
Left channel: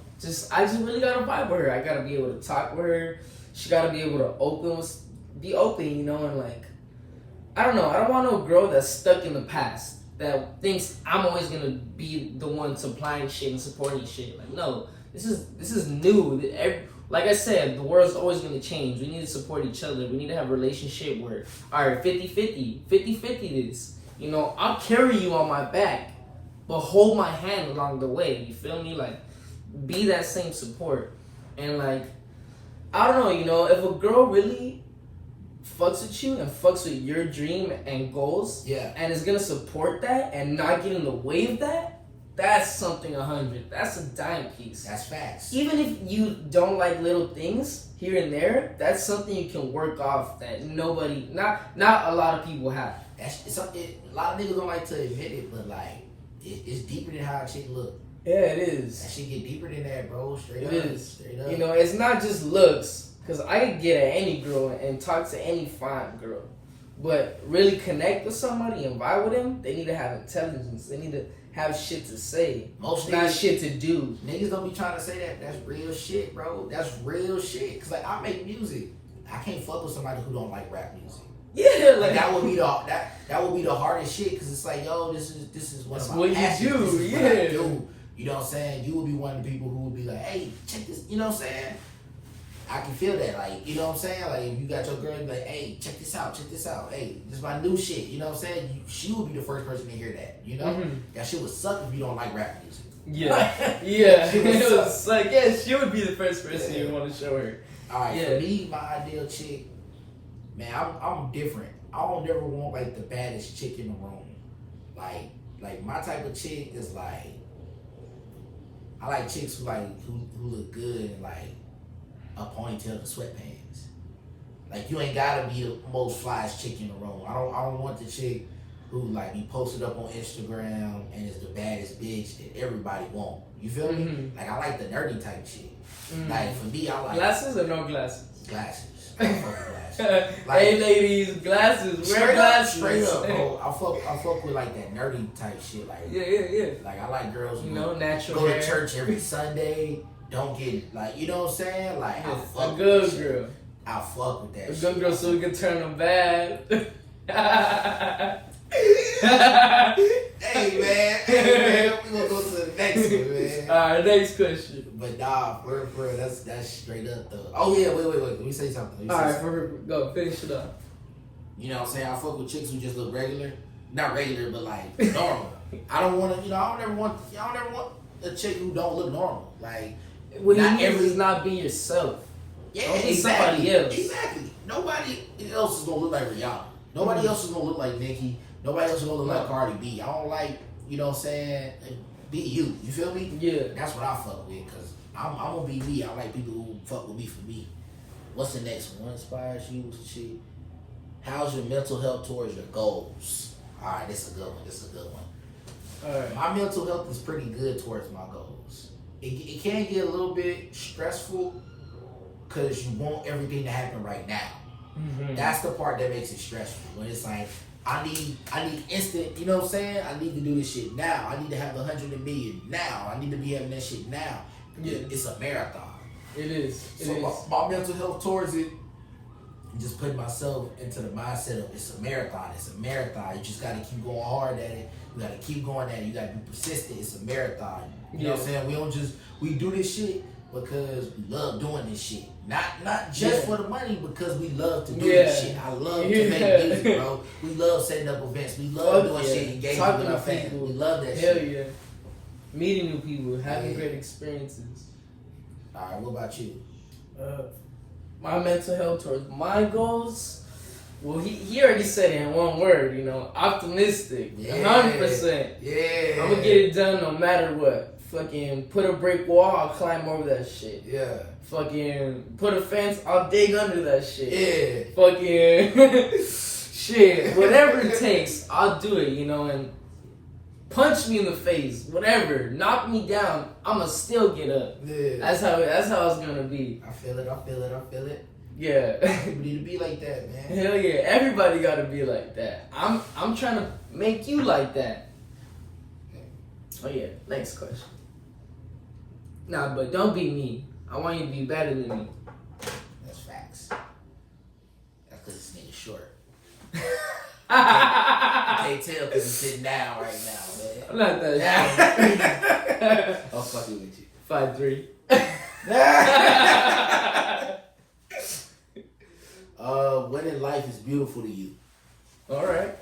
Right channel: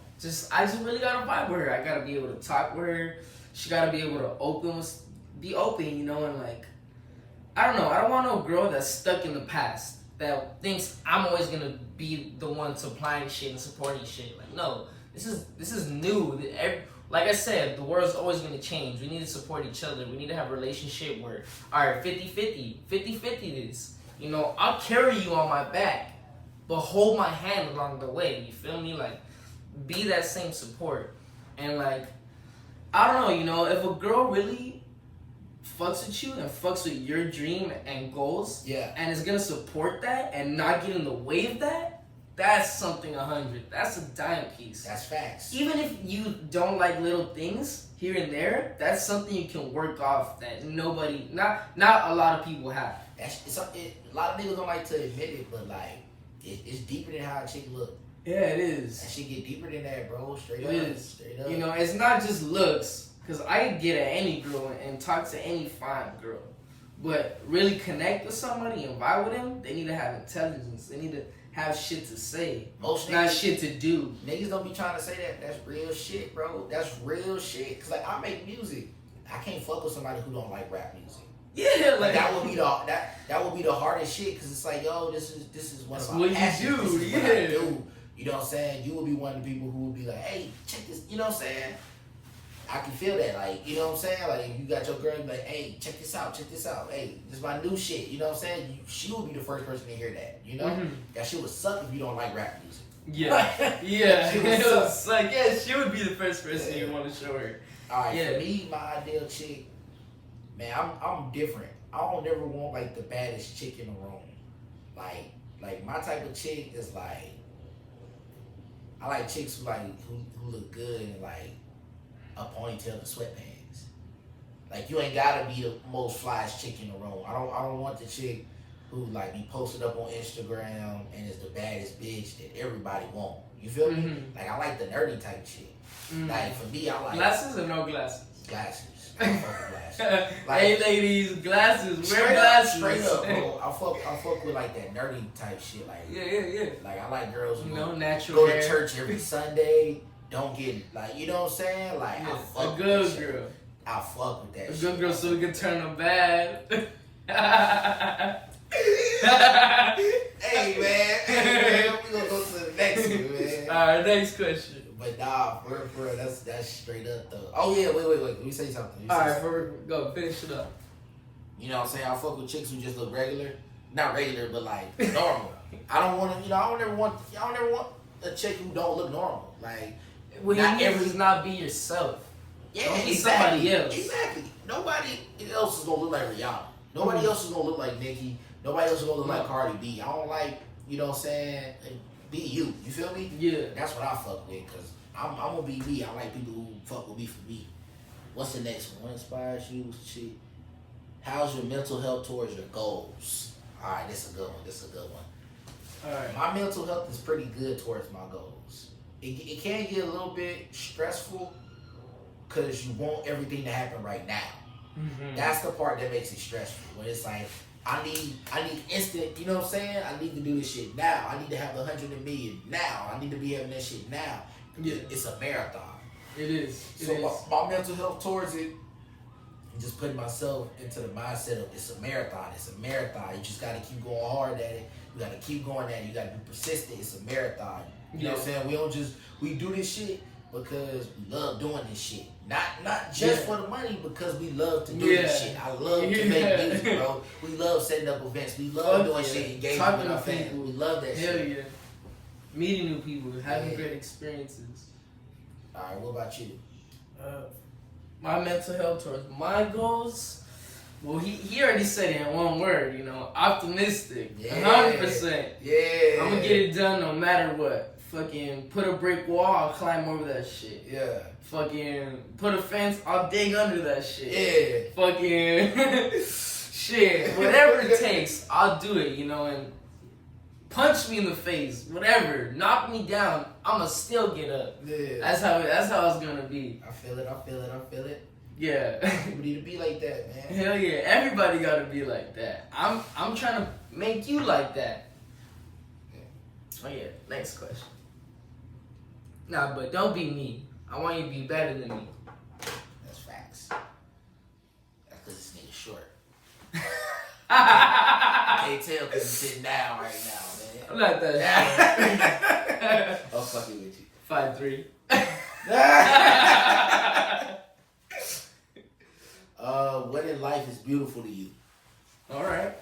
I just really gotta vibe with her. I gotta be able to talk with her. She gotta be able to be open, you know, and like, I don't know. I don't want no girl that's stuck in the past that thinks I'm always gonna be the one supplying shit and supporting shit. Like, no, this is new. Like I said, the world's always gonna change. We need to support each other. We need to have a relationship where, all right, 50-50 this. You know, I'll carry you on my back, but hold my hand along the way. You feel me? Like, be that same support. And like, I don't know, you know, if a girl really fucks with you and fucks with your dream and goals, Yeah. and is gonna support that and not get in the way of that, that's something 100. That's a dime piece. That's facts. Even if you don't like little things here and there, that's something you can work off that nobody, not a lot of people have. It's something a lot of niggas don't like to admit it, but like it's deeper than how a chick look. Yeah, it is. That shit get deeper than that, bro. Straight It up. is. Straight up. You know, it's not just looks, because I can get at any girl and talk to any fine girl. But really connect with somebody and vibe with them, they need to have intelligence. They need to have shit to say. Most not niggas, shit to do. Niggas don't be trying to say that. That's real shit, bro. That's real shit. Cause like I make music. I can't fuck with somebody who don't like rap music. Yeah, Like that would be the that would be the hardest shit. Cause it's like, yo, this is one of my passions. What you do, This is what I do. You know what I'm saying? You would be one of the people who would be like, hey, check this. You know what I'm saying? I can feel that, like, you know what I'm saying? Like, if you got your girl, you be like, hey, check this out. Hey, this is my new shit. You know what I'm saying? She would be the first person to hear that, you know? Mm-hmm. That shit would suck if you don't like rap music. Yeah. Yeah. She would It suck. was like, yeah, she would be the first person you want to show her. All right, Yeah. for me, my ideal chick, man, I'm different. I don't ever want, like, the baddest chick in the room. Like my type of chick is, like, I like chicks who look good and, like, a ponytail and sweatpants. Like, you ain't gotta be the most flyest chick in the room. I don't want the chick who like be posted up on Instagram and is the baddest bitch that everybody want. You feel me? Mm-hmm. Like, I like the nerdy type shit. Mm-hmm. Like, for me, I like glasses or no glasses? Glasses. I fuck with glasses. Like, Hey ladies, glasses. Wear glasses. Straight up, bro. I fuck with like that nerdy type shit. Like, Yeah. Like, I like girls who natural go hair. to church every Sunday. Don't get, like, you know what I'm saying? Like, I fuck a with good that girl. Shit. I fuck with that A shit. good girl so we can turn them bad. Hey man, we gonna go to the next one, man. Alright, next question. But nah, for real, that's straight up though. Oh yeah, wait. Let me say something. Alright, go finish it up. You know what I'm saying? I fuck with chicks who just look regular. Not regular, but like normal. I don't want to, I don't ever want a chick who don't look normal. Like, What not you every is not be yourself. Yeah, Don't be exactly. somebody else. Exactly. Nobody else is gonna look like Rihanna. Nobody else is gonna look like Nicki. Nobody else is gonna look like Cardi B. I don't like, you know what I'm saying? Be you. You feel me? Yeah. That's what I fuck with, cause I'm gonna be me. I like people who fuck with me for me. What's the next one? What inspires you? Shit. How's your mental health towards your goals? All right, this is a good one. All right. My mental health is pretty good towards my goals. It can get a little bit stressful because you want everything to happen right now. Mm-hmm. That's the part that makes it stressful. When it's like, I need instant, you know what I'm saying? I need to do this shit now. I need to have 100 million now. I need to be having that shit now. Yeah. It's a marathon. It is. My mental health towards it, just putting myself into the mindset of it's a marathon. It's a marathon. You just got to keep going hard at it. You got to keep going at it. You got to be persistent. It's a marathon. You know what I'm saying? We do this shit because we love doing this shit. Not just for the money, because we love to do this shit. I love to make music, bro. We love setting up events. We love doing shit, engaging with our fans. We love that shit. Hell yeah. Meeting new people, having great experiences. Alright, what about you? My mental health towards my goals. Well, he already said it in one word, optimistic, 100%. Yeah. I'm gonna get it done no matter what. Fucking put a brick wall, I'll climb over that shit. Yeah. Fucking put a fence, I'll dig under that shit. Yeah. Fucking shit, whatever it takes, I'll do it, and punch me in the face, whatever, knock me down, I'ma still get up. Yeah. That's how it's gonna be. I feel it. Yeah. People need to be like that, man. Hell yeah, everybody gotta be like that. I'm trying to make you like that. Oh yeah, next question. Nah, but don't be me. I want you to be better than me. That's facts. That's because this nigga's short. I'm I can't tell because he's sitting down right now, man. not that short. I'm fucking with you. 5'3". What in life is beautiful to you? All right.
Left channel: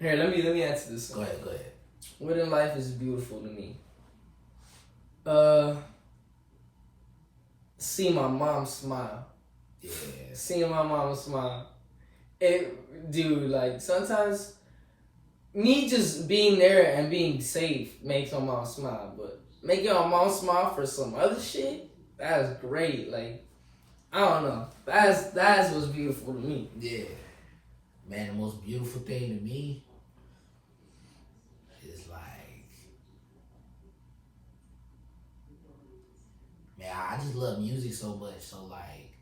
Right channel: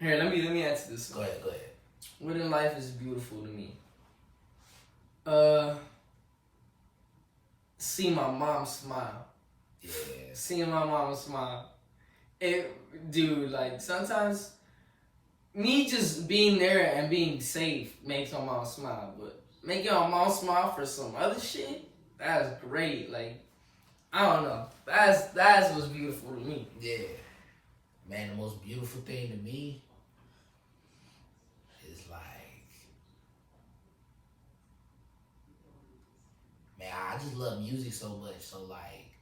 Here, let me answer this. Go ahead. What in life is beautiful to me? See my mom smile. Yeah. Seeing my mama smile. Dude, like, sometimes me just being there and being safe makes my mom smile. But making my mom smile for some other shit, that's great. Like, I don't know. That's what's beautiful to me. Yeah. Man, the most beautiful thing to me is like, man, I just love music so much. So like,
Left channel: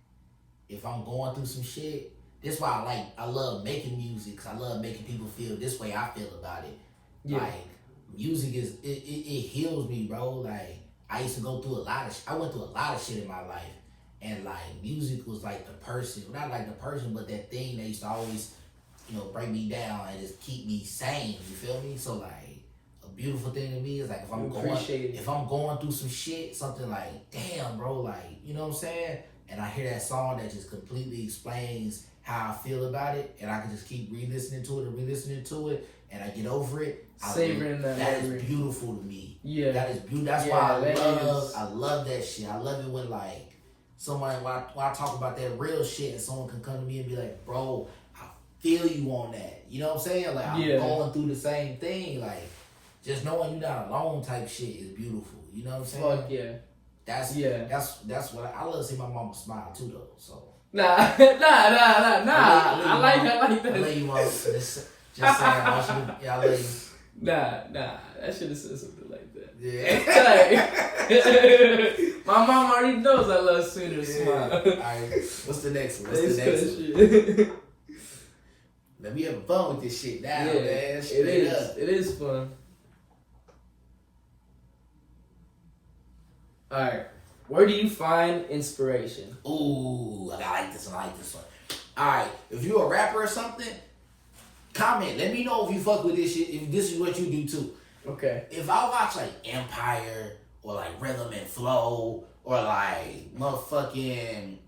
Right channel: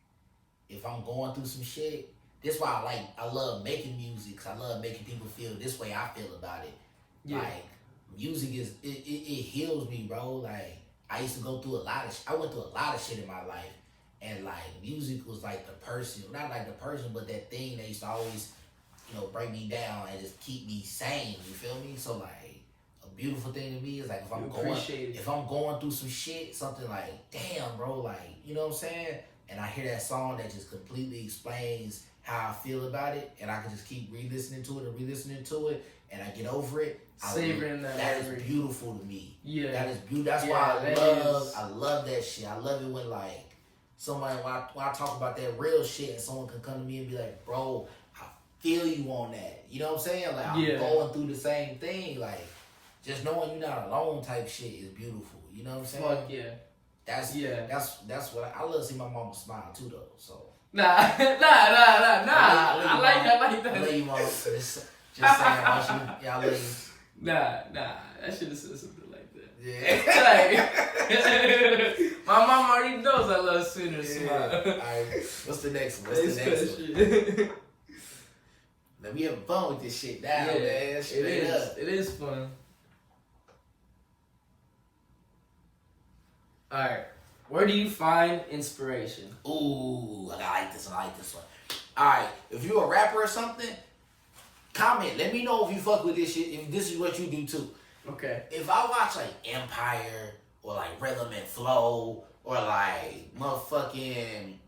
if I'm going through some shit, this why I love making music, because I love making people feel this way I feel about it. Yeah. Like, music it heals me, bro. Like, I used to go through I went through a lot of shit in my life. And like, music was like the person, not like the person, but that thing that used to always, break me down and just keep me sane. You feel me? So like, a beautiful thing to me is like, if I'm going through some shit, something like, damn, bro, like, you know what I'm saying? And I hear that song that just completely explains how I feel about it, and I can just keep re-listening to it, and I get over it. Savoring that is beautiful to me. Yeah. That is beautiful. That's why I love that shit. I love it when like, someone, when I talk about that real shit, and someone can come to me and be like, bro, I feel you on that. You know what I'm saying? Like, I'm going through the same thing. Like, just knowing you're not alone type shit is beautiful. You know what I'm saying? Fuck yeah. That's what I love to see my mama smile too, though. So nah. I like that. I love you, mama. Just saying, I love you. Nah, I should have said something like that. Yeah. My mom already knows I love Sooner smile. Alright, what's the next one? Let me have fun with this shit now, man. It is fun. Alright. Where do you find inspiration? Ooh, I like this one. Alright, if you're a rapper or something, comment. Let me know if you fuck with this shit, if this is what you do too. Okay. If I watch like Empire or like Rhythm and Flow or like motherfucking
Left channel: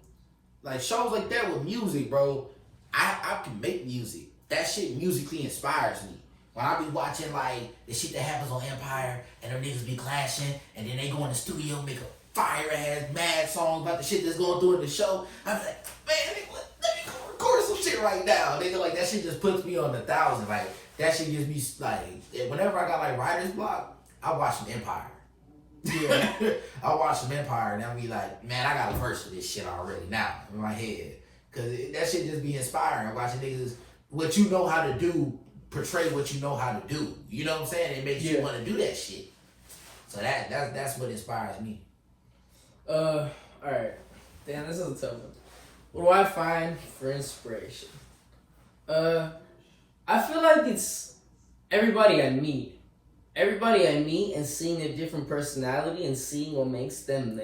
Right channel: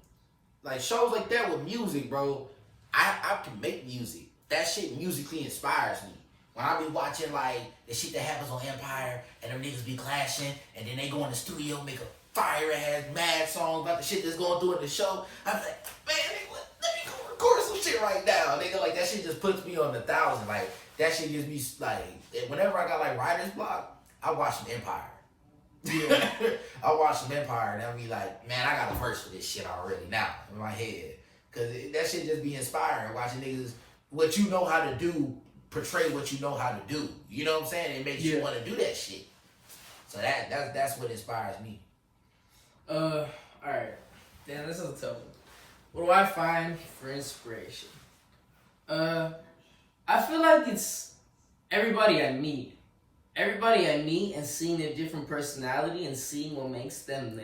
like shows like that with music, bro, I can make music. That shit musically inspires me. When I be watching like the shit that happens on Empire and them niggas be clashing and then they go in the studio make a fire ass mad song about the shit that's going through in the show, I'm like, man, let me go record some shit right now. Nigga, like that shit just puts me on 1,000. Like that shit gives me like, whenever I got like writer's block, I watch some Empire. Yeah. I watch some Empire and I'll be like, man, I got a verse for this shit already now in my head. Cause that shit just be inspiring. Watching niggas, what you know how to do, portray what you know how to do. You know what I'm saying? It makes you want to do that shit. So that's what inspires me. Alright. Damn, this is a tough one. What do I find for inspiration? I feel like it's everybody I meet. Everybody I meet and seeing a different personality and seeing what makes them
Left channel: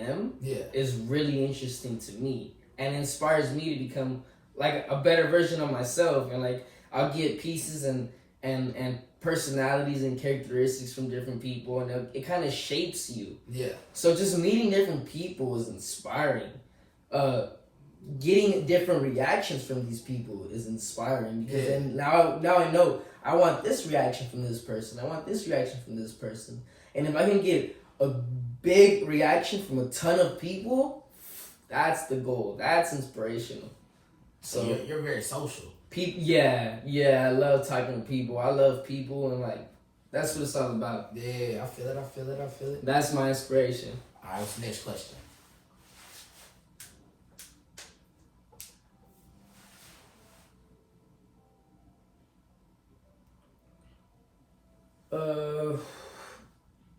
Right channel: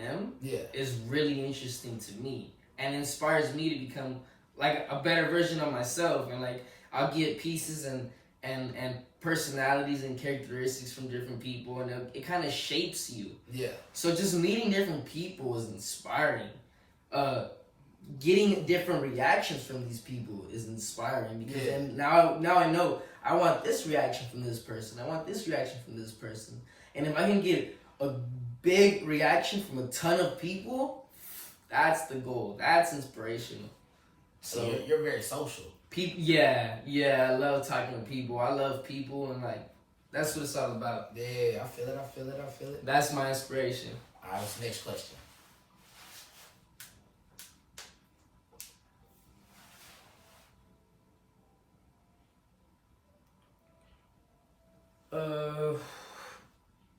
is really interesting to me and inspires me to become like a better version of myself. And like I'll get pieces and personalities and characteristics from different people, and it kind of shapes you. Yeah. So just meeting different people is inspiring. Getting different reactions from these people is inspiring because then now I know I want this reaction from this person. I want this reaction from this person. And if I can get a big reaction from a ton of people, that's the goal. That's inspirational. So you're very social. People, I love talking to people. I love people, and like that's what it's all about. Yeah, I feel it. That's my inspiration. All right, what's the next question?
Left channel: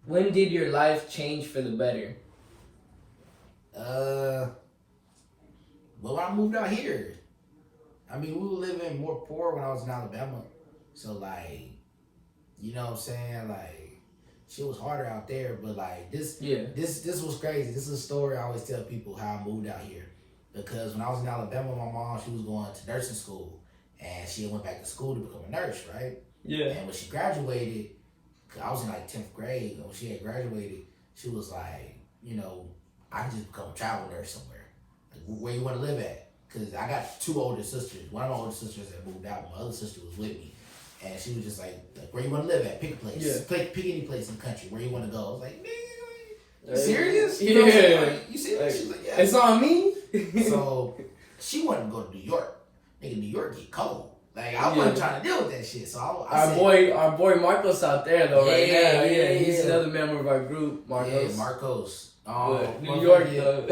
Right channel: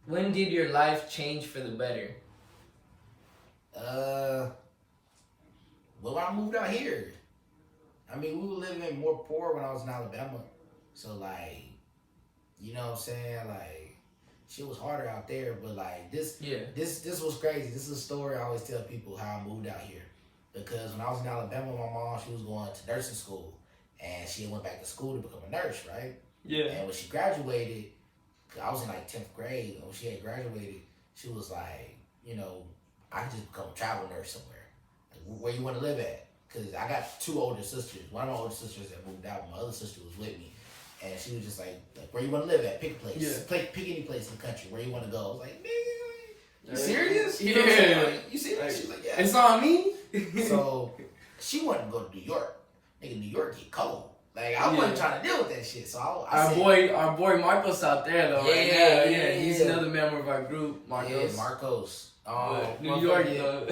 When did your life change for the better? Well, I moved out here. I mean, we were living more poor when I was in Alabama. So, like, you know what I'm saying? Like, shit was harder out there. But, like, this was crazy. This is a story I always tell people how I moved out here. Because when I was in Alabama, my mom, she was going to nursing school. And she went back to school to become a nurse, right? Yeah. And when she graduated, cause I was in, like, 10th grade. And when she had graduated, she was like, I can just become a travel nurse somewhere. Like, where you want to live at? Because I got two older sisters. One of my older sisters that moved out. My other sister was with me. And she was just like where you want to live at? Pick a place. Yeah. Pick any place in the country. Where you want to go? I was like, nigga, you serious? You know what I'm saying? Like, you serious? She's like, yeah. It's on me? So she wanted to go to New York. Nigga, New York get cold. Like, I wasn't trying to deal with that shit. So our boy Marcos out there though right now. Yeah, he's another member of our group. Marcos. Yeah, Marcos. New York though.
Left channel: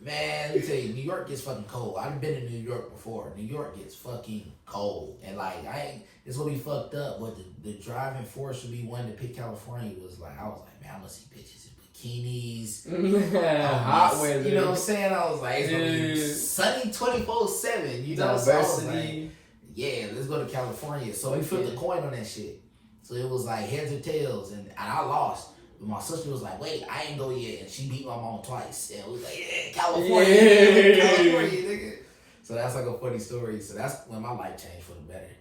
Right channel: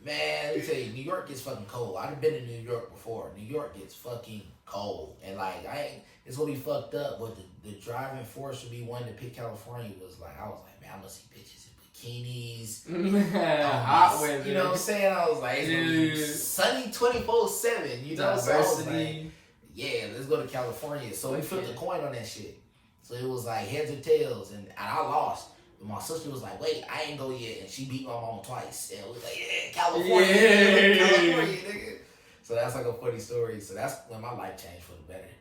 Man, let me tell you, New York gets fucking cold. I've been in New York before. New York gets fucking cold, and like it's gonna be fucked up. But the driving force would be one to pick California was like, I was like, man, I'm gonna see bitches in bikinis, hot weather. You know what I'm saying? I was like, it's gonna be sunny 24/7. You know, diversity. So I was like, yeah, let's go to California. So we flipped the coin on that shit. So it was like heads or tails, and I lost. But my sister was like, wait, I ain't go yet. And she beat my mom twice. And it was like, yeah, California, California, nigga. So that's like a funny story. So that's when my life changed for the better.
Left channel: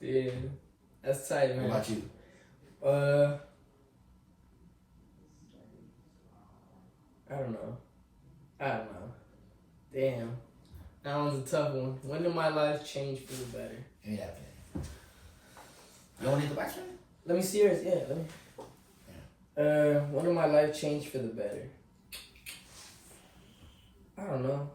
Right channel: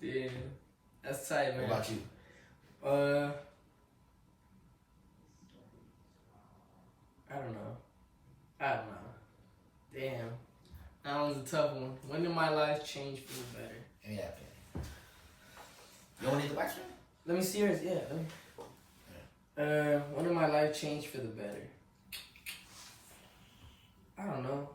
Yeah, that's tight, man. What about you? I don't know. Damn. That was a tough one. When did my life change for the better? Yeah, man. You want to go back to it? Let me see yours. Yeah, let me. When did my life change for the better? I don't know.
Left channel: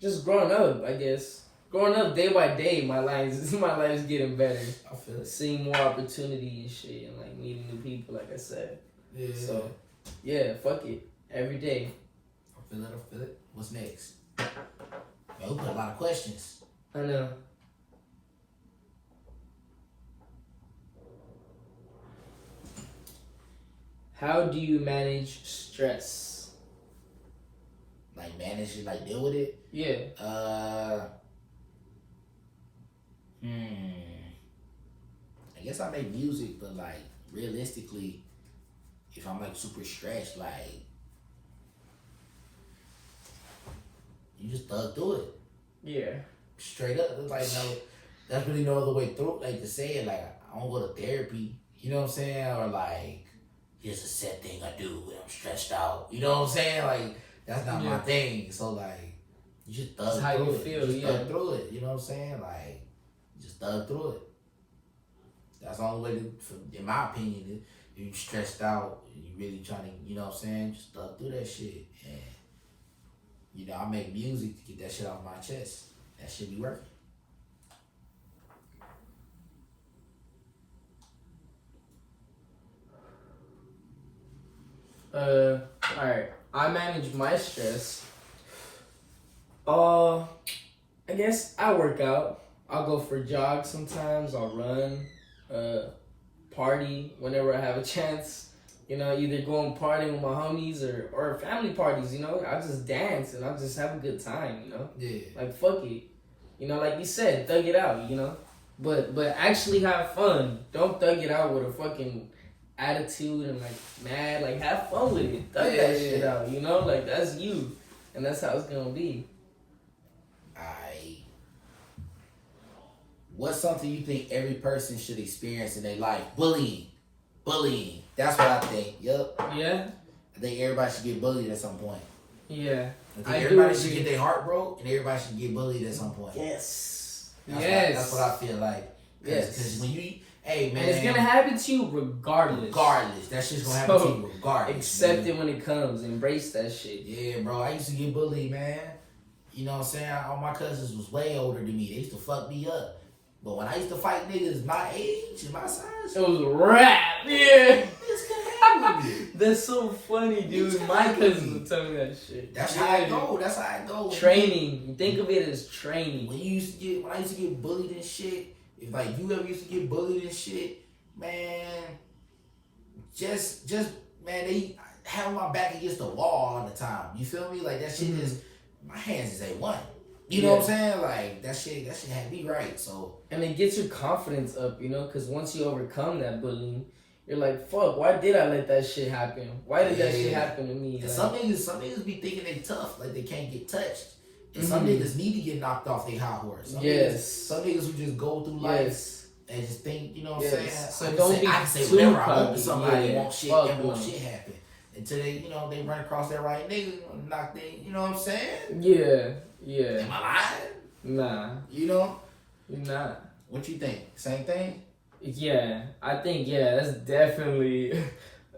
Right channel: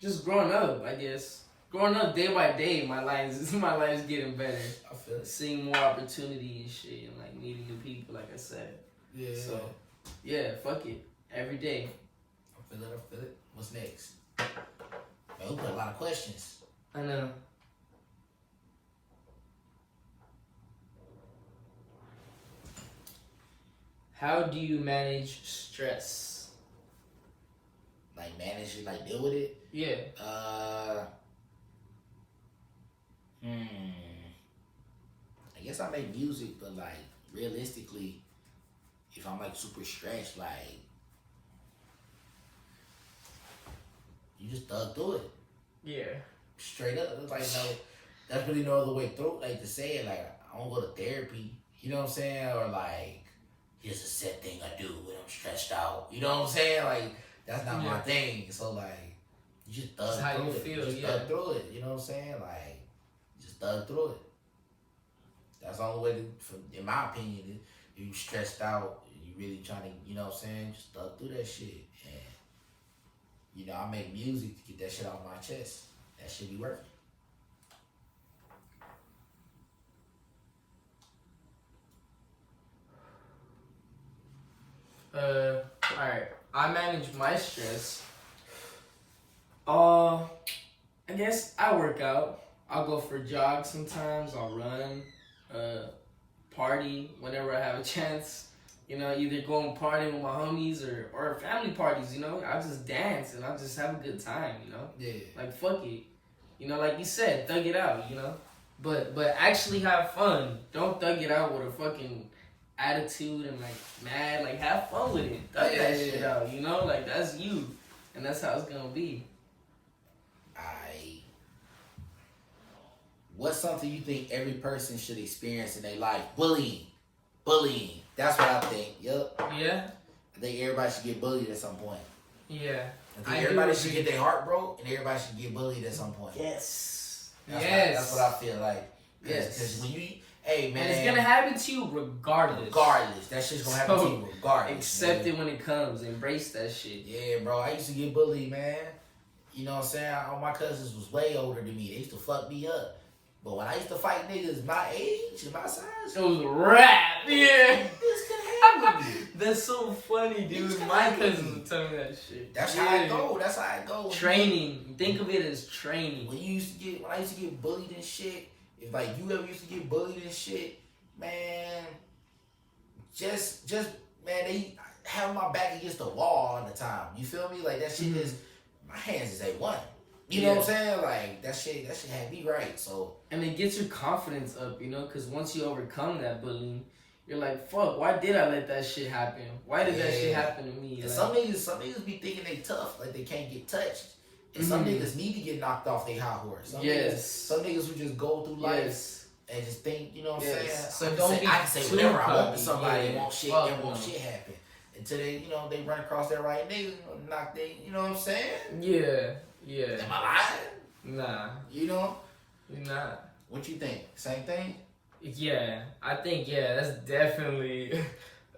Just growing up, I guess. Growing up day by day, my life's getting better. I feel it. Seeing more opportunity and shit, and like meeting new people, like I said. Yeah. So, yeah, fuck it. Every day. I feel it. What's next? Man, we put a lot of questions. I know. How do you manage stress? Like manage it, like deal with it? Yeah. I guess I make music, but like realistically, if I'm like super stressed, like you just thug through it. Yeah. Straight up. It's like no, that's really no other way through. Like to say it, like I don't go to therapy. You know what I'm saying? Or like here's a set thing I do when I'm stressed out. You know what I'm saying? Like that's not my thing. So like you just thug how through you it. feel, You just thug through it. You know what I'm saying? Like you just thug through it. That's the only way to, in my opinion, if you stressed out, you really trying to, you know what I'm saying? Just thug through that shit. And you know, I make music to get that shit off my chest. That shit be working. Alright. I manage my stress. I guess I work out. I'll go for jogs sometimes. I'll run. Party whenever I have a chance. You know, either go and party with my homies or family parties, you know. I just dance and I just have a good time, you know. Yeah. Like fuck it. You know, like you said, thug it out, you know. But actually have fun. Don't thug it out with a fucking attitude and like mad. Like have fun with it. Thug that shit out, you know? Like that's you. And that's how it's gonna be. What's something you think every person should experience in their life? Bullying. That's what I think. Yep. Yeah? I think everybody should get bullied at some point. Yeah. I think everybody should get their heart broke and everybody should get bullied at some point. Yes. That's what I feel like. Yes. Because when you, hey man. And it's going to happen to you regardless. That shit's going to happen to you regardless. Accept it when it comes. Embrace that shit. Yeah, bro. I used to get bullied, man. You know what I'm saying? All my cousins was way older than me. They used to fuck me up. But when I used to fight niggas my age and my size, it was a rap, yeah. It's gonna happen to me. That's so funny, dude. My cousins would tell me that shit. That's how I go. That's how I go. Training. You think of it as training. When I used to get bullied and shit, if like you ever used to get bullied and shit, man, just man, they have my back against the wall all the time. You feel me? Like that shit is my hands is A1. You know what I'm saying? Like that shit had me right. So and it gets your confidence up, you know, because once you overcome that bullying, you're like, fuck, why did I let that shit happen? Why did that shit happen to me? And some niggas be thinking they tough, like they can't get touched. And some niggas need to get knocked off their high horse. Some niggas who just go through life and just think, you know what I'm saying? So don't be I can say too whatever I want cocky. to somebody and won't shit happen. Until they, you know, they run across that right nigga, knock they, you know what I'm saying? Yeah. Am I lying? Nah. You know? You're not. What you think? Same thing? Yeah. I think, that's definitely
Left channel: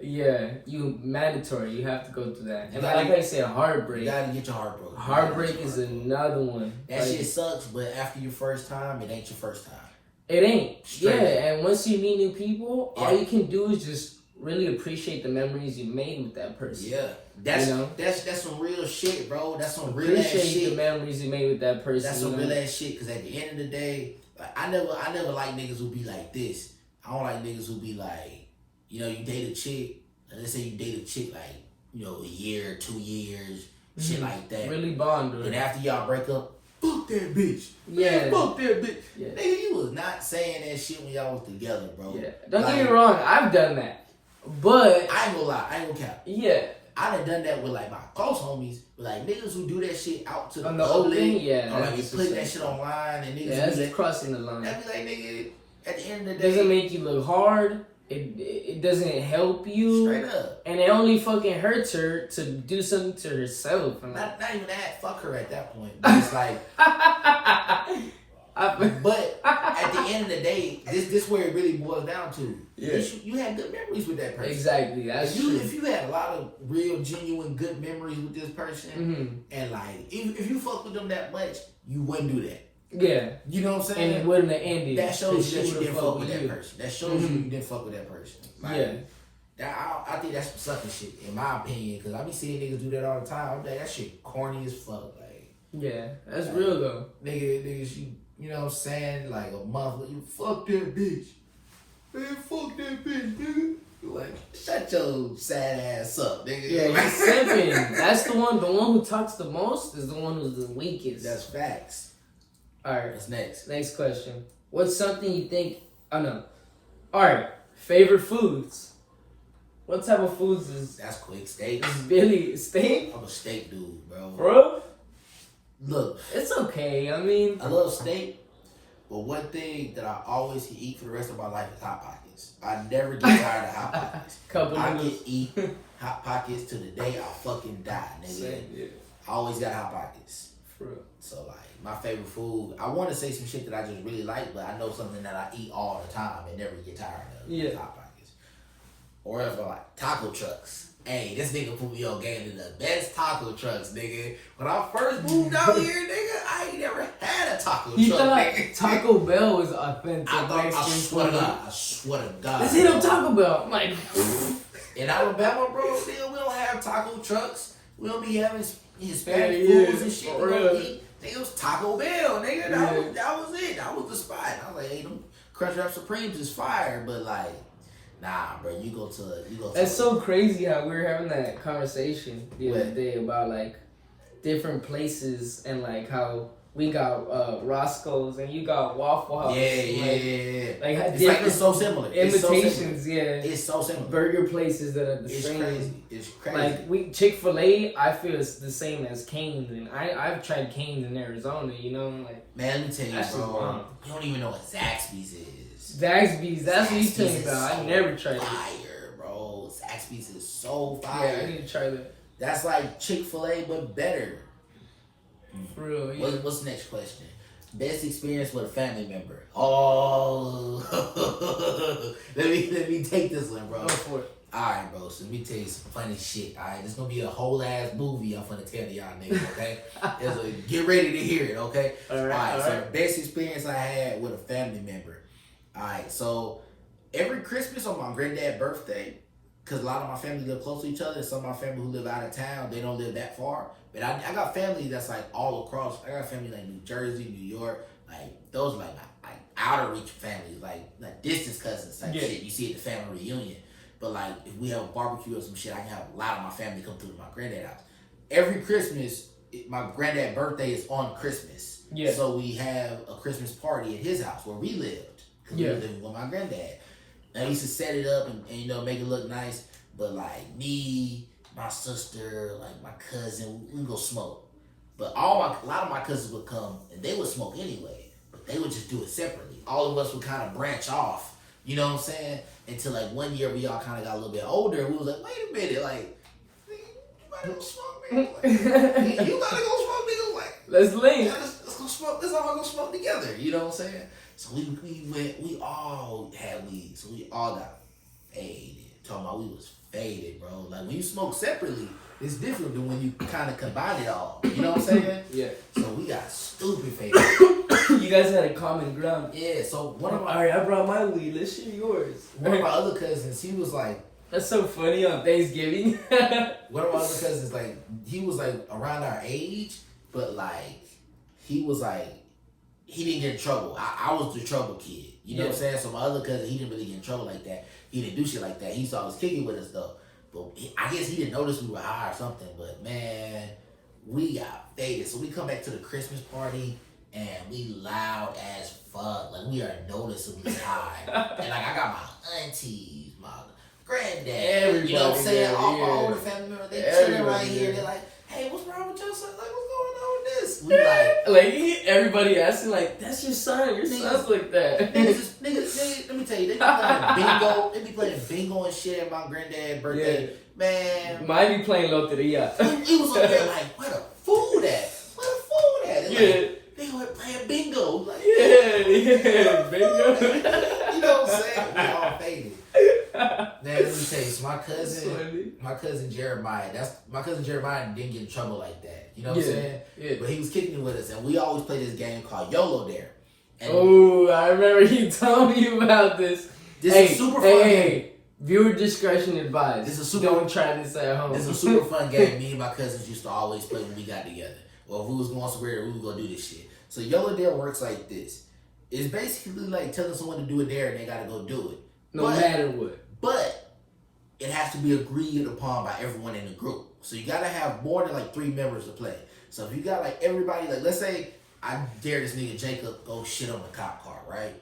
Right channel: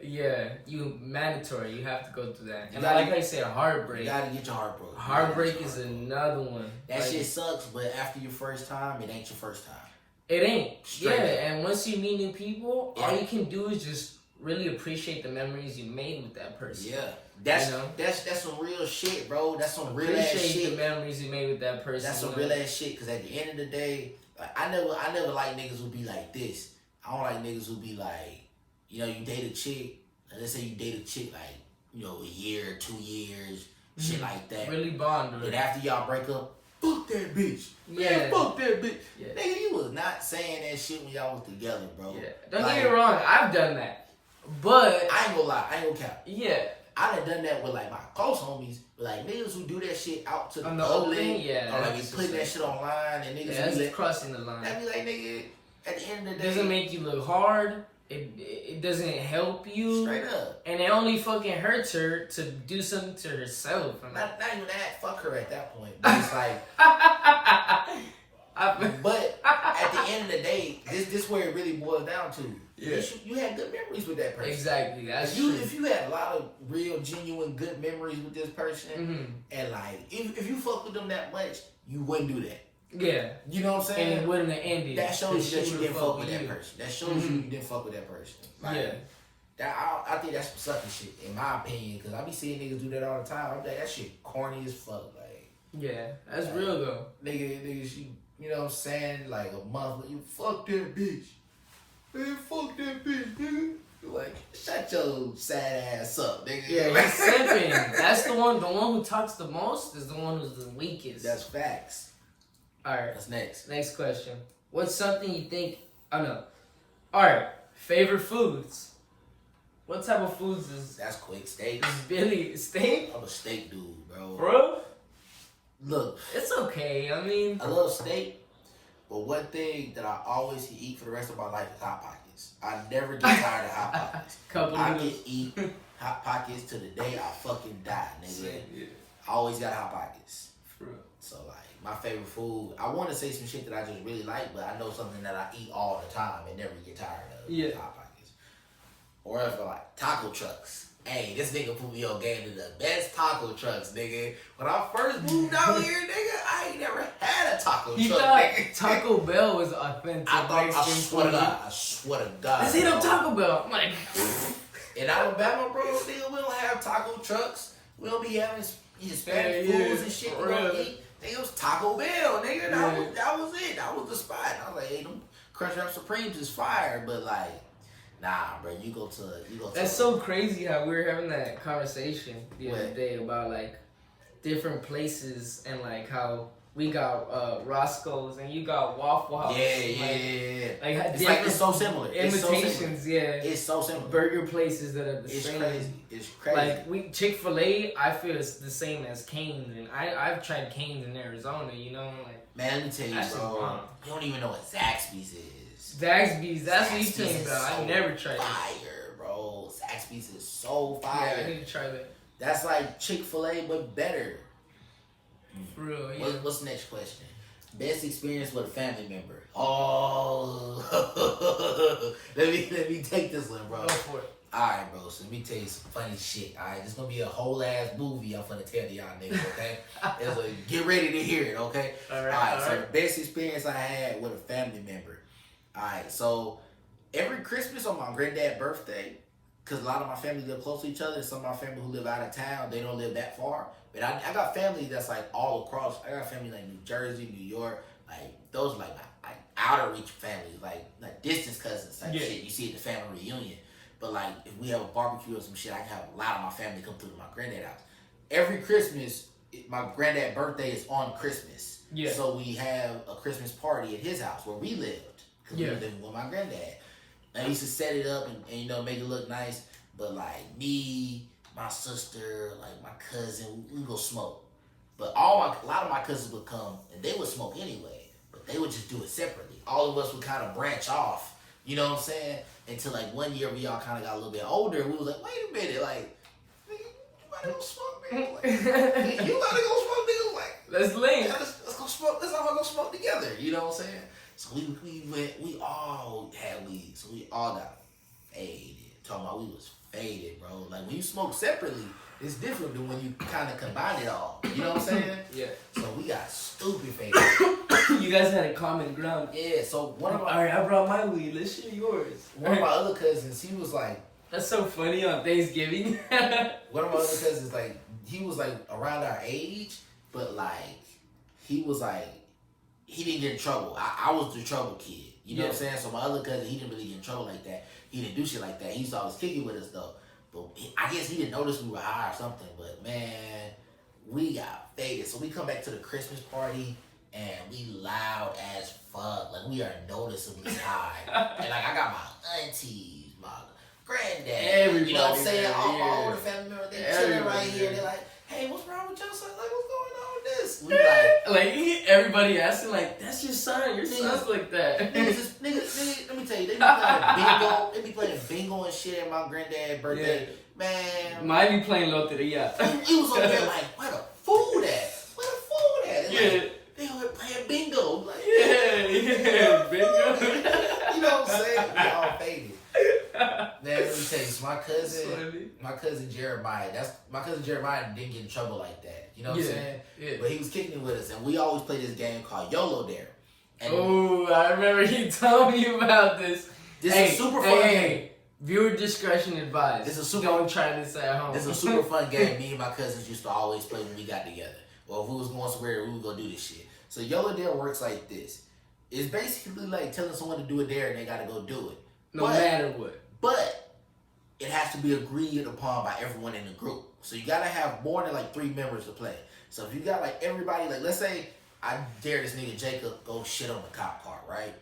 Yeah, you mandatory. You have to go through that. And gotta- like I said, heartbreak. You gotta get your heart broken. Heartbreak is another one. That Like, shit sucks, but after your first time, it ain't your first time. It ain't. Straight yeah, up. and once you meet new people, all Yeah. you can do is just really appreciate the memories you made with that person. Yeah, that's You know? that's some real shit, bro. That's some real ass Appreciate shit. the memories you made with that person. That's some real ass shit. Cause at the end of the day, like, I never like niggas who be like this. I don't like niggas who be like, you know, you date a chick. Let's say you date a chick like, you know, a year, 2 years, shit like that. Really bond with And her. after y'all break up, fuck that bitch. Yeah. Man, fuck that bitch. Yeah. Nigga, you was not saying that shit when y'all was together, bro. Yeah. Don't Like, get me wrong, I've done that. But I ain't gonna lie, I ain't gonna cap. yeah. I done done that with like my close homies, but like niggas who do that shit out to the On the public, open, yeah, or like that's putting that just shit online, and niggas Yeah, be that's like, crossing the line. that be like, nigga, at the end of It the day, doesn't make you look hard. It doesn't help you. straight up. And it only fucking hurts her to do something to herself. And Not even that, fuck her at that point. But it's like, but at the end of the day, this where it really boils down to. Yeah. You had good memories with that person. Exactly, that's if true. If you had a lot of real, genuine, good memories with this person, and like, if you fuck with them that much, you wouldn't do that. Yeah. You know what I'm saying? And it wouldn't have ended. That shows you that she you would've didn't fuck with that you. person. That shows you didn't fuck with that person. Like, Yeah. I think that's some sucker shit, in my opinion, because I be seeing niggas do that all the time. I'm like, that shit corny as fuck. Like, Yeah, that's real though. niggas, you know what I'm saying? Like a month, you fuck that bitch. Man, fuck that bitch, nigga. You like, shut your sad ass up, nigga. Yeah, he's simping. That's the one who talks the most is the one who's the weakest. That's facts. Alright. What's next? Next question. What's something you think Alright. Favorite foods. What type of foods is That's quick. Steaks. Billy steak? I'm a steak dude, bro. Bro? Look, It's okay. I mean, I love steak, but one thing that I always can eat for the rest of my life is Hot Pockets. I never get tired of Hot Pockets. Couple I noodles. can eat Hot Pockets to the day I fucking die, nigga. Same, yeah. I always got Hot Pockets. For real. So, like, my favorite food, I want to say some shit that I just really like, but I know something that I eat all the time and never get tired of. Yeah. Hot Pockets. Or else, like, taco trucks. Hey, this nigga put me on game to the best taco trucks, nigga. When I first moved out here, nigga, I ain't never had a taco He truck, thought nigga. Taco Bell was authentic. I swear to food. God, I swear to God. Let's hit up bro. Taco Bell. I'm like, In Alabama, bro, still we don't have taco trucks. We don't be having Hispanic Yeah, foods and shit. for We don't real. eat. It was Taco Bell, nigga. That was it. That was the spot. I was like, hey, them Crunchwrap Supremes is fire, but like, nah, bro. You go to. that's so crazy how we were having that conversation the other day about like different places and like how we got Roscoe's and you got Waffle House. Yeah. Like It's so similar. Imitations, It's so similar. Burger places that are the It's same. crazy. It's crazy. Like Chick-fil-A, I feel it's the same as Cane's, and I've tried Cane's in Arizona. You know, like man, let me tell you, that's just bro. bomb. You don't even know what Zaxby's is. Zaxby's. That's what you Zaxby's talking is about. I so never tried it. fire, bro. Zaxby's is so Yeah, fire. I need to try that. That's like Chick-fil-A, but better. For real, yeah. What's the next question? Best experience with a family member. Oh, let me take this one, bro. Go for it. Alright, bro, so let me tell you some funny shit. Alright, this gonna be a whole ass movie I'm gonna tell y'all niggas, okay? Get ready to hear it, okay? Alright, so best experience I had with a family member. Alright, so every Christmas on my granddad's birthday, because a lot of my family live close to each other, and some of my family who live out of town, they don't live that far. But I got family that's like all across. I got family like New Jersey, New York, like those are like outer reach families, like distance cousins type shit. You see at the family reunion. But like if we have a barbecue or some shit, I can have a lot of my family come through to my granddad's house. Every Christmas, my granddad's birthday is on Christmas. Yeah. So we have a Christmas party at his house where we lived. Cause we lived with my granddad. And I used to set it up and you know make it look nice. But like me, my sister, like my cousin, we go smoke. But a lot of my cousins would come and they would smoke anyway. But they would just do it separately. All of us would kind of branch off. You know what I'm saying? Until like one year we all kind of got a little bit older. And we was like, wait a minute, like, nigga, you about to go smoke, nigga? Like, nigga, you about to go smoke, nigga? Like, let's link. yeah, let's go smoke. Let's all go smoke together. You know what I'm saying? So we all had weed. So we all got faded. talking about we was faded, bro. Like when you smoke separately, it's different than when you kind of combine it all. You know what I'm saying? Yeah. So we got stupid faded. You guys had a common ground. Yeah. So one of my Alright, I brought my weed. Let's share yours. one of my other cousins, he was like. That's so funny on Thanksgiving. One of my other cousins, like, he was like around our age, but like, he was like, he didn't get in trouble. I was the trouble kid. You know what I'm saying? So my other cousin, he didn't really get in trouble like that. He didn't do shit like that. He used to always kicking with us though. But I guess he didn't notice we were high or something. But man, we got faded. So we come back to the Christmas party and we loud as fuck. Like we are noticeably high. And like I got my aunties, my granddad, everybody, you know what I'm saying? All my yeah. older family members, they chilling right here. They're like, hey, what's wrong with your son? Like, what's going on with this? We like everybody asking, like, that's your son. Your son's like that. niggas, let me tell you, they be playing bingo. They be playing bingo and shit at my granddad's birthday. Yeah. Man. Might be playing Loteria. It was over there like, where the food at? Where the food at? Like, they were playing bingo. Like, yeah, bingo. You know what I'm saying? We all faded. Man, let me tell you, so my cousin Jeremiah, my cousin Jeremiah didn't get in trouble like that. You know what I'm saying? Yeah. But he was kicking it with us, and we always play this game called YOLO Dare. Oh, I remember you told me about this. This is super fun game. Hey, viewer discretion advised. Don't try this at home. This is a super fun game. Me and my cousins used to always play when we got together. Well, if we was going somewhere, we would go do this shit. So YOLO Dare works like this. It's basically like telling someone to do a dare and they gotta go do it. No matter what. But it has to be agreed upon by everyone in the group. So you gotta have more than like 3 members to play. So if you got like everybody, like let's say I dare this nigga Jacob go shit on the cop car, right?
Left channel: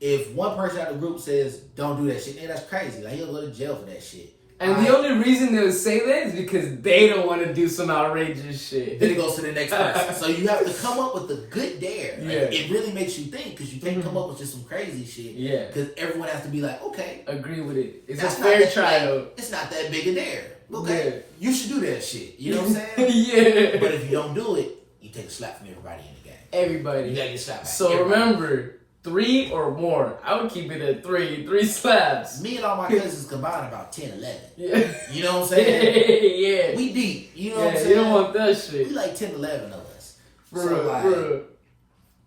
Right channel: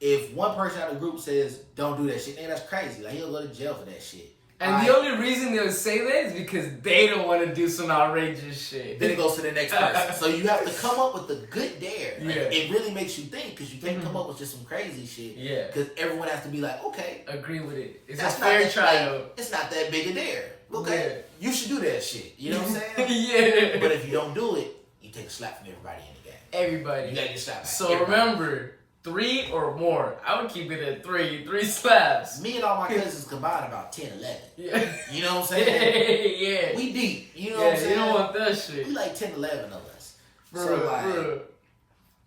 If one person out of the group says don't do that shit, man, that's crazy. Like he'll go to jail for that shit. And the only reason they would say that is because they don't want to do some outrageous shit. Then it goes to the next person. So you have to come up with a good dare. Like, Yeah. it really makes you think because you can't come up with just some crazy shit. Yeah. Because everyone has to be like, okay. Agree with it. It's that's a fair not trial. Like, it's not that big a dare. Okay. Yeah. You should do that shit. You know what I'm saying? Yeah. But if you don't do it, you take a slap from everybody in the game. Everybody. You gotta get slapped back. So everybody. Remember, 3 or more. I would keep it at 3. 3 slaps. Me and all my cousins combined about 10, 11. Yeah. You know what I'm saying? Yeah. We deep. You know what I'm Yeah, saying? you don't want that shit. We like 10, 11 of us. Bro.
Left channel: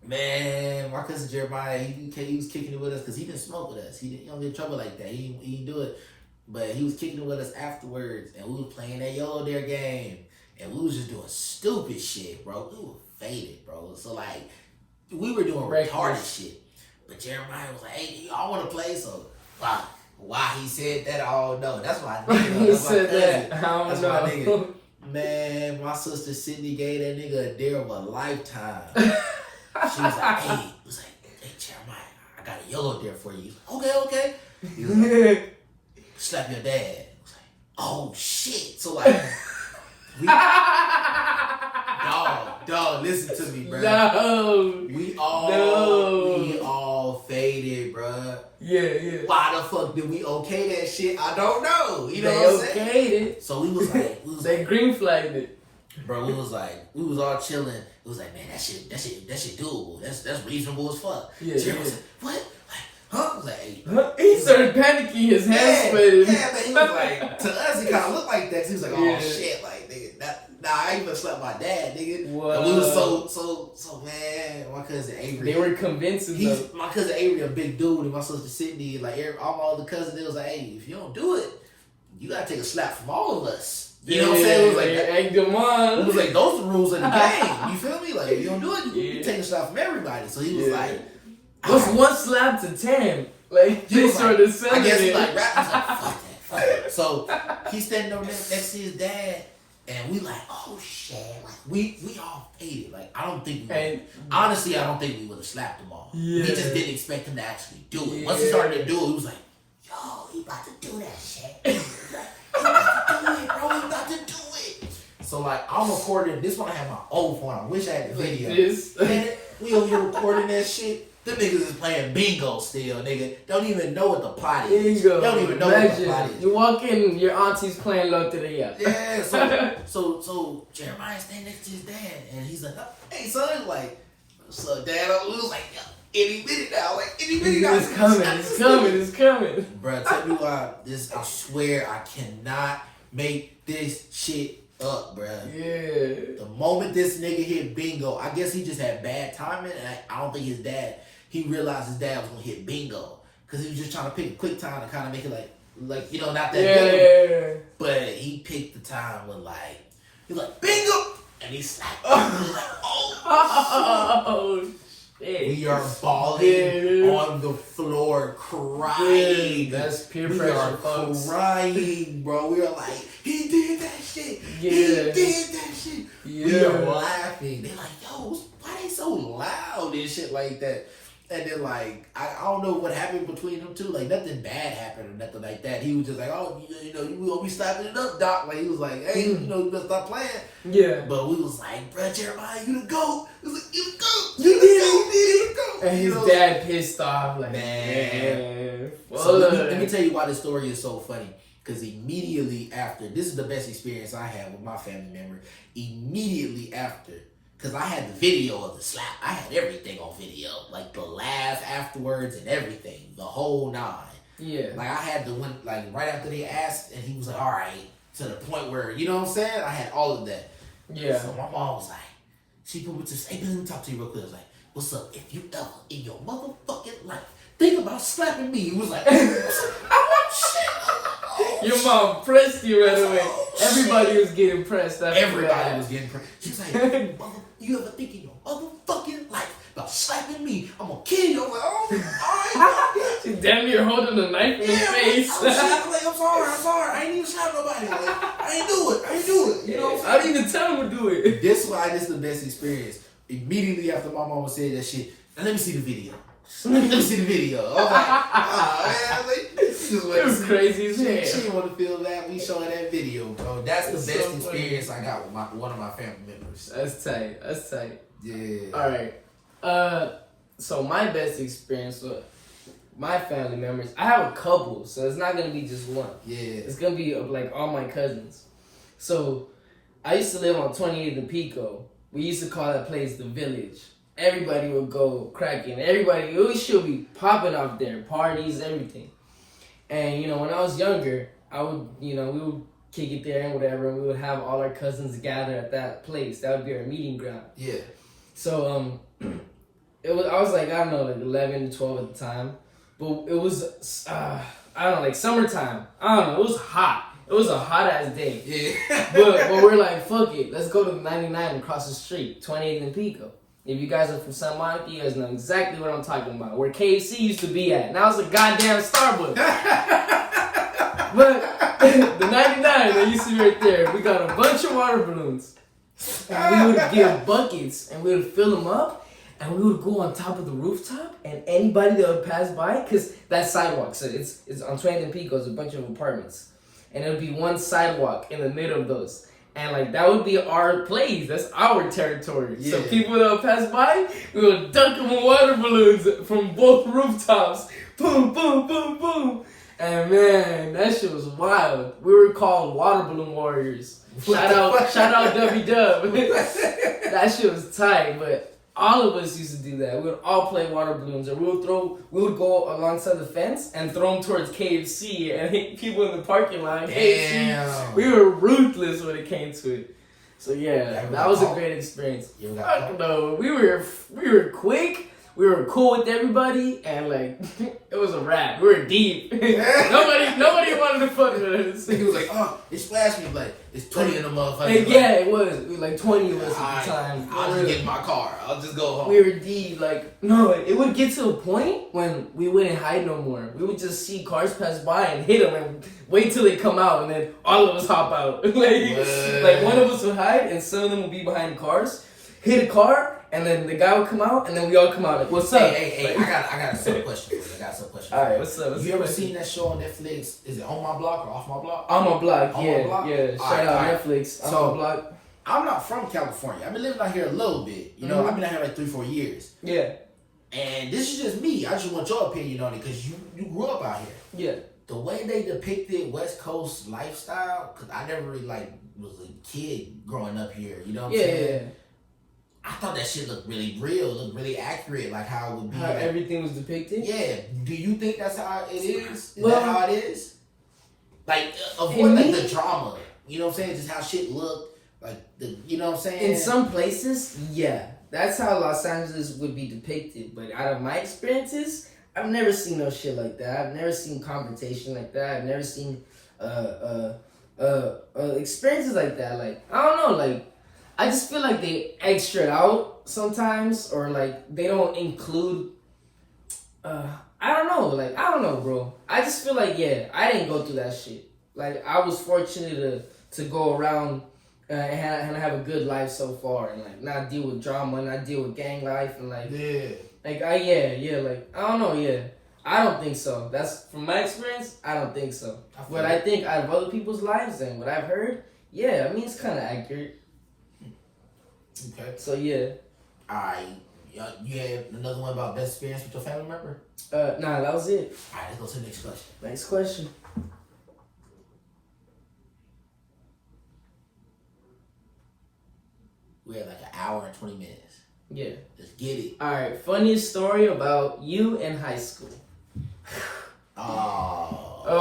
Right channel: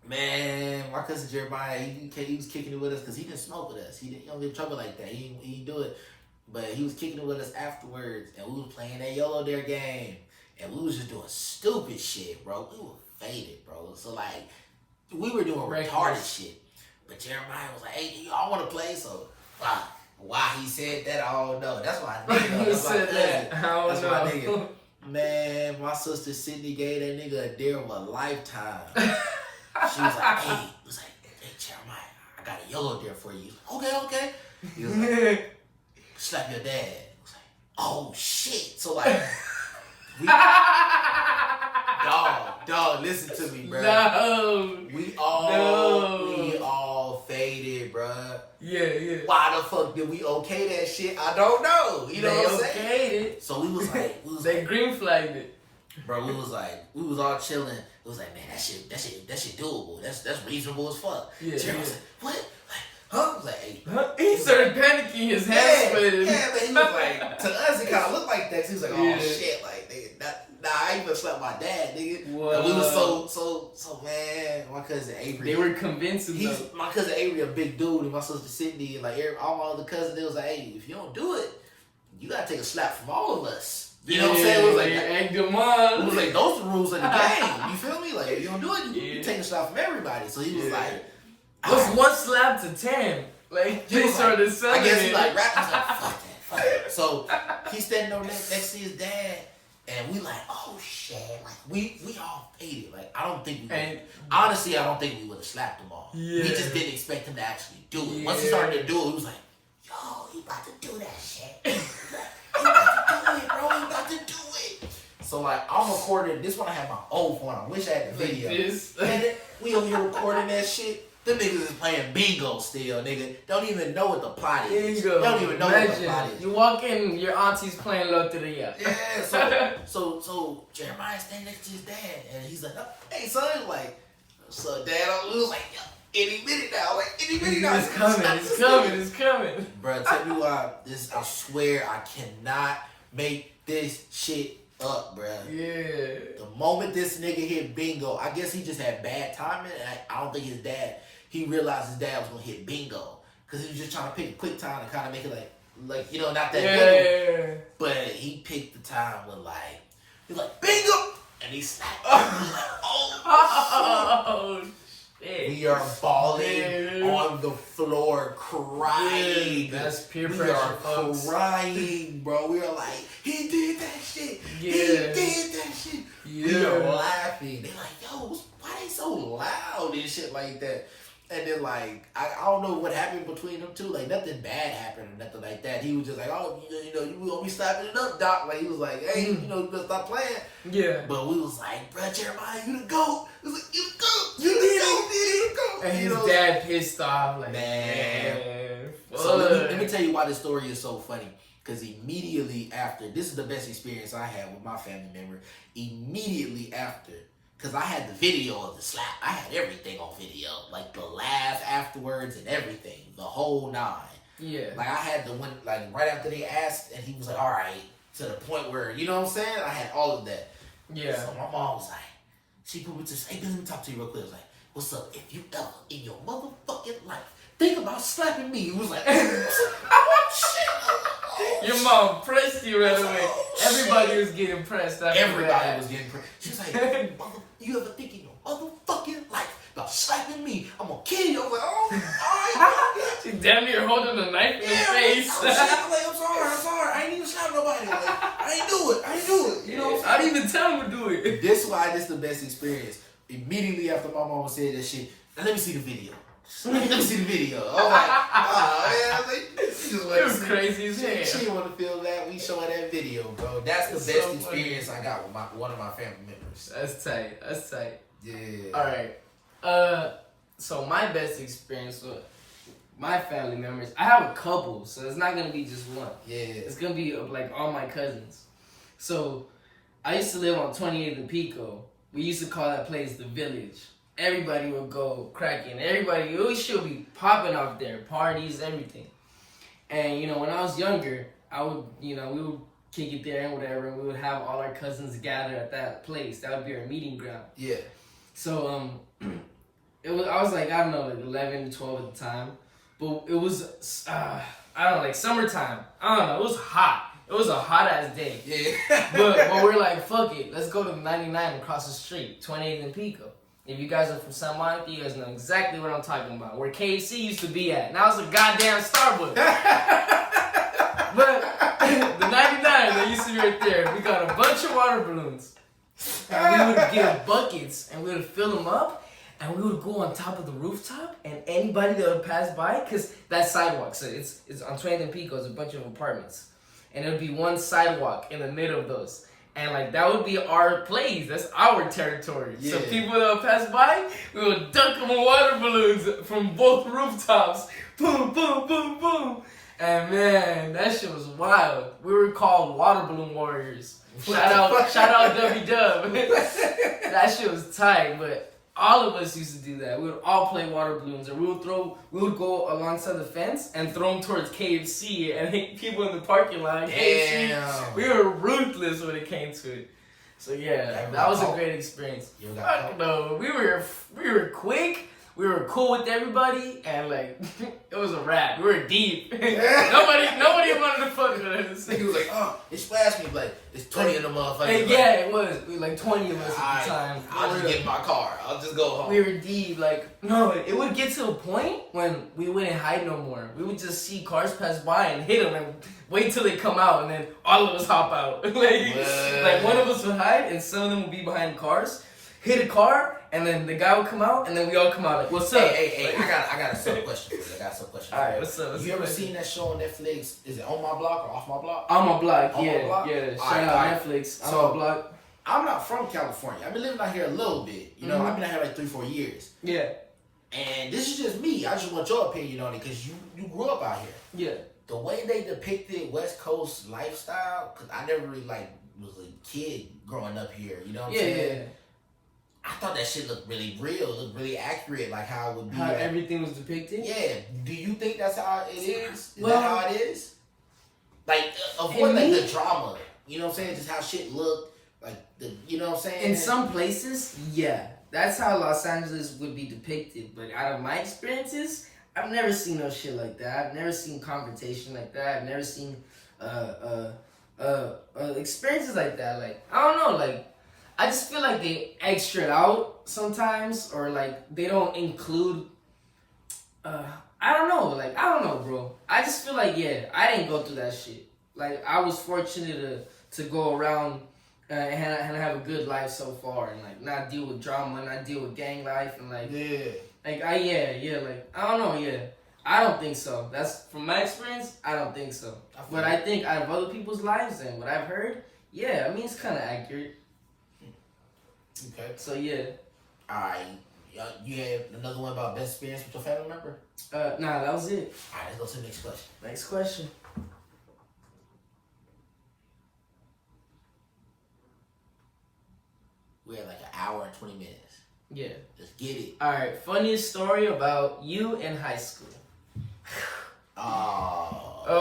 Man, my cousin Jeremiah, he was kicking it with us because he didn't smoke with us. He don't get in trouble like that. He didn't do it. But he was kicking it with us afterwards, and we was playing that YOLO Dare game. And we was just doing stupid shit, bro. We were faded, bro. So, like, we were doing retarded shit. But Jeremiah was like, hey, y'all want to play? So, why he said that, I don't know. That's why I know. He said that. I don't know. My nigga. Man, my sister Sydney gave that nigga a dare of a lifetime. She was like, hey, Jeremiah, I got a YOLO dare for you. Okay. He was like, slap your dad. I was like, oh shit. So like, dog, listen to me, bro. No. We all faded, bro. Yeah. Why the fuck did we okay that shit? I don't know. You know what I'm saying? Okayed it. So we was like, They green flagged it. Bro, we was all chilling. It was like, man, that shit doable. That's reasonable as fuck. Yeah. So I was like, what? Huh? I was like, hey. He started panicking, his hands sweated. Yeah, but he was like, to us, it kind of looked like that. He was like, oh shit, like, nigga, I even slept my dad, nigga. What? And we was so man. My cousin Avery. They were convincing them. My cousin Avery, a big dude, and my sister Sydney, like all my other cousins, they was like, hey, if you don't do it, you gotta take a slap from all of us. You know what I'm saying? It was like, egged them on. It was like, those are the rules of the game. You feel me? Like, if you don't do it, you take a slap from everybody. So he was like, what's 1 slap to 10? Like, they started selling I guess it. like rappers like, fuck that. So he's standing over there next to his dad, and we like, oh shit. Like, we all faded. Like, I don't think honestly, I don't think we would have slapped him all. Yeah. We just didn't expect him to actually do it. Yeah. Once he started to do it, he was like, yo, he about to do that shit. He about to do it, bro. He about to do it. So like, I'm recording. This one I have my old phone. I wish I had the video. And we over here recording that shit. Them niggas is playing bingo still, nigga. Don't even know what the plot is. Bingo. Don't even know what the plot is. You walk in, your auntie's playing Loteria. Yeah, so Jeremiah's standing next to his dad, and he's like, hey, son, like, what's up, dad? We was like, any minute now. Like, any minute now. It's coming. It's coming. Bro, tell me why I swear I cannot make this shit up, bro. Yeah. The moment this nigga hit bingo, I guess he just had bad timing. And I don't think he realized his dad was going to hit bingo. Because he was just trying to pick a quick time to kind of make it like not that Yeah. But he picked the time with he's like, bingo! And he slapped. Oh, shit. We are falling on the floor crying. That's peer pressure, folks. Crying, bro. We are like, he did that shit. Yeah. He did that shit. Yeah. We are laughing. They're like, yo, why they so loud and shit like that? And then I don't know what happened between them two. Like nothing bad happened or nothing like that. He was just like, oh, you gonna be slapping it up, Doc. Like he was like, hey, you better stop playing. Yeah. But we was like, bro, Jeremiah, you the GOAT. It was like, you the GOAT. You did it. And his dad pissed off, like, man. So let me tell you why this story is so funny. Because immediately after, this is the best experience I had with my family member. Immediately after, because I had the video of the slap. I had everything on video. Like the laugh afterwards and everything. The whole nine. Yeah. Like I had the one, right after they asked, and he was like, all right. To the point where, you know what I'm saying? I had all of that. Yeah. So my mom was like, she put me to say, hey, let me talk to you real quick. I was like, what's up? If you ever in your motherfucking life think about slapping me, it was like, your mom pressed you right away. Everybody was getting pressed after Everybody was getting pressed. She was like, you ever think in your motherfucking life about slapping me? I'm gonna kill you. I was like, oh, all right. She's damn near holding a knife in his face. I'm sorry. I ain't even slap nobody. I ain't do it. You know what I'm saying? I didn't even tell him to do it. This is why this is the best experience. Immediately after my mama said that shit, and let me see the video. Let me see the video. I was like, oh, man. It was crazy as hell. She didn't want to feel that. We showing that video, bro. That's the best experience I got with one of my family members. That's tight. Yeah. All right. So my best experience with my family members, I have a couple, so it's not gonna be just one. Yeah. It's gonna be all my cousins. So I used to live on 28th and Pico. We used to call that place the Village. Everybody would go cracking. We should be popping out there, parties, everything. And when I was younger, we would kick it there and whatever. And we would have all our cousins gather at that place. That would be our meeting ground. Yeah. So I was I don't know, 11 to 12 at the time. But it was summertime. I don't know. It was hot. It was a hot ass day. Yeah. but we're like, fuck it. Let's go to the 99 across the street, 28th and Pico. If you guys are from Santa Monica, you guys know exactly what I'm talking about. Where KFC used to be at. Now it's a goddamn Starbucks. But the 99 that used to be right there, we got a bunch of water balloons. And we would get buckets and we would fill them up. And we would go on top of the rooftop. And anybody that would pass by, because that sidewalk, so it's on 20th and Pico, it's a bunch of apartments. And it would be one sidewalk in the middle of those. And that would be our place. That's our territory. Yeah. So people that would pass by, we would dunk them with water balloons from both rooftops. Boom, boom, boom, boom. And man, that shit was wild. We were called Water Balloon Warriors. Shout out W-Dub. That shit was tight, but all of us used to do that. We would all play water balloons, or we would go alongside the fence and throw them towards KFC and hit people in the parking lot at KFC. We were ruthless when it came to it. So yeah, that was a great experience. No, we were quick. We were cool with everybody, and it was a wrap. We were deep. Nobody wanted to fuck with us. He was like, oh, it splashed me, it's 20 of them motherfuckers. And yeah, it was. We were 20 of us at the time. I'll just get in my car. I'll just go home. We were deep. No, it would get to a point when we wouldn't hide no more. We would just see cars pass by and hit them and wait till they come out, and then all of us hop out. One of us would hide, and some of them would be behind cars, hit a car, and then the guy would come out, and then we all come out what's up? Hey, I got a simple question for you. All right, what's up? You ever seen that show on Netflix? Is it On My Block or Off My Block? On My Block, On yeah. My Block? Yeah, shout out Netflix. So, On My Block. I'm not from California. I've been living out here a little bit. You know, I've been out here 3-4 years. Yeah. And this is just me. I just want your opinion on it because you grew up out here. Yeah. The way they depicted West Coast lifestyle, because I never really was a kid growing up here. You know what I'm saying? Yeah. I thought that shit looked really real, looked really accurate, like how it would be. How everything was depicted? Yeah. Do you think that's how it is? Is Well, that how it is? Like, avoid like the drama. You know what I'm saying? Just how shit looked. Like, you know what I'm saying? In some places, yeah. That's how Los Angeles would be depicted. But out of my experiences, I've never seen no shit like that. I've never seen confrontation like that. I've never seen experiences like that. Like, I don't know, like, I just feel like they extra out sometimes, or like they don't include. I don't know, bro. I just feel like, yeah, I didn't go through that shit. Like, I was fortunate to go around and have a good life so far, and like not deal with drama, not deal with gang life, and like, like like I don't know, I don't think so. That's from my experience. I don't think so. But I think out of other people's lives and what I've heard, yeah, I mean it's kind of accurate. Okay. So yeah. All right. You have another one about best experience with your family member? Nah, that was it. All right, let's go to the next question. Next question. We have like an hour and 20 minutes. Yeah. Let's get it. All right. Funniest story about you in high school. Oh,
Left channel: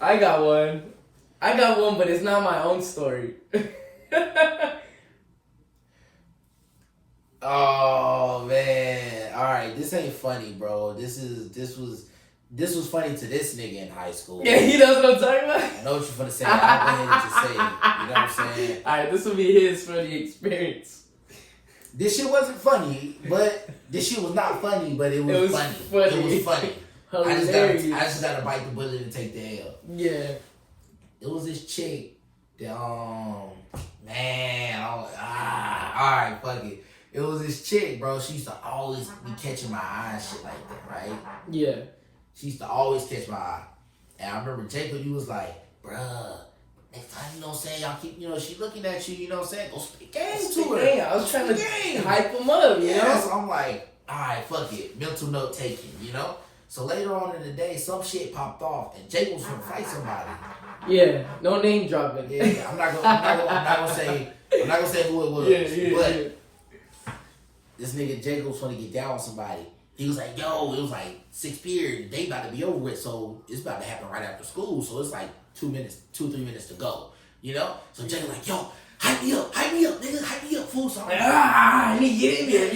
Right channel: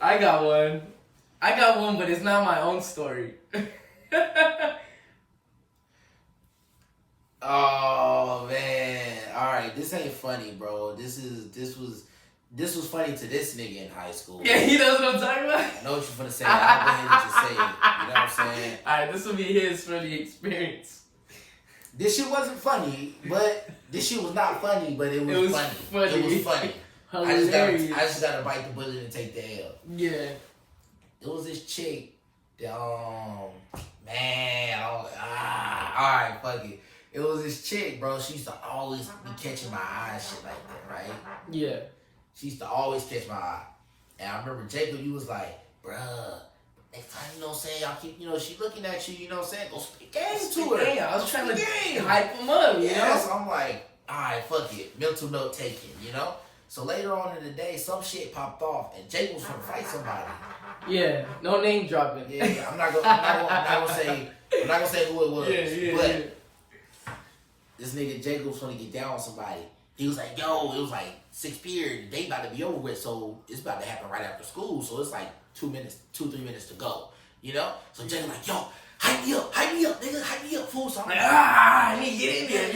I got one. But it's not my own story. Oh man! All right, this ain't funny, bro. This was funny to this nigga in high school. Yeah, he knows what I'm talking about. I know what you're gonna say. I'll go ahead and just say it. You know what I'm saying? All right, this will be his funny experience. This shit wasn't funny, but this shit was not funny, but it was funny. It was funny. I just gotta bite the bullet and take the L. Yeah. It was this chick that man, alright, fuck it. It was this chick, bro. She used to always be catching my eye and shit like that, right? Yeah. She used to always catch my eye. And I remember Jacob, you was like, bruh, next time, you know what I'm saying, y'all keep, you know, she looking at you, you know what I'm saying, go speak game to her. I was trying to hype him up, you know? So I'm like, alright, fuck it. Mental note taking, you know? So later on in the day, some shit popped off and Jacob was gonna fight somebody. Yeah, no name dropping. Yeah, I'm not gonna say who it was. But this nigga Jacob was gonna get down with somebody. He was like, yo, it was like 6th period, they about to be over with, so it's about to happen right after school. So it's like 3 minutes to go. You know? So Jacob like, yo, hype me up, nigga, hype me up, fool. So I'm like, let me get in there,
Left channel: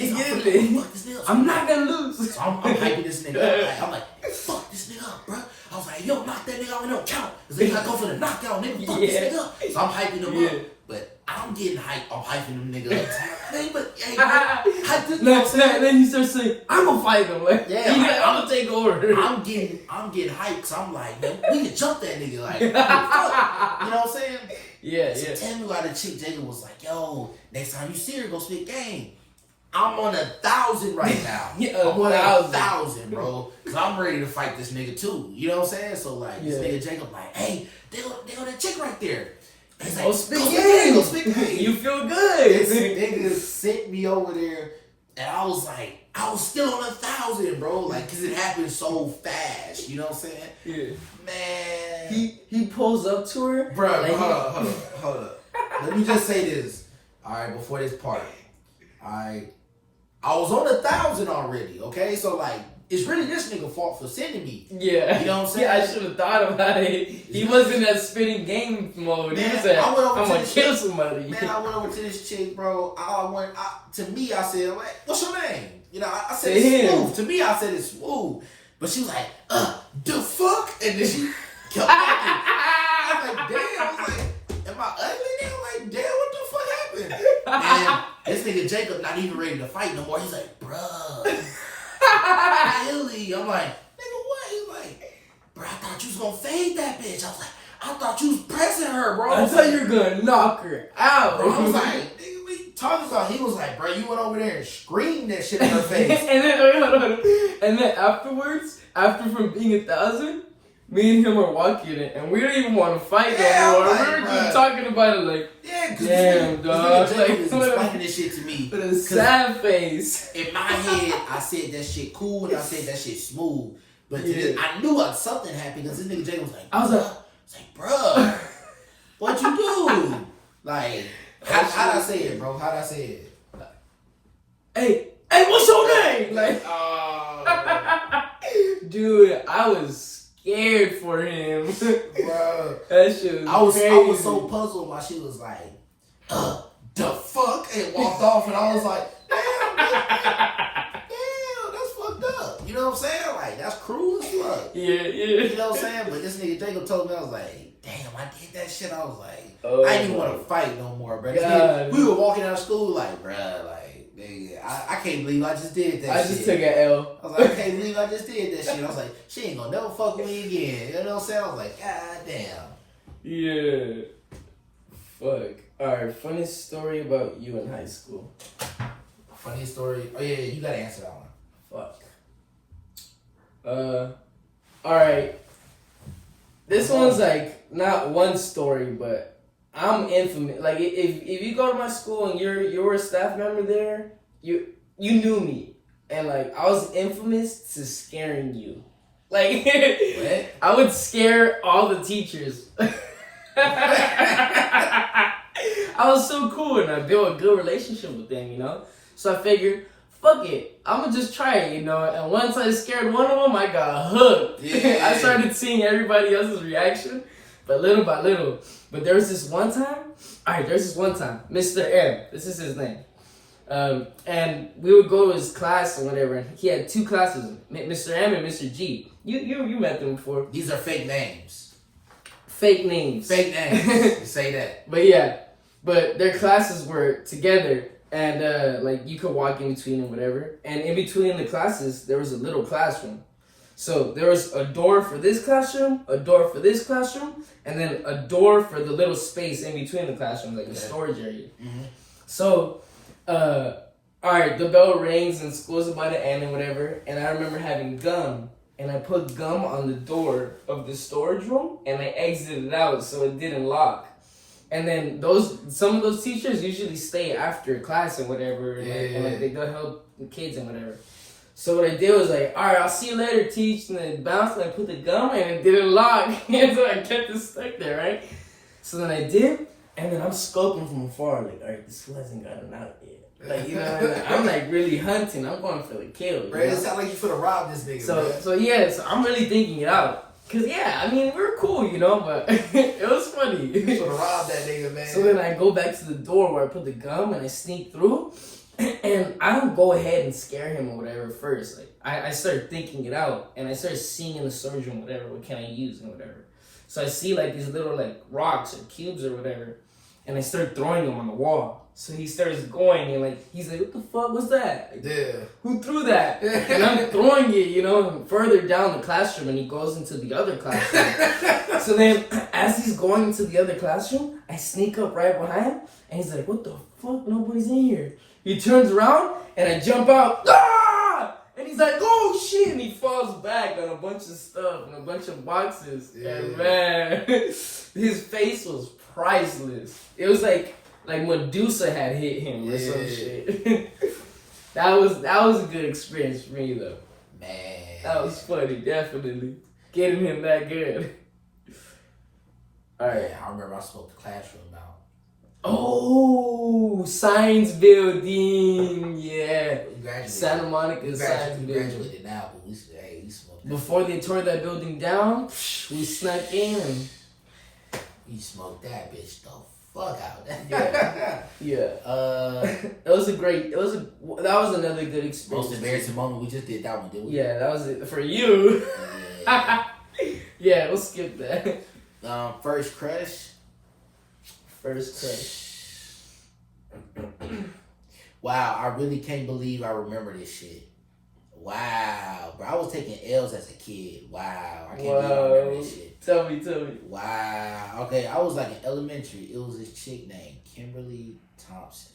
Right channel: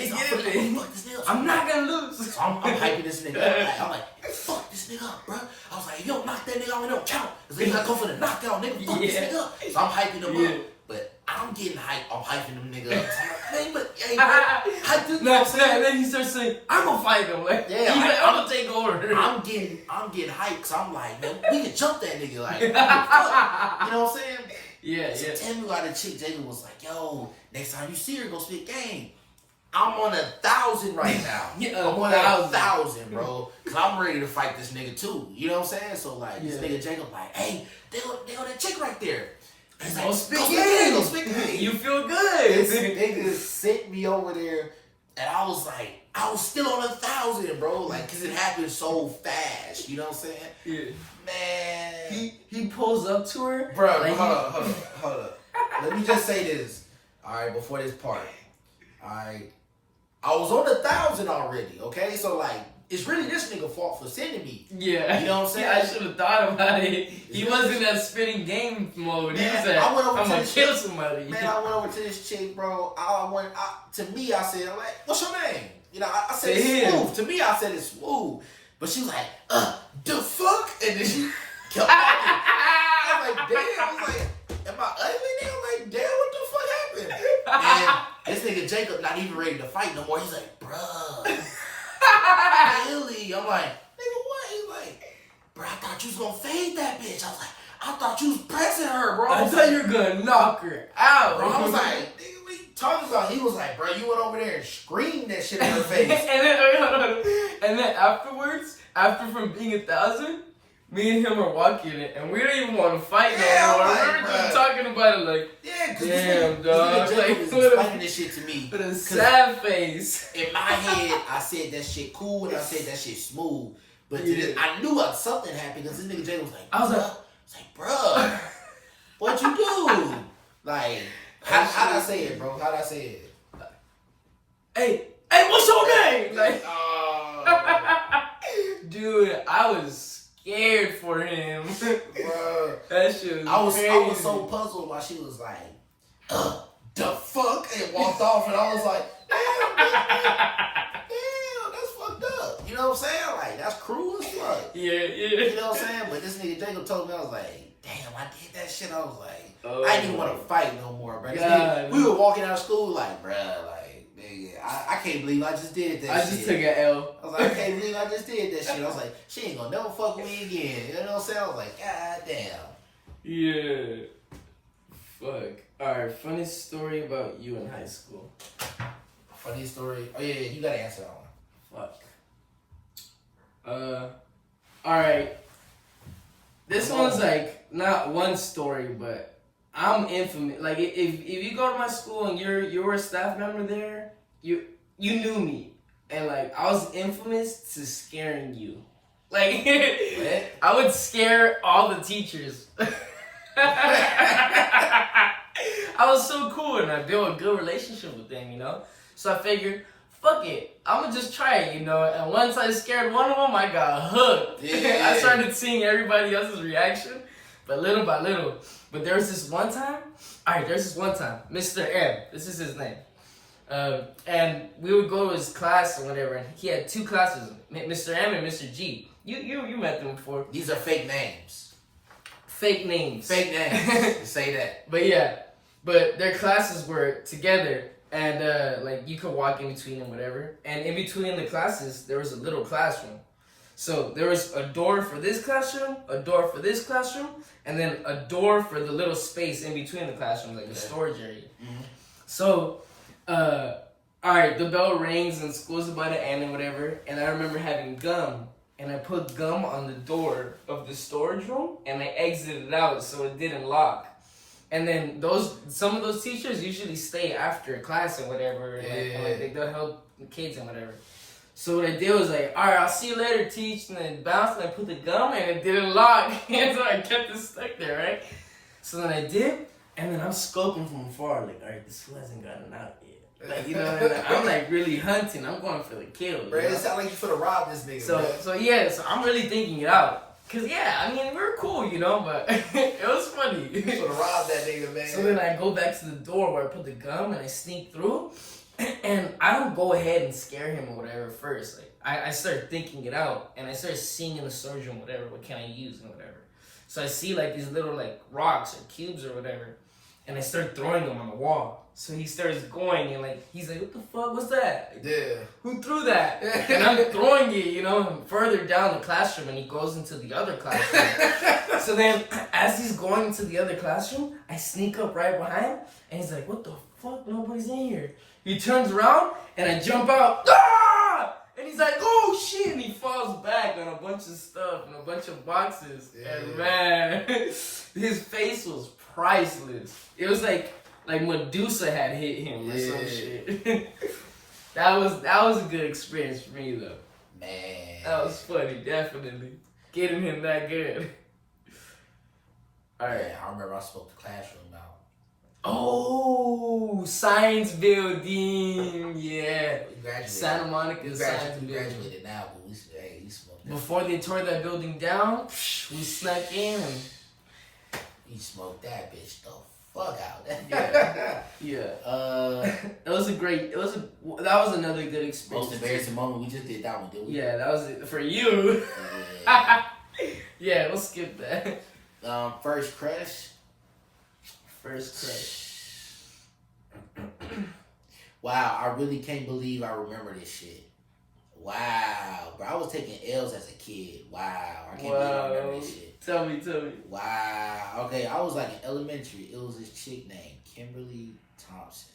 I'm not gonna lose. So I'm hyping this nigga up. I'm like, fuck this nigga up, bro. I was like, yo, knock that nigga out, it don't count. Cause they not going for the knockdown, nigga, fuck this nigga up. So I'm hyping him up. But I'm getting hyped. I'm hyping them nigga up. Man, but hey, hype this nigga. And then he starts saying, I'm gonna fight him. Like, yeah, I'm gonna take over. I'm getting hyped. Cause I'm like, man, we can jump that nigga. Like, fuck. You know what I'm saying? Yeah, so tell me why the chick Jacob was like, yo, next time you see her, go spit game. I'm on 1,000 right now. I'm on 1,000, bro. Cause I'm ready to fight this nigga too. You know what I'm saying? So like, this nigga Jacob like, hey, they on that chick right there. He's like, go spit game. You feel good. This nigga sent me over there, and I was like, I was still on 1,000, bro. Like, cause it happened so fast. You know what I'm saying? Yeah. Man. He pulls up to her. Bro, like, hold up. Let me just say this. All right, before this part. All right. I was on 1,000 already, okay? So, like, it's really this nigga fault for sending me. Yeah. You know what I'm saying? Yeah, I should have thought about it. He was in that spitting game mode. He was like, I'm going to kill somebody. Man, I went over to this chick, bro. To me, I said, what's your name? You know, I said it's smooth. To me, I said it's smooth. But she was like, the fuck? And then she kept walking. I was like, damn. I was like, am I ugly now? I'm like, damn, what the fuck happened? And this nigga Jacob not even ready to fight no more. He's like, bruh. Really? I'm like, nigga, what? He's like, bro, I thought you was gonna fade that bitch. I was like, I thought you was pressing her, bro. I thought you were gonna knock her out. Bro, I was like, nigga, what are you talking about? He was like, bro, you went over there and screamed that shit in her face. And then afterwards, after from being 1,000, me and him are walking it, and we don't even want to fight no more. Like, we were just talking about it like, damn, dog. Like, explaining this shit to me. With a sad face. In my head, I said that shit cool, and I said that shit smooth. But I knew something happened, because this nigga Jay was like, I was like, bro, what'd you do? Like, how'd I say it, bro? How'd I say it? hey, what's your name? Like, dude, I was scared for him. Bro, That shit was I was crazy. so puzzled while she was like, the fuck, and walked off, and I was like, damn, that's fucked up. You know what I'm saying? Like, that's cruel as fuck. Yeah. You know what I'm saying? But this nigga Jacob told me, I was like, damn, I did that shit. I was like, Oh, I didn't want to fight no more, bro. God. We were walking out of school like, bro, like, nigga, I can't believe I just did that shit. I just took an L. I was like, I can't believe I just did that shit. I was like, she ain't gonna never fuck with me again. You know what I'm saying? I was like, god damn. Yeah. Fuck. Alright, funny story about you in high school. Funny story. Oh yeah, you gotta answer that one. Fuck. Alright. This one's like not one story, but I'm infamous. Like if you go to my school and you're a staff member there, you knew me. And like I was infamous to scaring you. Like I would scare all the teachers. I was so cool and I built a good relationship with them, you know? So I figured, fuck it, I'm gonna just try it, you know? And once I scared one of them, I got hooked. Yeah. I started seeing everybody else's reaction, but little by little. But there was this one time, Mr. M, this is his name. And we would go to his class or whatever, and he had two classes, Mr. M and Mr. G. You met them before. These are fake names. Fake names. Fake names. You say that. But yeah, but their classes were together, and like you could walk in between and whatever. And in between the classes, there was a little classroom. So there was a door for this classroom, a door for this classroom, and then a door for the little space in between the classrooms, like a storage area. Mm-hmm. So, all right, the bell rings and school's about to end and whatever. And I remember having gum. And I put gum on the door of the storage room, and I exited it out so it didn't lock. And then some of those teachers usually stay after class and whatever, and they'll help the kids and whatever. So what I did was like, all right, I'll see you later, teach. And then bounced, and I put the gum, and it didn't lock. And so I kept it stuck there, right? So then I did, and then I'm scoping from afar, like, all right, this fool hasn't gotten out yet. Like, you know, I'm like really hunting. I'm going for the kill. Bro, it sounds like you finna rob this nigga. So I'm really thinking it out. Cause yeah, I mean, we were cool, you know, but it was funny. You finna rob that nigga, man. So then I go back to the door where I put the gum and I sneak through, and I don't go ahead and scare him or whatever first. Like I start thinking it out, and I start seeing in the storage room whatever, what can I use and whatever. So I see like these little like rocks or cubes or whatever, and I start throwing them on the wall. So he starts going and like he's like, what the fuck was that? Yeah. Who threw that? And I'm throwing it, you know, further down the classroom, and he goes into the other classroom. So then as he's going into the other classroom, I sneak up right behind him, and he's like, what the fuck? Nobody's in here. He turns around and I jump out. Ah! And he's like, oh shit, and he falls back on a bunch of stuff and a bunch of boxes. Yeah. And man, his face was priceless. It was like Medusa had hit him or some shit. that was a good experience for me though. Man. That was funny, definitely. Getting him that good. Alright. Yeah, I remember I smoked the classroom out. Oh, science building. Yeah. Santa Monica science building. Graduated now, but we smoked. Before they tore that building down, we snuck in and we smoked that bitch though. Fuck out. Yeah. That was another good experience. Most embarrassing moment. We just did that one, didn't we? Yeah, that was it for you. Yeah. Yeah, we'll skip that. First crush. Wow, I really can't believe I remember this shit. Wow, bro, I was taking L's as a kid. Wow, I can't believe I remember this shit. Tell me. Wow. Okay, I was like in elementary. It was this chick named Kimberly Thompson.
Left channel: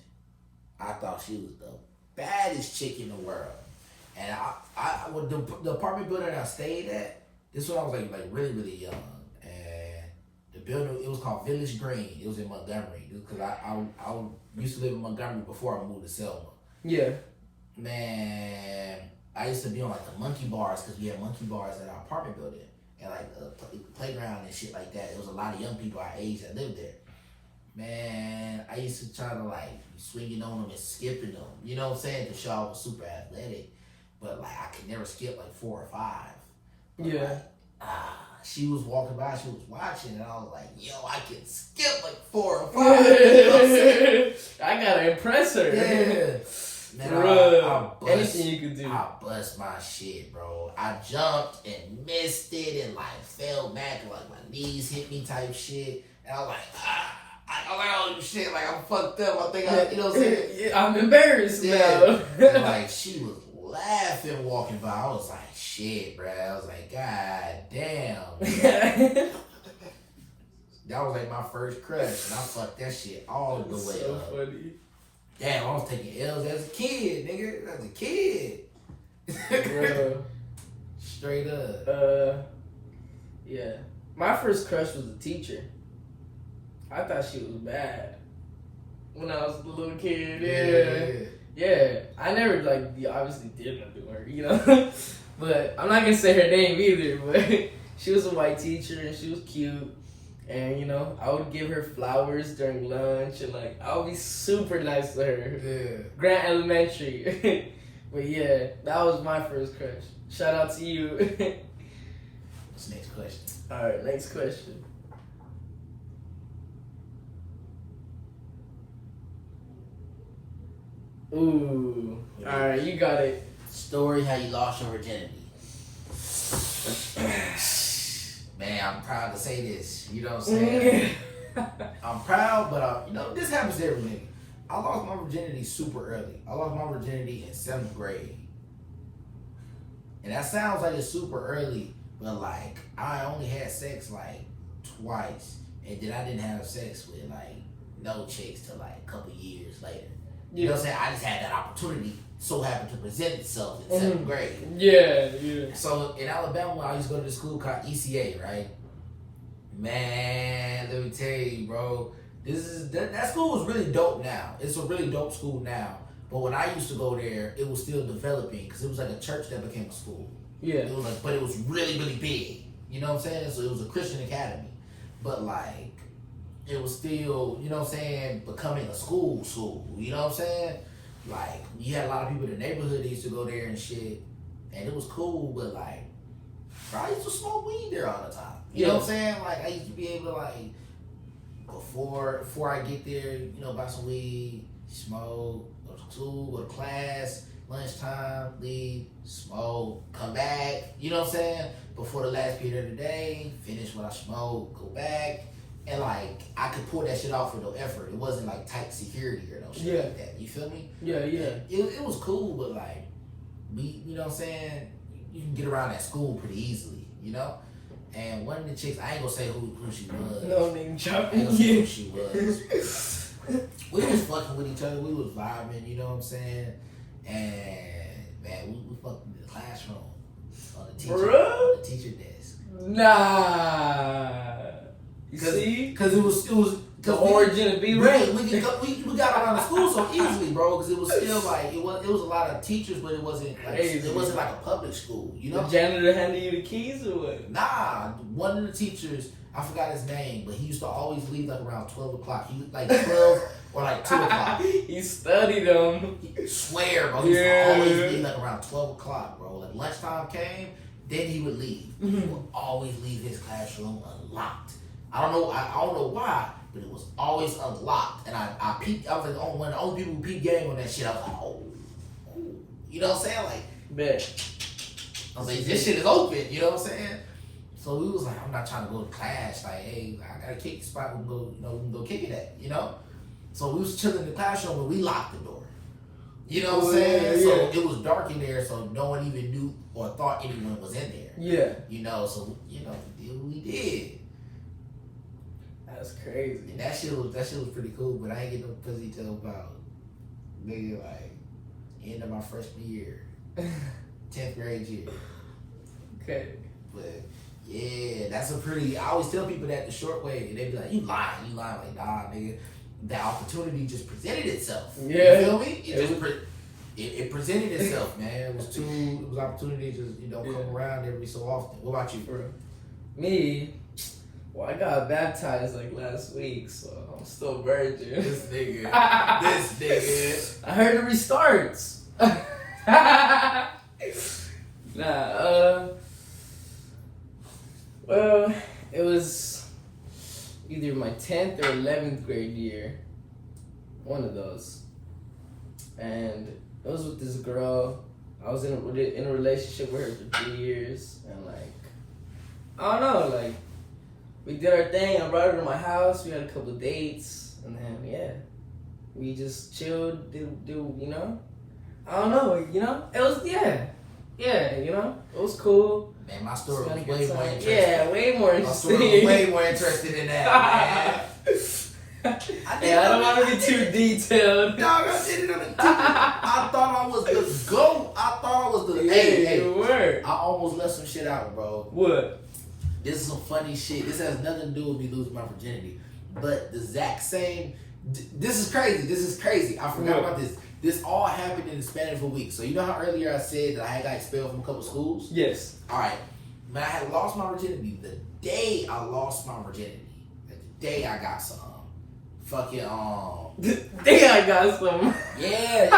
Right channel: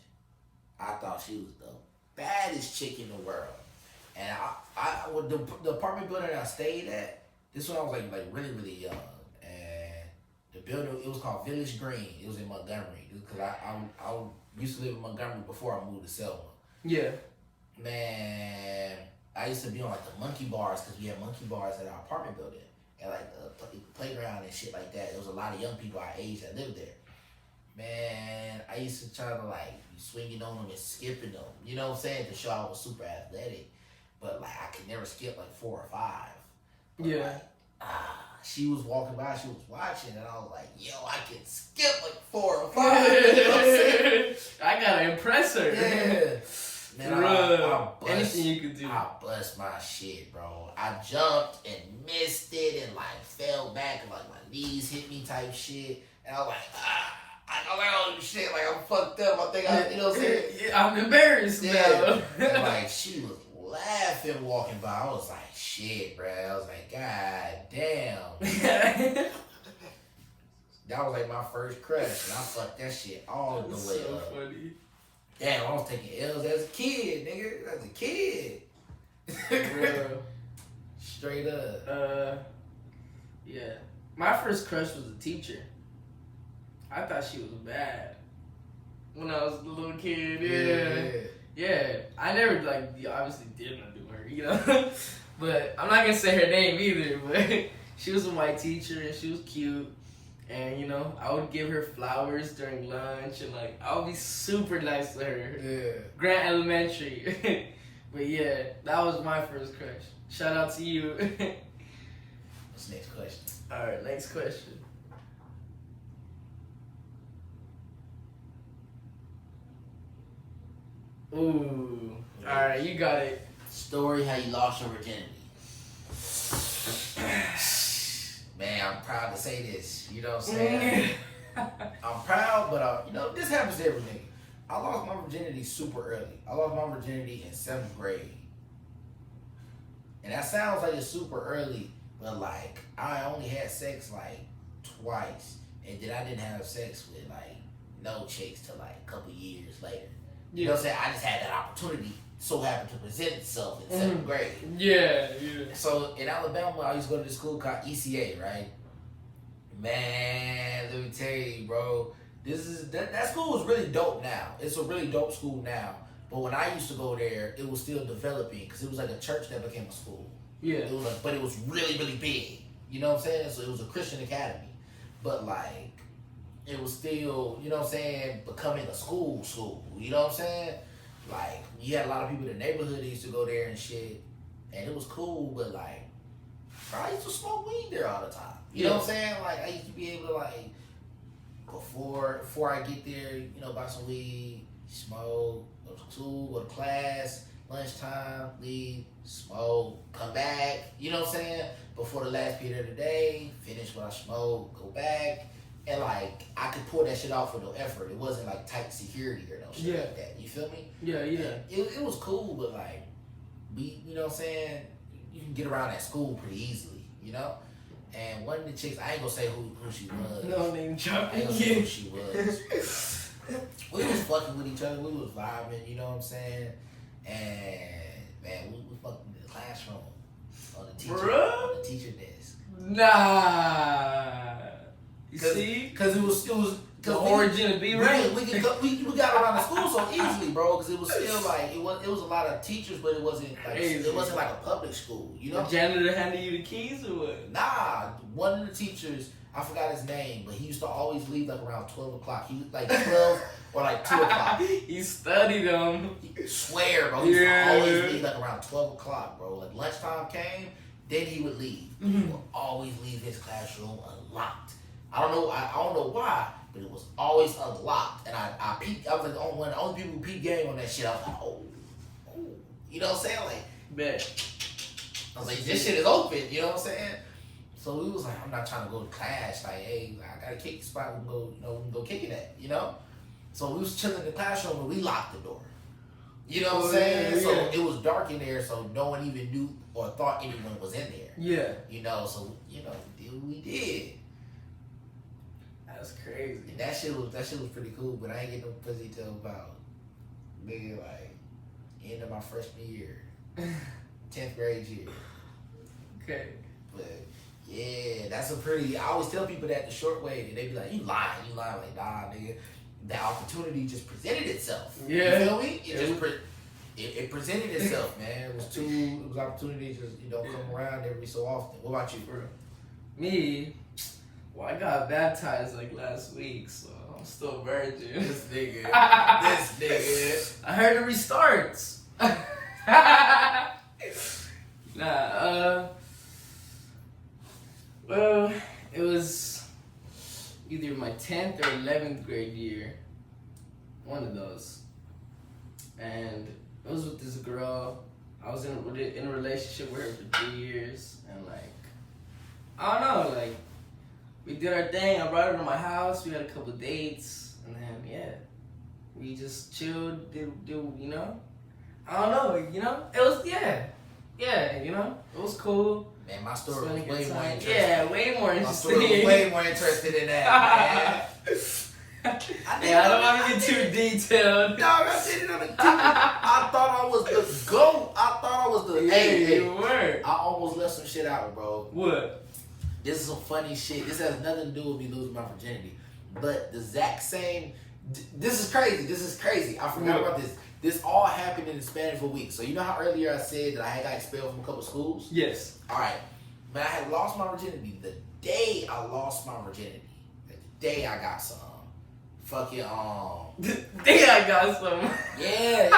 I thought she was the baddest chick in the world. And I the apartment building I stayed at, this one I was like really, really young. And the building, it was called Village Green. It was in Montgomery. Because I used to live in Montgomery before I moved to Selma. Yeah. Man, I used to be on like the monkey bars because we had monkey bars at our apartment building. And like the playground and shit like that. There was a lot of young people our age that lived there. man, I used to try to like swinging on them and skipping them. You know what I'm saying? Cause y'all was super athletic, but like I could never skip like 4 or 5. But, Yeah. like, she was walking by, she was watching, and I was like, yo, I can skip like 4 or 5. You know what I'm saying? I gotta impress her. Yeah. Man, Anything you could do. I bust my shit, bro. I jumped and missed it and like fell back and like my knees hit me type shit. And I was like, I'm like, oh shit, like I'm fucked up. I think I, you know what I'm saying? Yeah, I'm embarrassed now. And, like she was laughing walking by. I was like, shit, bro. I was like, God damn. That was like my first crush, and I fucked that shit all the way so up. funny. Damn, I was taking L's as a kid, nigga. As a kid. Straight up. Yeah. My first crush was a teacher. I thought she was bad when I was a little kid. Yeah. I never obviously did want to do her, you know. But I'm not gonna say her name either. But she was a white teacher and she was cute. And, you know, I would give her flowers during lunch and, like, I would be super nice to her. Yeah. Grant Elementary. But, yeah, that was my first crush. Shout out to you. What's the next question? All right, next question. Ooh. All right, you got it. Story how you lost your virginity. Man, I'm proud to say this. You know what I'm saying? I'm proud, but you know, this happens to every nigga. I lost my virginity super early. I lost my virginity in 7th grade. And that sounds like it's super early, but like I only had sex like twice. And then I didn't have sex with like no chicks till like a couple years later. You know what I'm saying? I just had that opportunity so happened to present itself in 7th grade. Yeah. So in Alabama, I used to go to this school called ECA, right? Man, let me tell you, bro. That school is really dope now. It's a really dope school now. But when I used to go there, it was still developing because it was like a church that became a school. Yeah. It was like, but it was really, really big. You know what I'm saying? So it was a Christian academy. But like, it was still, you know what I'm saying, becoming a school. You know what I'm saying? Like, you had a lot of people in the neighborhood that used to go there and shit. And it was cool, but like, I used to smoke weed there all the time. You know what I'm saying? Like, I used to be able to like, before I get there, you know, buy some weed, smoke, go to school, go to class, lunchtime, leave, smoke, come back. You know what I'm saying? Before the last period of the day, finish what I smoke, go back. And like, I could pull that shit off with no effort. It wasn't like tight security or no shit like that. You feel me? Yeah. It was cool, but like, you know what I'm saying? You can get around at school pretty easily, you know? And one of the chicks, I ain't gonna say who she was. No name I ain't dropping. gonna say who she was. We was fucking with each other. We was vibing, you know what I'm saying? And man, we fucked in the classroom on the teacher desk. Nah. You see? Because it was the origin of being right. We got around the school so easily, bro. Because it was still like it was a lot of teachers, but it wasn't like it wasn't like a public school, you know. The janitor handed you the keys or what? Nah, one of the teachers, I forgot his name, but he used to always leave like around 12 o'clock. He was like 12 or like 2 o'clock. He studied them. Swear, bro. He used to always leave like around 12 o'clock, bro. Like lunchtime came, then he would leave. He would always leave his classroom unlocked. I don't know why, but it was always unlocked. And I peeped. I was like one of the only people who peeped game on that shit. I was like, oh. You know what I'm saying? Like, bet. I was like, this shit is open. You know what I'm saying? So we was like, I'm not trying to go to class. Like, hey, I got a kick spot. We can go kick it at. You know? So we was chilling in the classroom and we locked the door. You know what I'm saying? So it was dark in there, so no one even knew or thought anyone was in there. Yeah. You know, so we did. That's crazy. And that shit was pretty cool, but I ain't get no pussy till about maybe like end of my freshman year. 10th grade year. Okay. But yeah, that's a pretty I always tell people that the short way. They be like, you lying, like nah nigga. That opportunity just presented itself. Yeah. You feel me? It presented itself, man. It was opportunity just come around every so often. What about you? Bro. Me, Well, I got baptized like last week, so I'm still virgin. This nigga. This nigga. I heard it restarts. Well, it was either my 10th or 11th grade year. One of those. And it was with this girl. I was in a relationship with her for 3 years. And like, I don't know, like, we did our thing. I brought her to my house. We had a couple of dates. And then, yeah, we just chilled, do you know? I don't know, you know? It was, yeah, you know? It was cool. Man, my story was way more interesting. Yeah, way more interesting. My story was way more interesting than that, man. I don't want to be too detailed. No, I thought I was the GOAT. I thought I was the... Hey, you were. I almost left some shit out, bro. What? This is some funny shit. This has nothing to do with me losing my virginity. But the exact same... This is crazy. I forgot about this. This all happened in the span of a week. So you know how earlier I said that I had got expelled from a couple schools? Yes. All right. But I had lost my virginity. The day I lost my virginity, like the day I got some, fucking The day I got some. Yeah.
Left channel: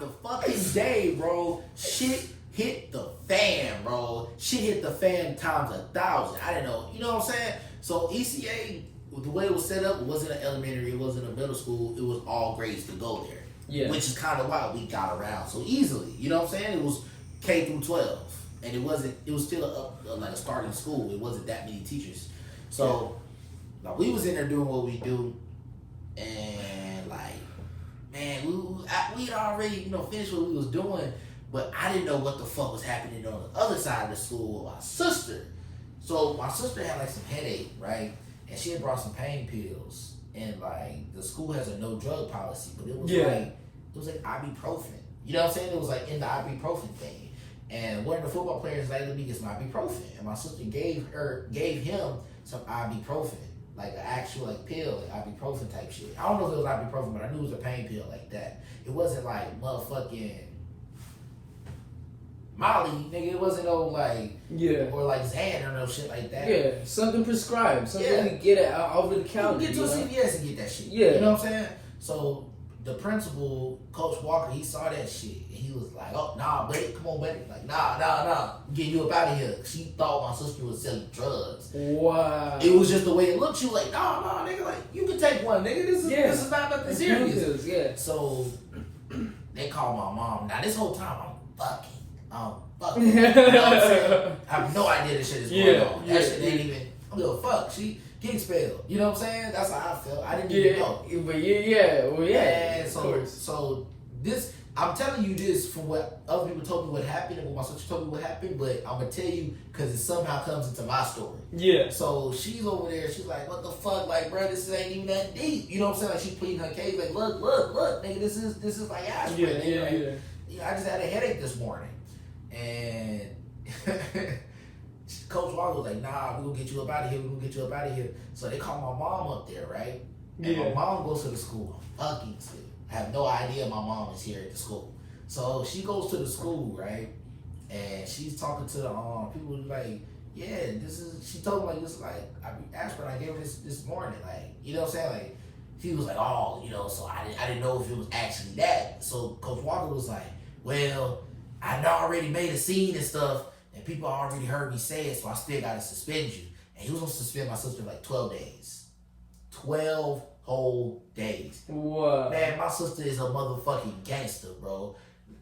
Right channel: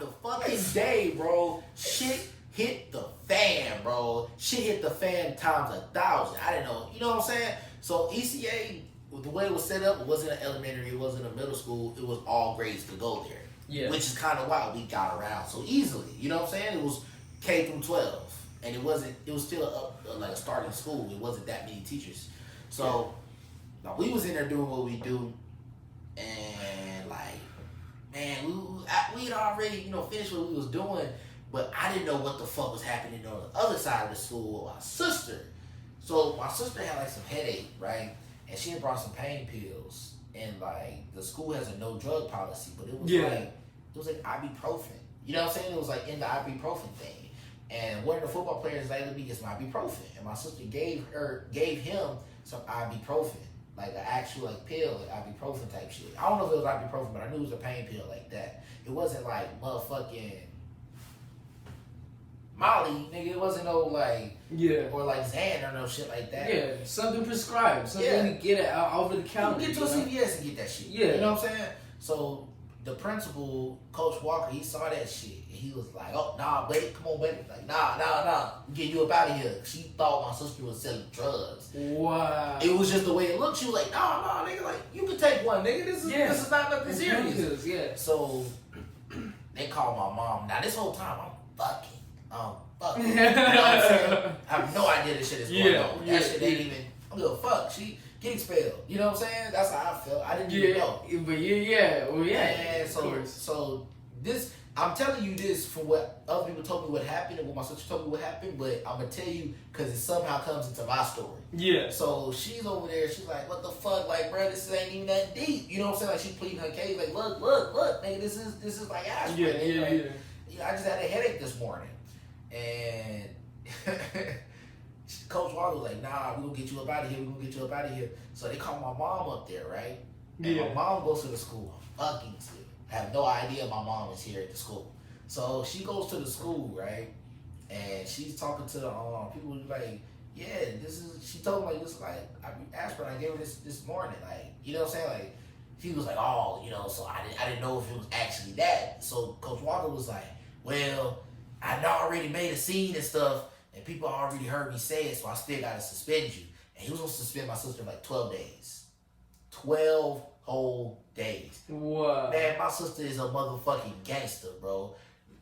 The fucking day, bro. Shit hit the fan, bro. Shit hit the fan times 1,000. I didn't know. You know what I'm saying? So ECA, the way it was set up, it wasn't an elementary, it wasn't a middle school. It was all grades to go there. Yeah. Which is kind of why we got around so easily. You know what I'm saying? It was K through 12. And it was still like a starting school. It wasn't that many teachers. So, like, we was in there doing what we do. And, like, man, we already, you know, finished what we was doing. But I didn't know what the fuck was happening on the other side of the school with my sister. So, my sister had, like, some headache, right? And she had brought some pain pills. And like the school has a no drug policy, but it was like ibuprofen. You know what I'm saying? It was like in the ibuprofen thing. And one of the football players like, let me get some ibuprofen. And my sister gave him some ibuprofen, like an actual like pill, like ibuprofen type shit. I don't know if it was ibuprofen, but I knew it was a pain pill like that. It wasn't like motherfucking Molly, nigga. It wasn't no like or like Xan or no shit like that. Yeah, something prescribed, something you get it out over the counter. You get to a CVS and get that shit. Yeah, you know what I'm saying. So the principal, Coach Walker, he saw that shit. And he was like, "Oh nah, buddy, come on, buddy. Like nah, get you up out of here." She thought my sister was selling drugs. Wow. It was just the way it looked. She was like, "Nah, nigga, like you can take one, nigga. This is not nothing serious." Yeah. So they called my mom. Now this whole time I'm fucking. You know what I'm saying? I have no idea this shit is going on. That shit ain't even. I don't give a fuck. She get expelled. You know what I'm saying? That's how I felt. I didn't even know. But so this, I'm telling you this from what other people told me what happened and what my sister told me what happened, but I'm gonna tell you because it somehow comes into my story. Yeah. So she's over there. She's like, "What the fuck, like, bro? This ain't even that deep." You know what I'm saying? Like she's pleading her case. Like, look, nigga, this is like aspirin. I just had a headache this morning. And Coach Walker was like, "Nah, we gonna get you up out of here. So they called my mom up there, right? And my mom goes to the school. I'm fucking scared. I have no idea my mom is here at the school. So she goes to the school, right? And she's talking to people like, yeah, she told me like this like aspirin I gave her this morning. Like, you know what I'm saying? Like she was like, oh, you know, so I didn't know if it was actually that. So Coach Walker was like, well, I already made a scene and stuff, and people already heard me say it, so I still gotta suspend you. And he was gonna suspend my sister like 12 days. 12 whole days. What? Man, my sister is a motherfucking gangster, bro.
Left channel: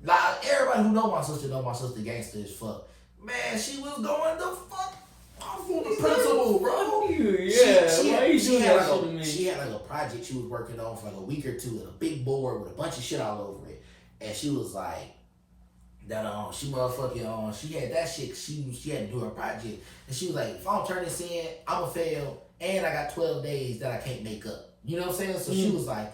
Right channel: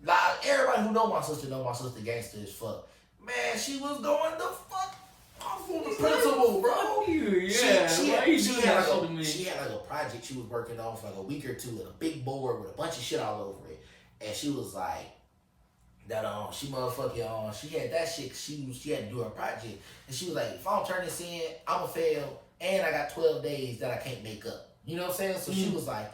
Like, everybody who know my sister gangster as fuck. Man, she was going the fuck off on the principal, bro. She had like a project she was working on for like a week or two and a big board with a bunch of shit all over it. And she was like, that she motherfucking she had that shit. She had to do her project, and she was like, if I don't turn this in, I'ma fail, and I got 12 days that I can't make up. You know what I'm saying? So she was like,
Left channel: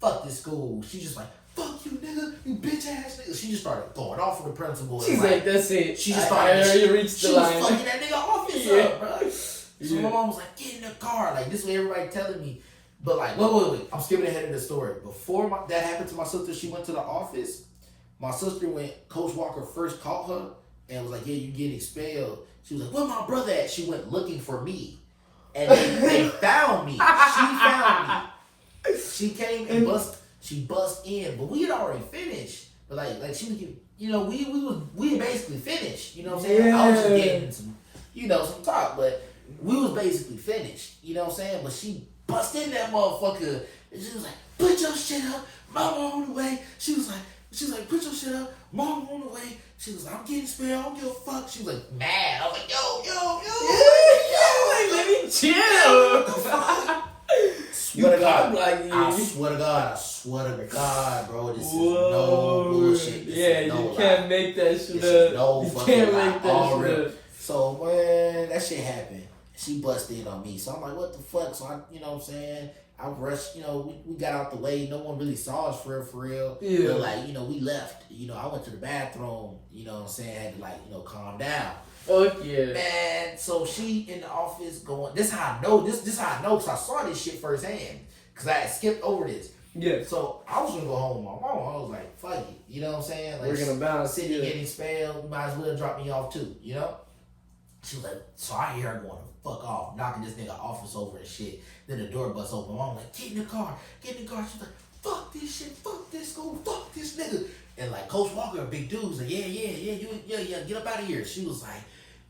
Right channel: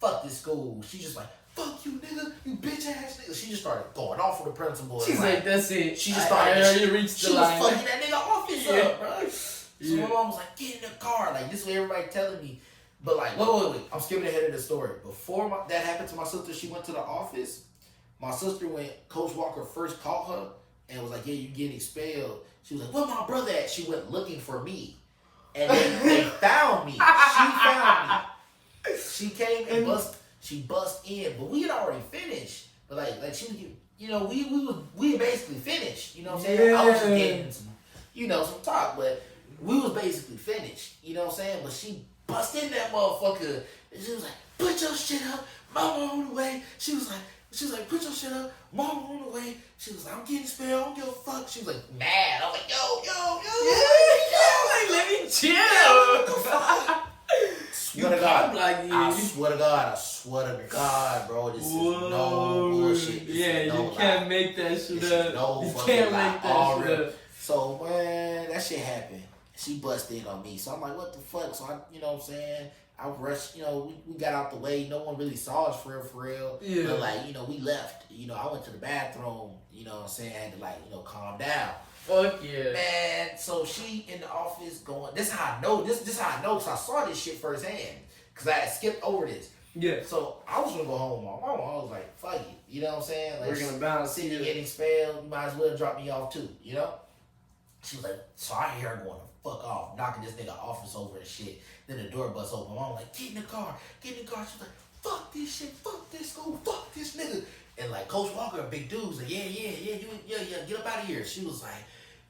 fuck this school. She just like, fuck you, nigga, you bitch ass nigga. She just started going off for the principal. She's like, that's it. She just started. She reached the line. She was fucking that nigga off his up, bro. So my mom was like, get in the car. Like this is what everybody telling me. But like, wait. I'm skipping ahead of the story. Before that happened to my sister, she went to the office. My sister, when Coach Walker first called her and was like, yeah, you get expelled, She was like, where my brother at? She went looking for me. And they found me. She found me. She came and she bust in, but we had already finished. But like she was, you know, we basically finished. You know what I'm saying? I was just getting some, you know, some talk, but we was basically finished. You know what I'm saying? But she bust in that motherfucker. And she was like, put your shit up, mama on the way. She was like, put your shit up, mama on the way. She was like, I'm getting spent, I don't give a fuck. She was like, mad. I was like, yo. Like, let me chill. I swear to God, bro. This is no bullshit. You can't make that shit up. You can't make that shit up. So, man, that shit happened. She busted on me. So I'm like, what the fuck? So you know what I'm saying? I rushed, you know, we got out the way. No one really saw us for real. Yeah. But like, you know, we left. You know, I went to the bathroom, you know what I'm saying? I had to like, you know, calm down. Fuck yeah. Man, so she in the office going, this how I know, this how I know, because I saw this shit firsthand. Because I had skipped over this. Yeah. So I was going to go home with my mom. I was like, fuck it. You know what I'm saying? Like, we're going to balance city getting expelled, you might as well drop me off too, you know? She was like, so I hear her going the fuck off, knocking this nigga office over and shit. Then the door busts open. I'm like, get in the car. She was like, fuck this shit, fuck this school, fuck this nigga. And like Coach Walker, a big dude, was like, yeah, get up out of here. She was like,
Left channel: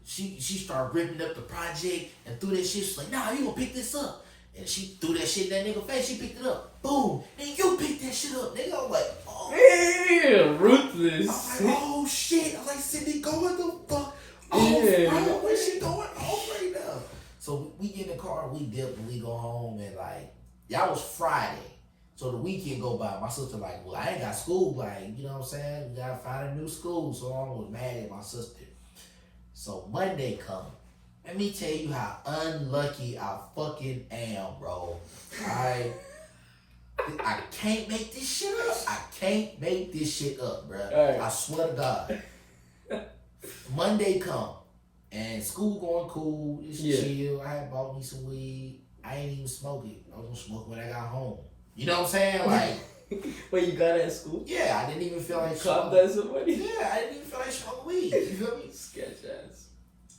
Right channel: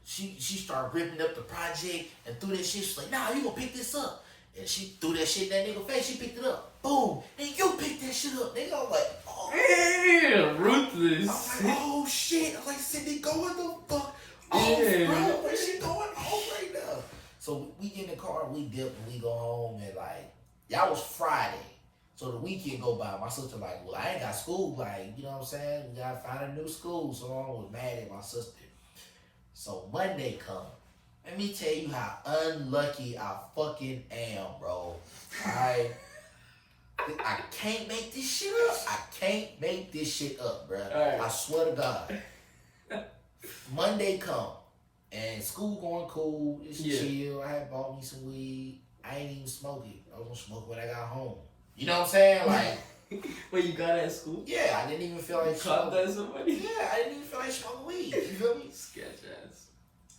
she started ripping up the project and threw that shit. She's like, nah, you gonna pick this up. And she threw that shit in that nigga face. She picked it up. Boom. And you picked that shit up. Nigga, I'm like, oh. Yeah, ruthless. I'm like, oh shit. I was like, Sydney, go what the fuck? Oh, yeah. bro, where's she going off right now? So we get in the car and we dip and we go home and like, that was Friday. So the weekend go by. My sister like, well, I ain't got school. Like, you know what I'm saying? We gotta find a new school. So I was mad at my sister. So Monday come. Let me tell you how unlucky I fucking am, bro. I can't make this shit up. I can't make this shit up, bro. Right. I swear to God. Monday come. And school going cool. It's chill. I had bought me some weed. I ain't even smoke it. I was gonna smoke when I got home. You know what I'm saying? Like, Wait, you got it at school? yeah, I didn't even feel like smoking. Somebody? Yeah, I didn't even feel like smoking weed. You feel me? Sketch ass.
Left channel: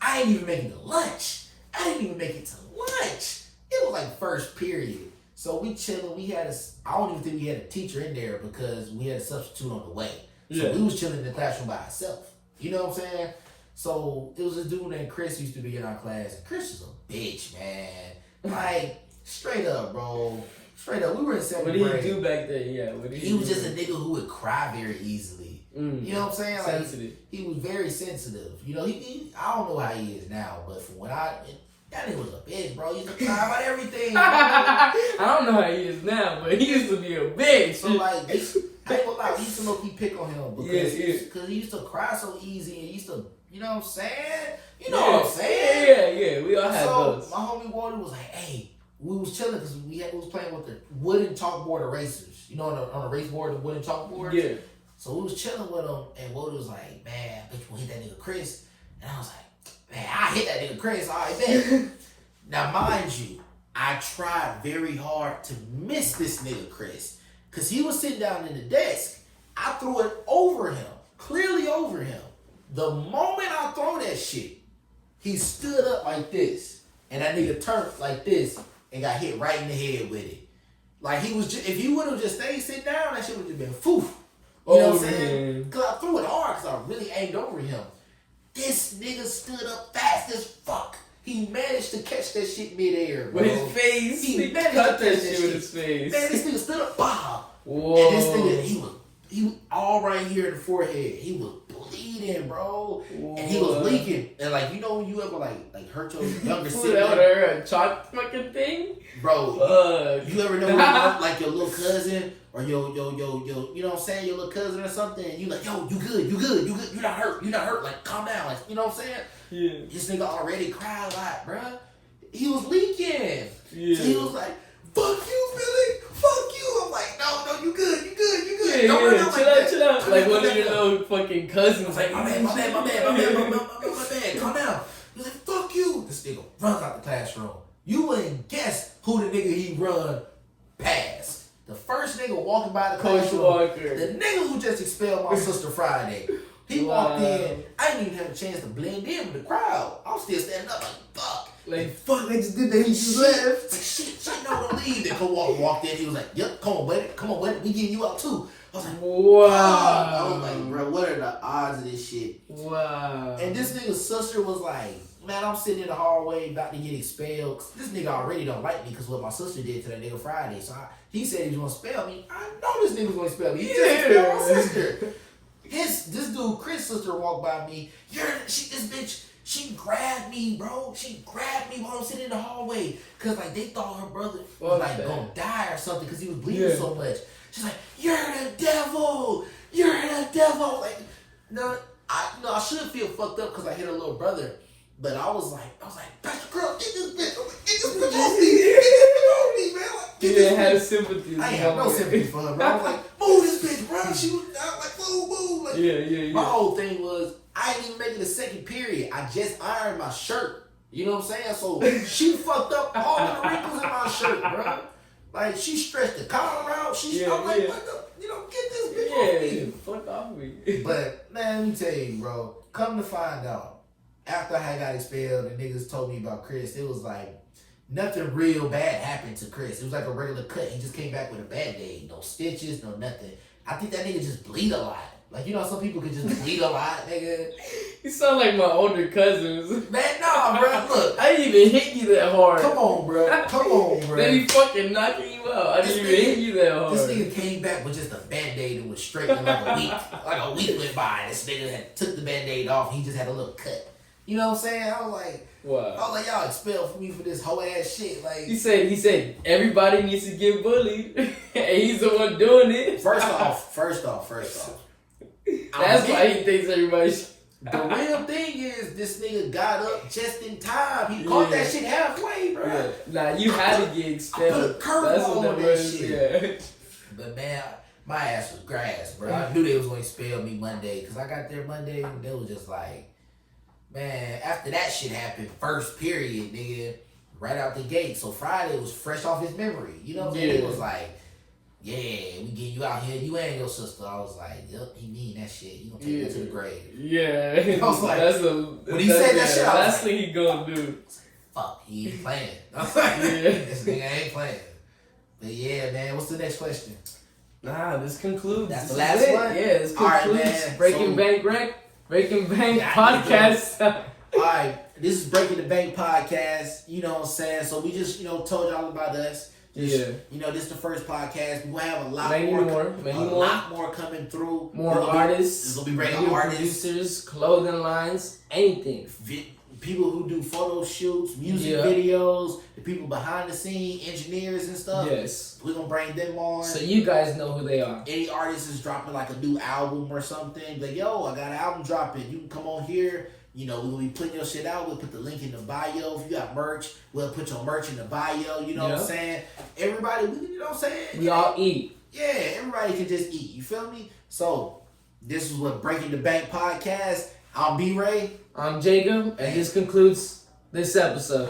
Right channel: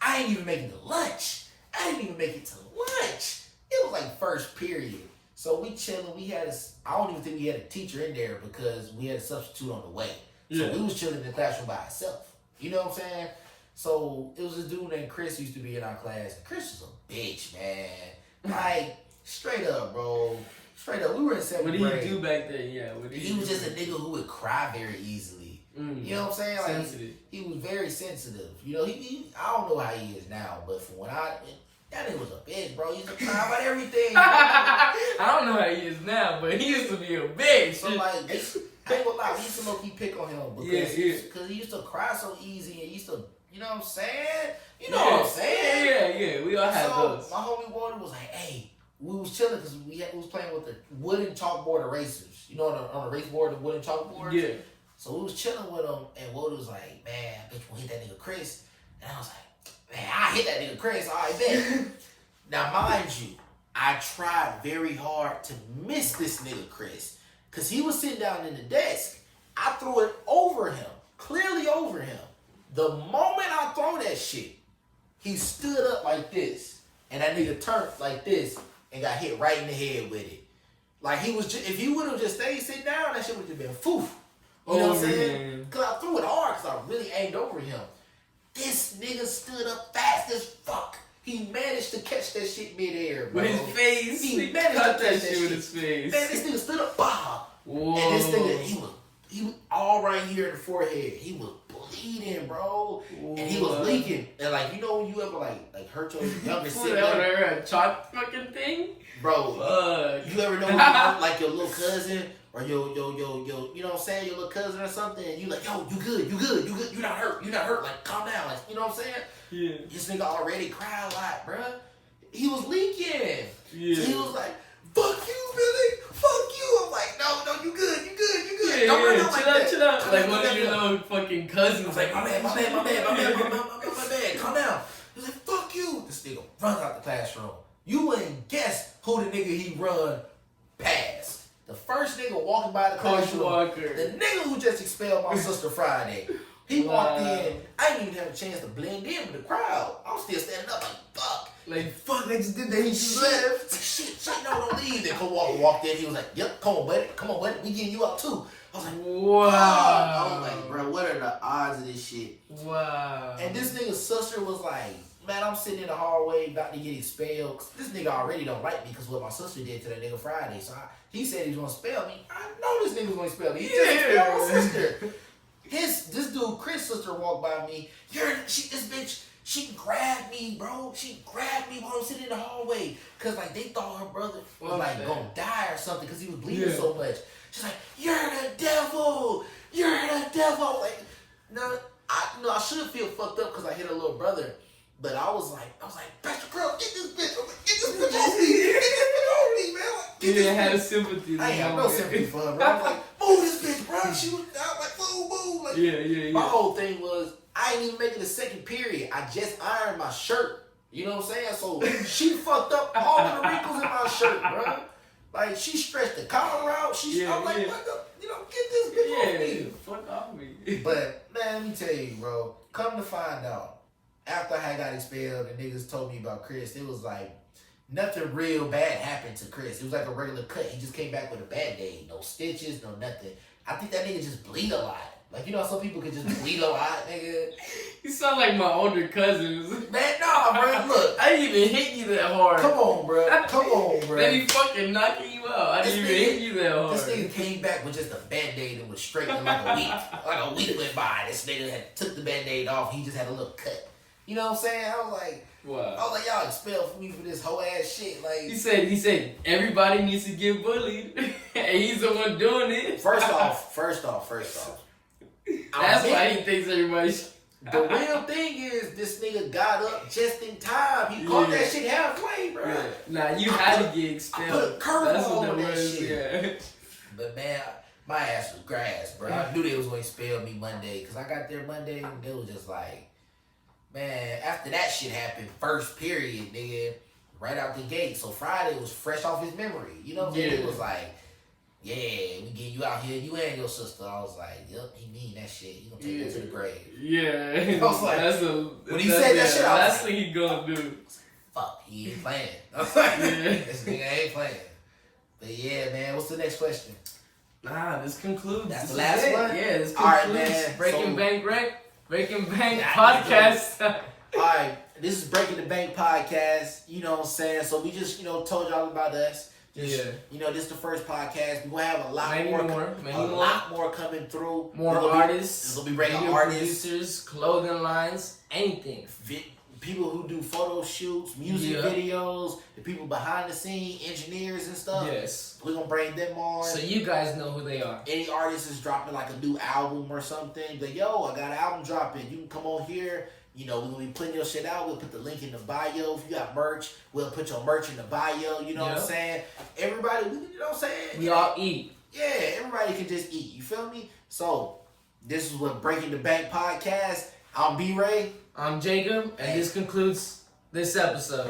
I ain't even making it to lunch. I didn't even make it to lunch. It was like first period. So we chilling. We had I don't even think we had a teacher in there because we had a substitute on the way. So we was chilling in the classroom by ourselves. You know what I'm saying? So it was this dude named Chris used to be in our class. Chris was a bitch, man. Like, straight up, bro. Straight up. We were in 7th grade. What did he do back then? Yeah. He was just a nigga who would cry very easily. You know what I'm saying? Like, sensitive. He was very sensitive. You know, he I don't know how he is now, but from when that nigga was a bitch, bro. He used to cry about everything. I don't know how he is now, but he used to be a bitch. So like, I ain't gonna lie, we used to low-key pick on him because he used to cry so easy and he used to, you know what I'm saying? You know what I'm saying? Yeah. We all had those. My homie Walter was like, hey, we was chilling because we was playing with the wooden chalkboard erasers. You know, on a race board, the wooden chalkboard? Yeah. So we was chilling with him, and Walter was like, man, bitch, we'll hit that nigga Chris. And I was like, man, I hit that nigga Chris, all right, bet. Now, mind you, I tried very hard to miss this nigga Chris, because he was sitting down in the desk. I threw it over him, clearly over him. The moment I throw that shit, he stood up like this, and that nigga turned like this, and got hit right in the head with it. Like, he was just, if he would have just stayed sitting down, that shit would have been foof. You know what I'm saying? Because I threw it hard because I really aimed over him. This nigga stood up fast as fuck. He managed to catch that shit midair, bro. With his face. He managed cut to that catch shit with his face. Man, this nigga stood up, bah. Whoa. And this nigga, he was all right here in the forehead. He was bleeding, bro. Whoa. And he was leaking. And like, you know, you ever like hurt your younger sibling? A chalk fucking thing? Bro, you ever know like your little cousin or your, you know what I'm saying, your little cousin or something, and you like, yo, you good, you're not hurt, like, calm down, like, you know what I'm saying? Yeah. This nigga already cried a lot, bruh. He was leaking. Yeah. So he was like, fuck you, Billy, fuck you. I'm like, no, you good. Yeah, don't chill out. Like one of your little fucking cousins. I was like, my bad, calm down. He was like, fuck you. This nigga runs out the classroom. You wouldn't guess who the nigga he run past. The first nigga walking by the classroom, Coach Walker. the nigga who just expelled my sister Friday. He walked in. I didn't even have a chance to blend in with the crowd. I was still standing up like, fuck. Fuck, I just did that. He just left. Like, shit, no, don't leave. Then Kawhi walked in. He was like, yep, come on, buddy. We getting you out too. I was like, wow. I was like, bro, what are the odds of this shit? Wow. And this nigga's sister was like, man, I'm sitting in the hallway about to get expelled. This nigga already don't like me because what my sister did to that nigga Friday. So he said he was gonna expel me. I know this nigga was gonna expel me. He just expelled my sister. This dude, Chris' sister, walked by me. This bitch, she grabbed me, bro. She grabbed me while I was sitting in the hallway. Cause like they thought her brother was like gonna die or something because he was bleeding so much. She's like, you're the devil. You're the devil. Like, no, I should feel fucked up because I hit her little brother. But I was like, Pastor Crow, get this bitch. I'm like, get this bitch off me. Get this bitch off me, man. Like, You didn't have sympathy. I ain't have no sympathy for her, bro. I was like, move this bitch, bro. She was out like, move. Like, yeah. My whole thing was, I ain't even making the second period. I just ironed my shirt. You know what I'm saying? So she fucked up all of the wrinkles in my shirt, bro. Like, she stretched the collar out. I'm like, get this bitch off me. Fuck off me. But, man, let me tell you, bro. Come to find out, after I got expelled and niggas told me about Chris, it was like, nothing real bad happened to Chris. It was like a regular cut. He just came back with a Band-Aid. No stitches, no nothing. I think that nigga just bleed a lot. Like, you know, some people could just bleed a lot, nigga. You sound like my older cousins. Man, nah, bro. Look. I didn't even hit you that hard. Come on, bro. They be fucking knocking you out. I didn't even hit you that hard. This nigga came back with just a Band-Aid and was straight in like a week. Like a week went by. This nigga had took the Band-Aid off. He just had a little cut. You know what I'm saying? I was like, y'all expelled me for this whole ass shit. Like, he said everybody needs to get bullied, and he's the one doing it. First off. That's why he thinks everybody. The real thing is, this nigga got up just in time. He caught that shit halfway, bro. Yeah. Nah, you had to get expelled. I put a curveball on that shit. Yeah. But man, my ass was grass, bro. I knew they was gonna expel me Monday because I got there Monday and they was just like, man, after that shit happened, first period, nigga, right out the gate. So Friday was fresh off his memory. You know what I'm saying? It was like, yeah, we get you out here, you and your sister. I was like, yep, he mean that shit. You gonna take that to the grave. Yeah. I was like, when he said that shit, I was last like, thing he gonna do. Fuck, he ain't playing. I was like, this nigga ain't playing. But yeah, man, what's the next question? Nah, this concludes. That's the last one? Yeah, this concludes right, Breaking Bank podcast. All right, this is Breaking the Bank podcast. You know what I'm saying? So we just, told y'all about us. Just, this is the first podcast. We're gonna have a lot more coming through. More artists, we'll be bringing artists, producers, clothing lines, anything. People who do photo shoots, music videos, the people behind the scene, engineers and stuff. Yes. We're gonna bring them on. So you guys know who they are. Any artist is dropping like a new album or something. Like, yo, I got an album dropping. You can come on here. We're gonna be putting your shit out. We'll put the link in the bio. If you got merch, we'll put your merch in the bio. You know what I'm saying? Everybody, you know what I'm saying? We all eat. Yeah, everybody can just eat. You feel me? So, this is what Breaking the Bank podcast. I'm B-Ray. I'm Jacob, and this concludes this episode.